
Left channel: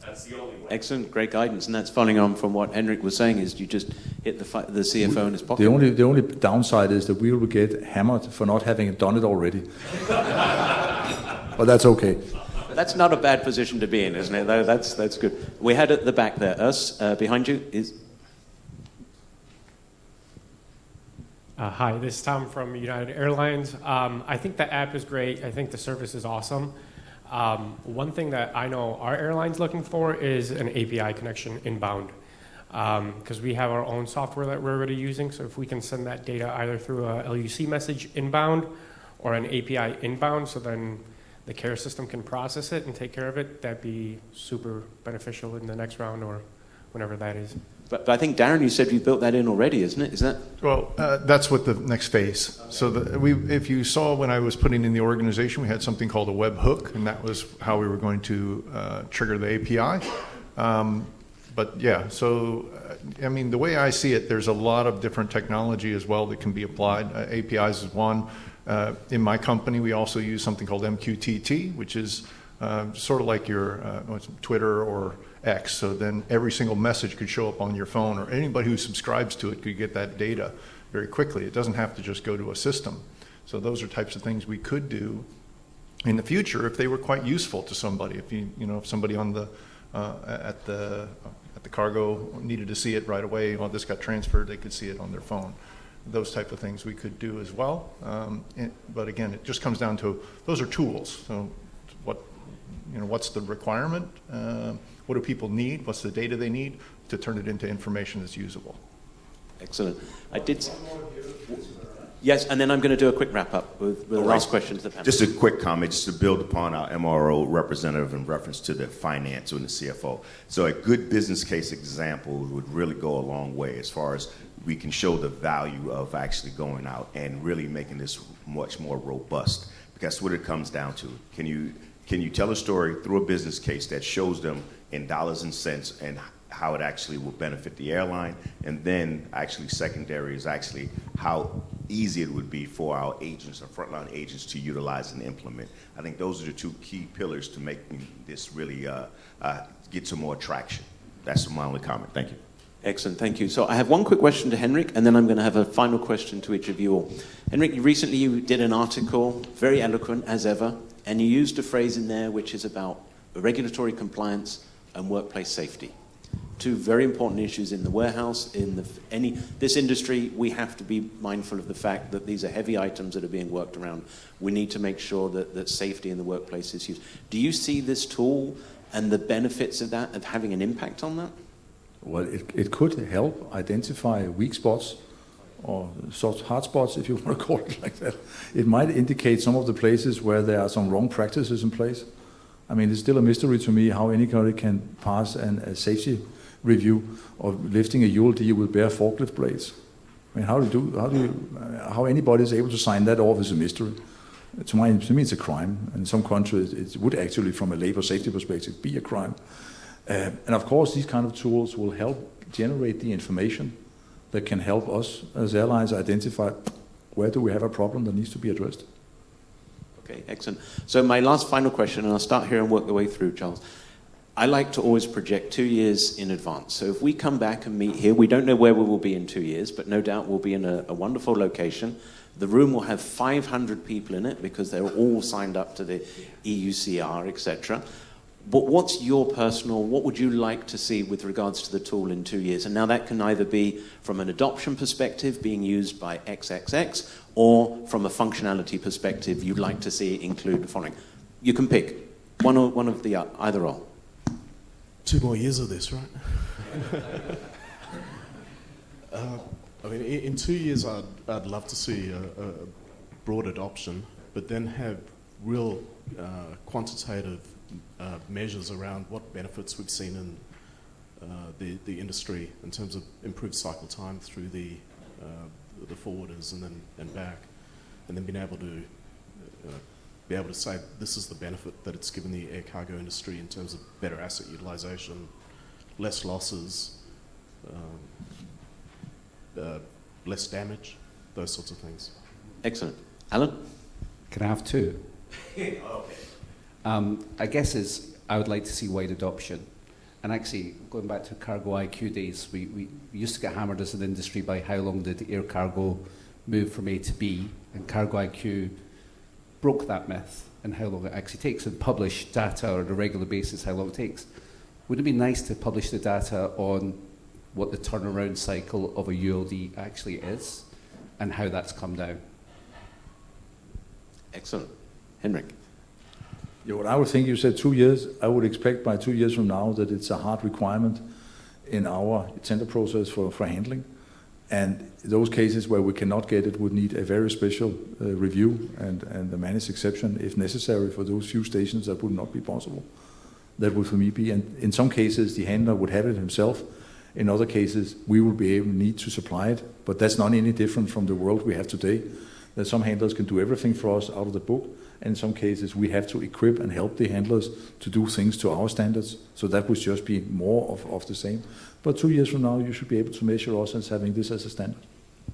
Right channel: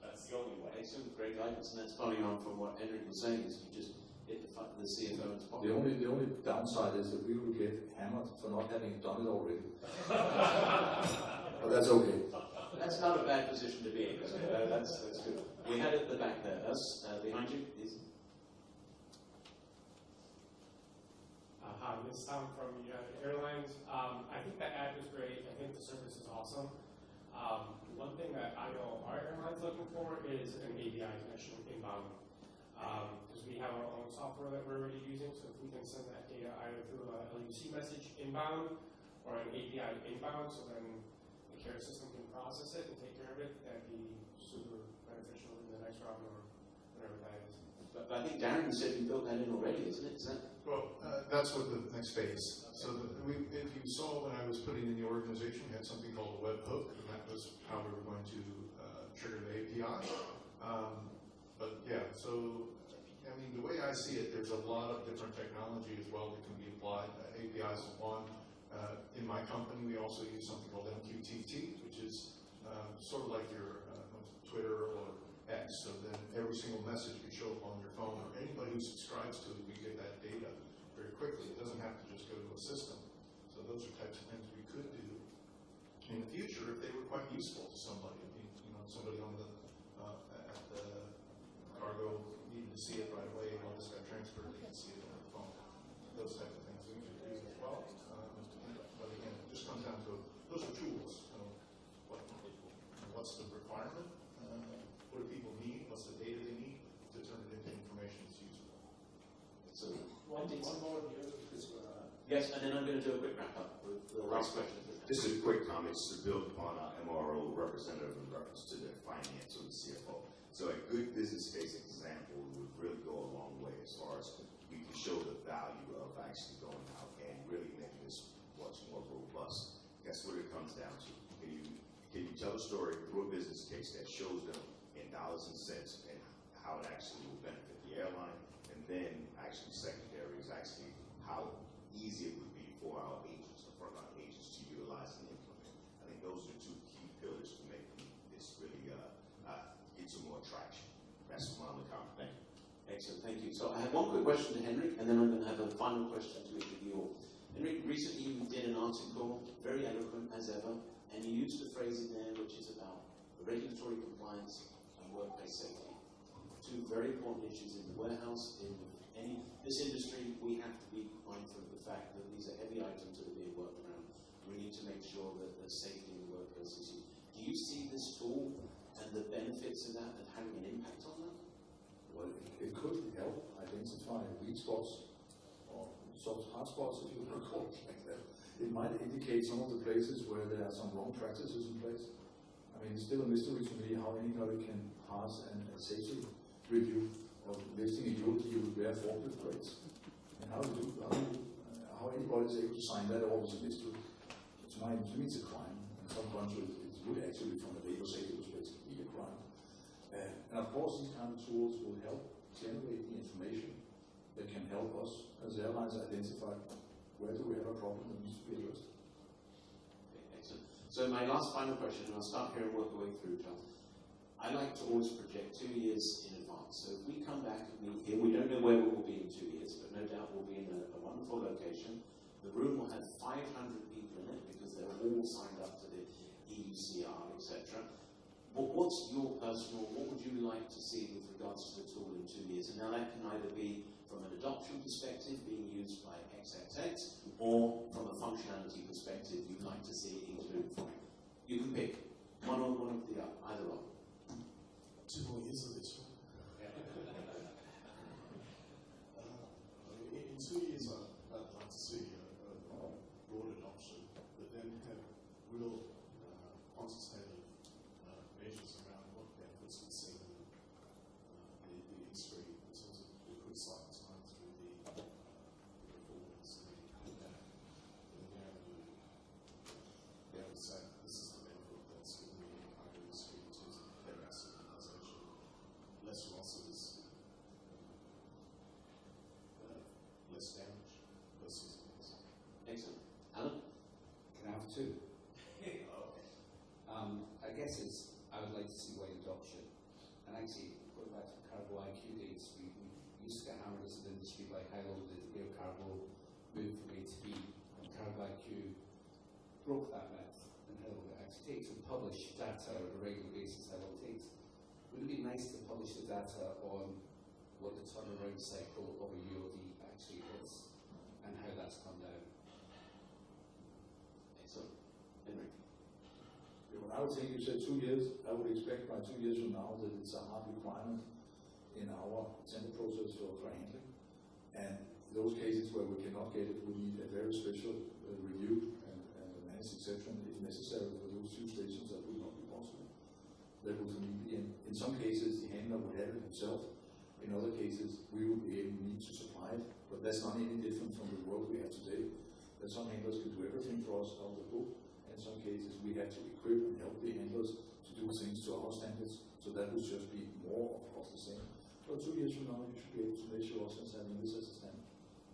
That's the only way. Excellent, great guidance. And that's following on from what Henrik was saying, is you just hit the CFO in his pocket. The only downside is that we will get hammered for not having done it already. But that's okay. That's not a bad position to be in, isn't it? That's good. We had at the back there, us, behind you is... Hi, this is Tom from United Airlines. I think the app is great. I think the service is awesome. One thing that I know our airline's looking for is an API connection inbound, because we have our own software that we're already using. So if we can send that data either through a LUC message inbound or an API inbound, so then the care system can process it and take care of it, that'd be super beneficial in the next round or whenever that is. But I think, Darren, you said you built that in already, isn't it? Is that? Well, that's what the next phase. So if you saw when I was putting in the organization, we had something called a webhook, and that was how we were going to trigger the API. But yeah, so I mean, the way I see it, there's a lot of different technology as well that can be applied. APIs is one. In my company, we also use something called MQTT, which is sort of like your Twitter or X. So then every single message could show up on your phone, or anybody who subscribes to it could get that data very quickly. It doesn't have to just go to a system. So those are types of things we could do in the future if they were quite useful to somebody. If if somebody on the at the cargo needed to see it right away, well, this got transferred, they could see it on their phone. Those type of things we could do as well. But again, it just comes down to, those are tools. So what's the requirement? What do people need? What's the data they need to turn it into information that's usable? Excellent. Yes, and then I'm going to do a quick wrap up with the last question to the panel. Just a quick comment, just to build upon our MRO representative in reference to the finance and the CFO. So a good business case example would really go a long way as far as we can show the value of actually going out and really making this much more robust. Because that's what it comes down to. Can you tell a story through a business case that shows them in dollars and cents and how it actually will benefit the airline, and then actually secondary is actually how easy it would be for our agents or frontline agents to utilize and implement. I think those are the two key pillars to making this really get some more traction. That's my only comment. Thank you. Excellent, thank you. So I have one quick question to Henrik, and then I'm going to have a final question to each of you all. Henrik, recently you did an article, very eloquent as ever, and you used a phrase in there which is about regulatory compliance and workplace safety. Two very important issues in the warehouse. In this industry, we have to be mindful of the fact that these are heavy items that are being worked around. We need to make sure that safety in the workplace is used. Do you see this tool and the benefits of that, of having an impact on that? Well, it could help identify weak spots or sort of hard spots, if you want to call it like that. It might indicate some of the places where there are some wrong practices in place. I mean, it's still a mystery to me how anybody can pass a safety review of lifting a ULD with bare forklift blades. I mean, how anybody is able to sign that off is a mystery. To me, it's a crime. In some countries, it would actually, from a labor safety perspective, be a crime. And of course, these kind of tools will help generate the information that can help us as airlines identify where do we have a problem that needs to be addressed. Okay, excellent. So my last final question, and I'll start here and work the way through, Charles. I like to always project 2 years in advance. So if we come back and meet here, we don't know where we will be in 2 years, but no doubt we'll be in a wonderful location. The room will have 500 people in it because they're all signed up to the EUCR, etc. But what would you like to see with regards to the tool in 2 years? And now that can either be from an adoption perspective, being used by XXX, or from a functionality perspective, you'd like to see it include the following. You can pick one of the either or. 2 more years of this, right? I mean, in 2 years, I'd love to see a broad adoption, but then have real quantitative measures around what benefits we've seen in the industry in terms of improved cycle time through the forwarders and back, and then being able to say this is the benefit that it's given the air cargo industry in terms of better asset utilization, less losses, less damage, those sorts of things. Excellent. Alan? Can I have two? Okay. I guess I would like to see wide adoption. And actually, going back to Cargo IQ days, we used to get hammered as an industry by how long did air cargo move from A to B, and Cargo IQ broke that myth and how long it actually takes, and publish data on a regular basis how long it takes. Wouldn't it be nice to publish the data on what the turnaround cycle of a ULD actually is and how that's come down? Excellent. Henrik? Yeah, what I would think, you said 2 years. I would expect by 2 years from now that it's a hard requirement in our tender process for handling. And those cases where we cannot get it would need a very special review and a managed exception if necessary for those few stations. That would not be possible. That would for me be, and in some cases the handler would have it himself. In other cases we will be able to need to supply it, but that's not any different from the world we have today. That some handlers can do everything for us out of the book, and in some cases we have to equip and help the handlers to do things to our standards. So that would just be more of the same. But 2 years from now, you should be able to measure us as having this as a standard.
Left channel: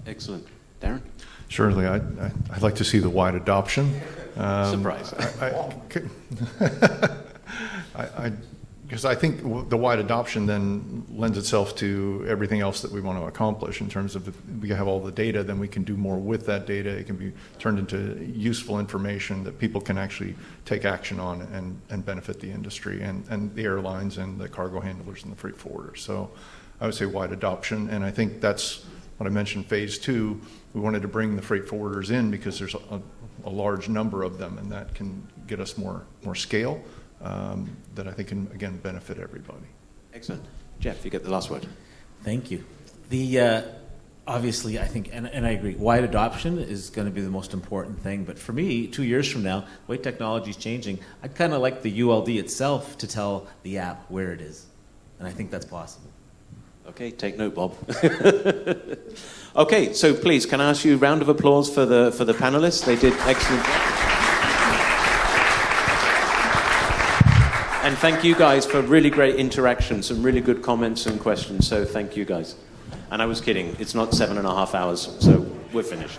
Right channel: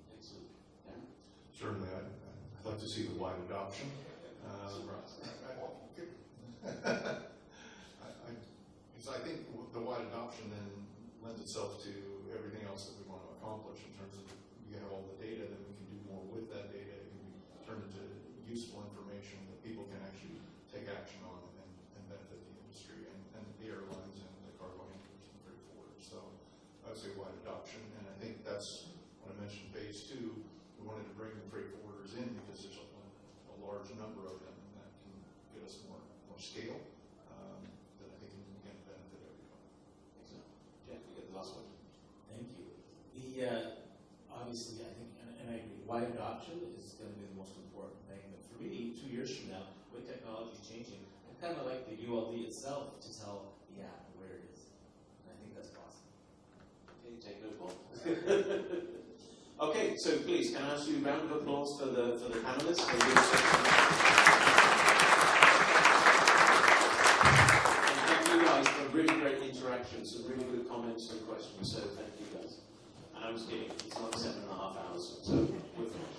Excellent. Darren? Surely, I'd like to see the wide adoption. Surprise. Because I think the wide adoption then lends itself to everything else that we want to accomplish in terms of if we have all the data, then we can do more with that data. It can be turned into useful information that people can actually take action on and benefit the industry and the airlines and the cargo handlers and the freight forwarders. So I would say wide adoption, and I think that's what I mentioned, phase 2. We wanted to bring the freight forwarders in because there's a large number of them, and that can get us more scale. That I think can, again, benefit everybody. Excellent. Jeff, you get the last word. Thank you. Obviously, I think, and I agree, wide adoption is going to be the most important thing. But for me, 2 years from now, the way technology is changing, I'd kind of like the ULD itself to tell the app where it is. And I think that's possible. Okay, take note, Bob. Okay, so please, can I ask you a round of applause for the panelists? They did excellent work. And thank you guys for really great interaction, some really good comments and questions. So thank you guys. And I was kidding, it's not 7.5 hours, so we're finished.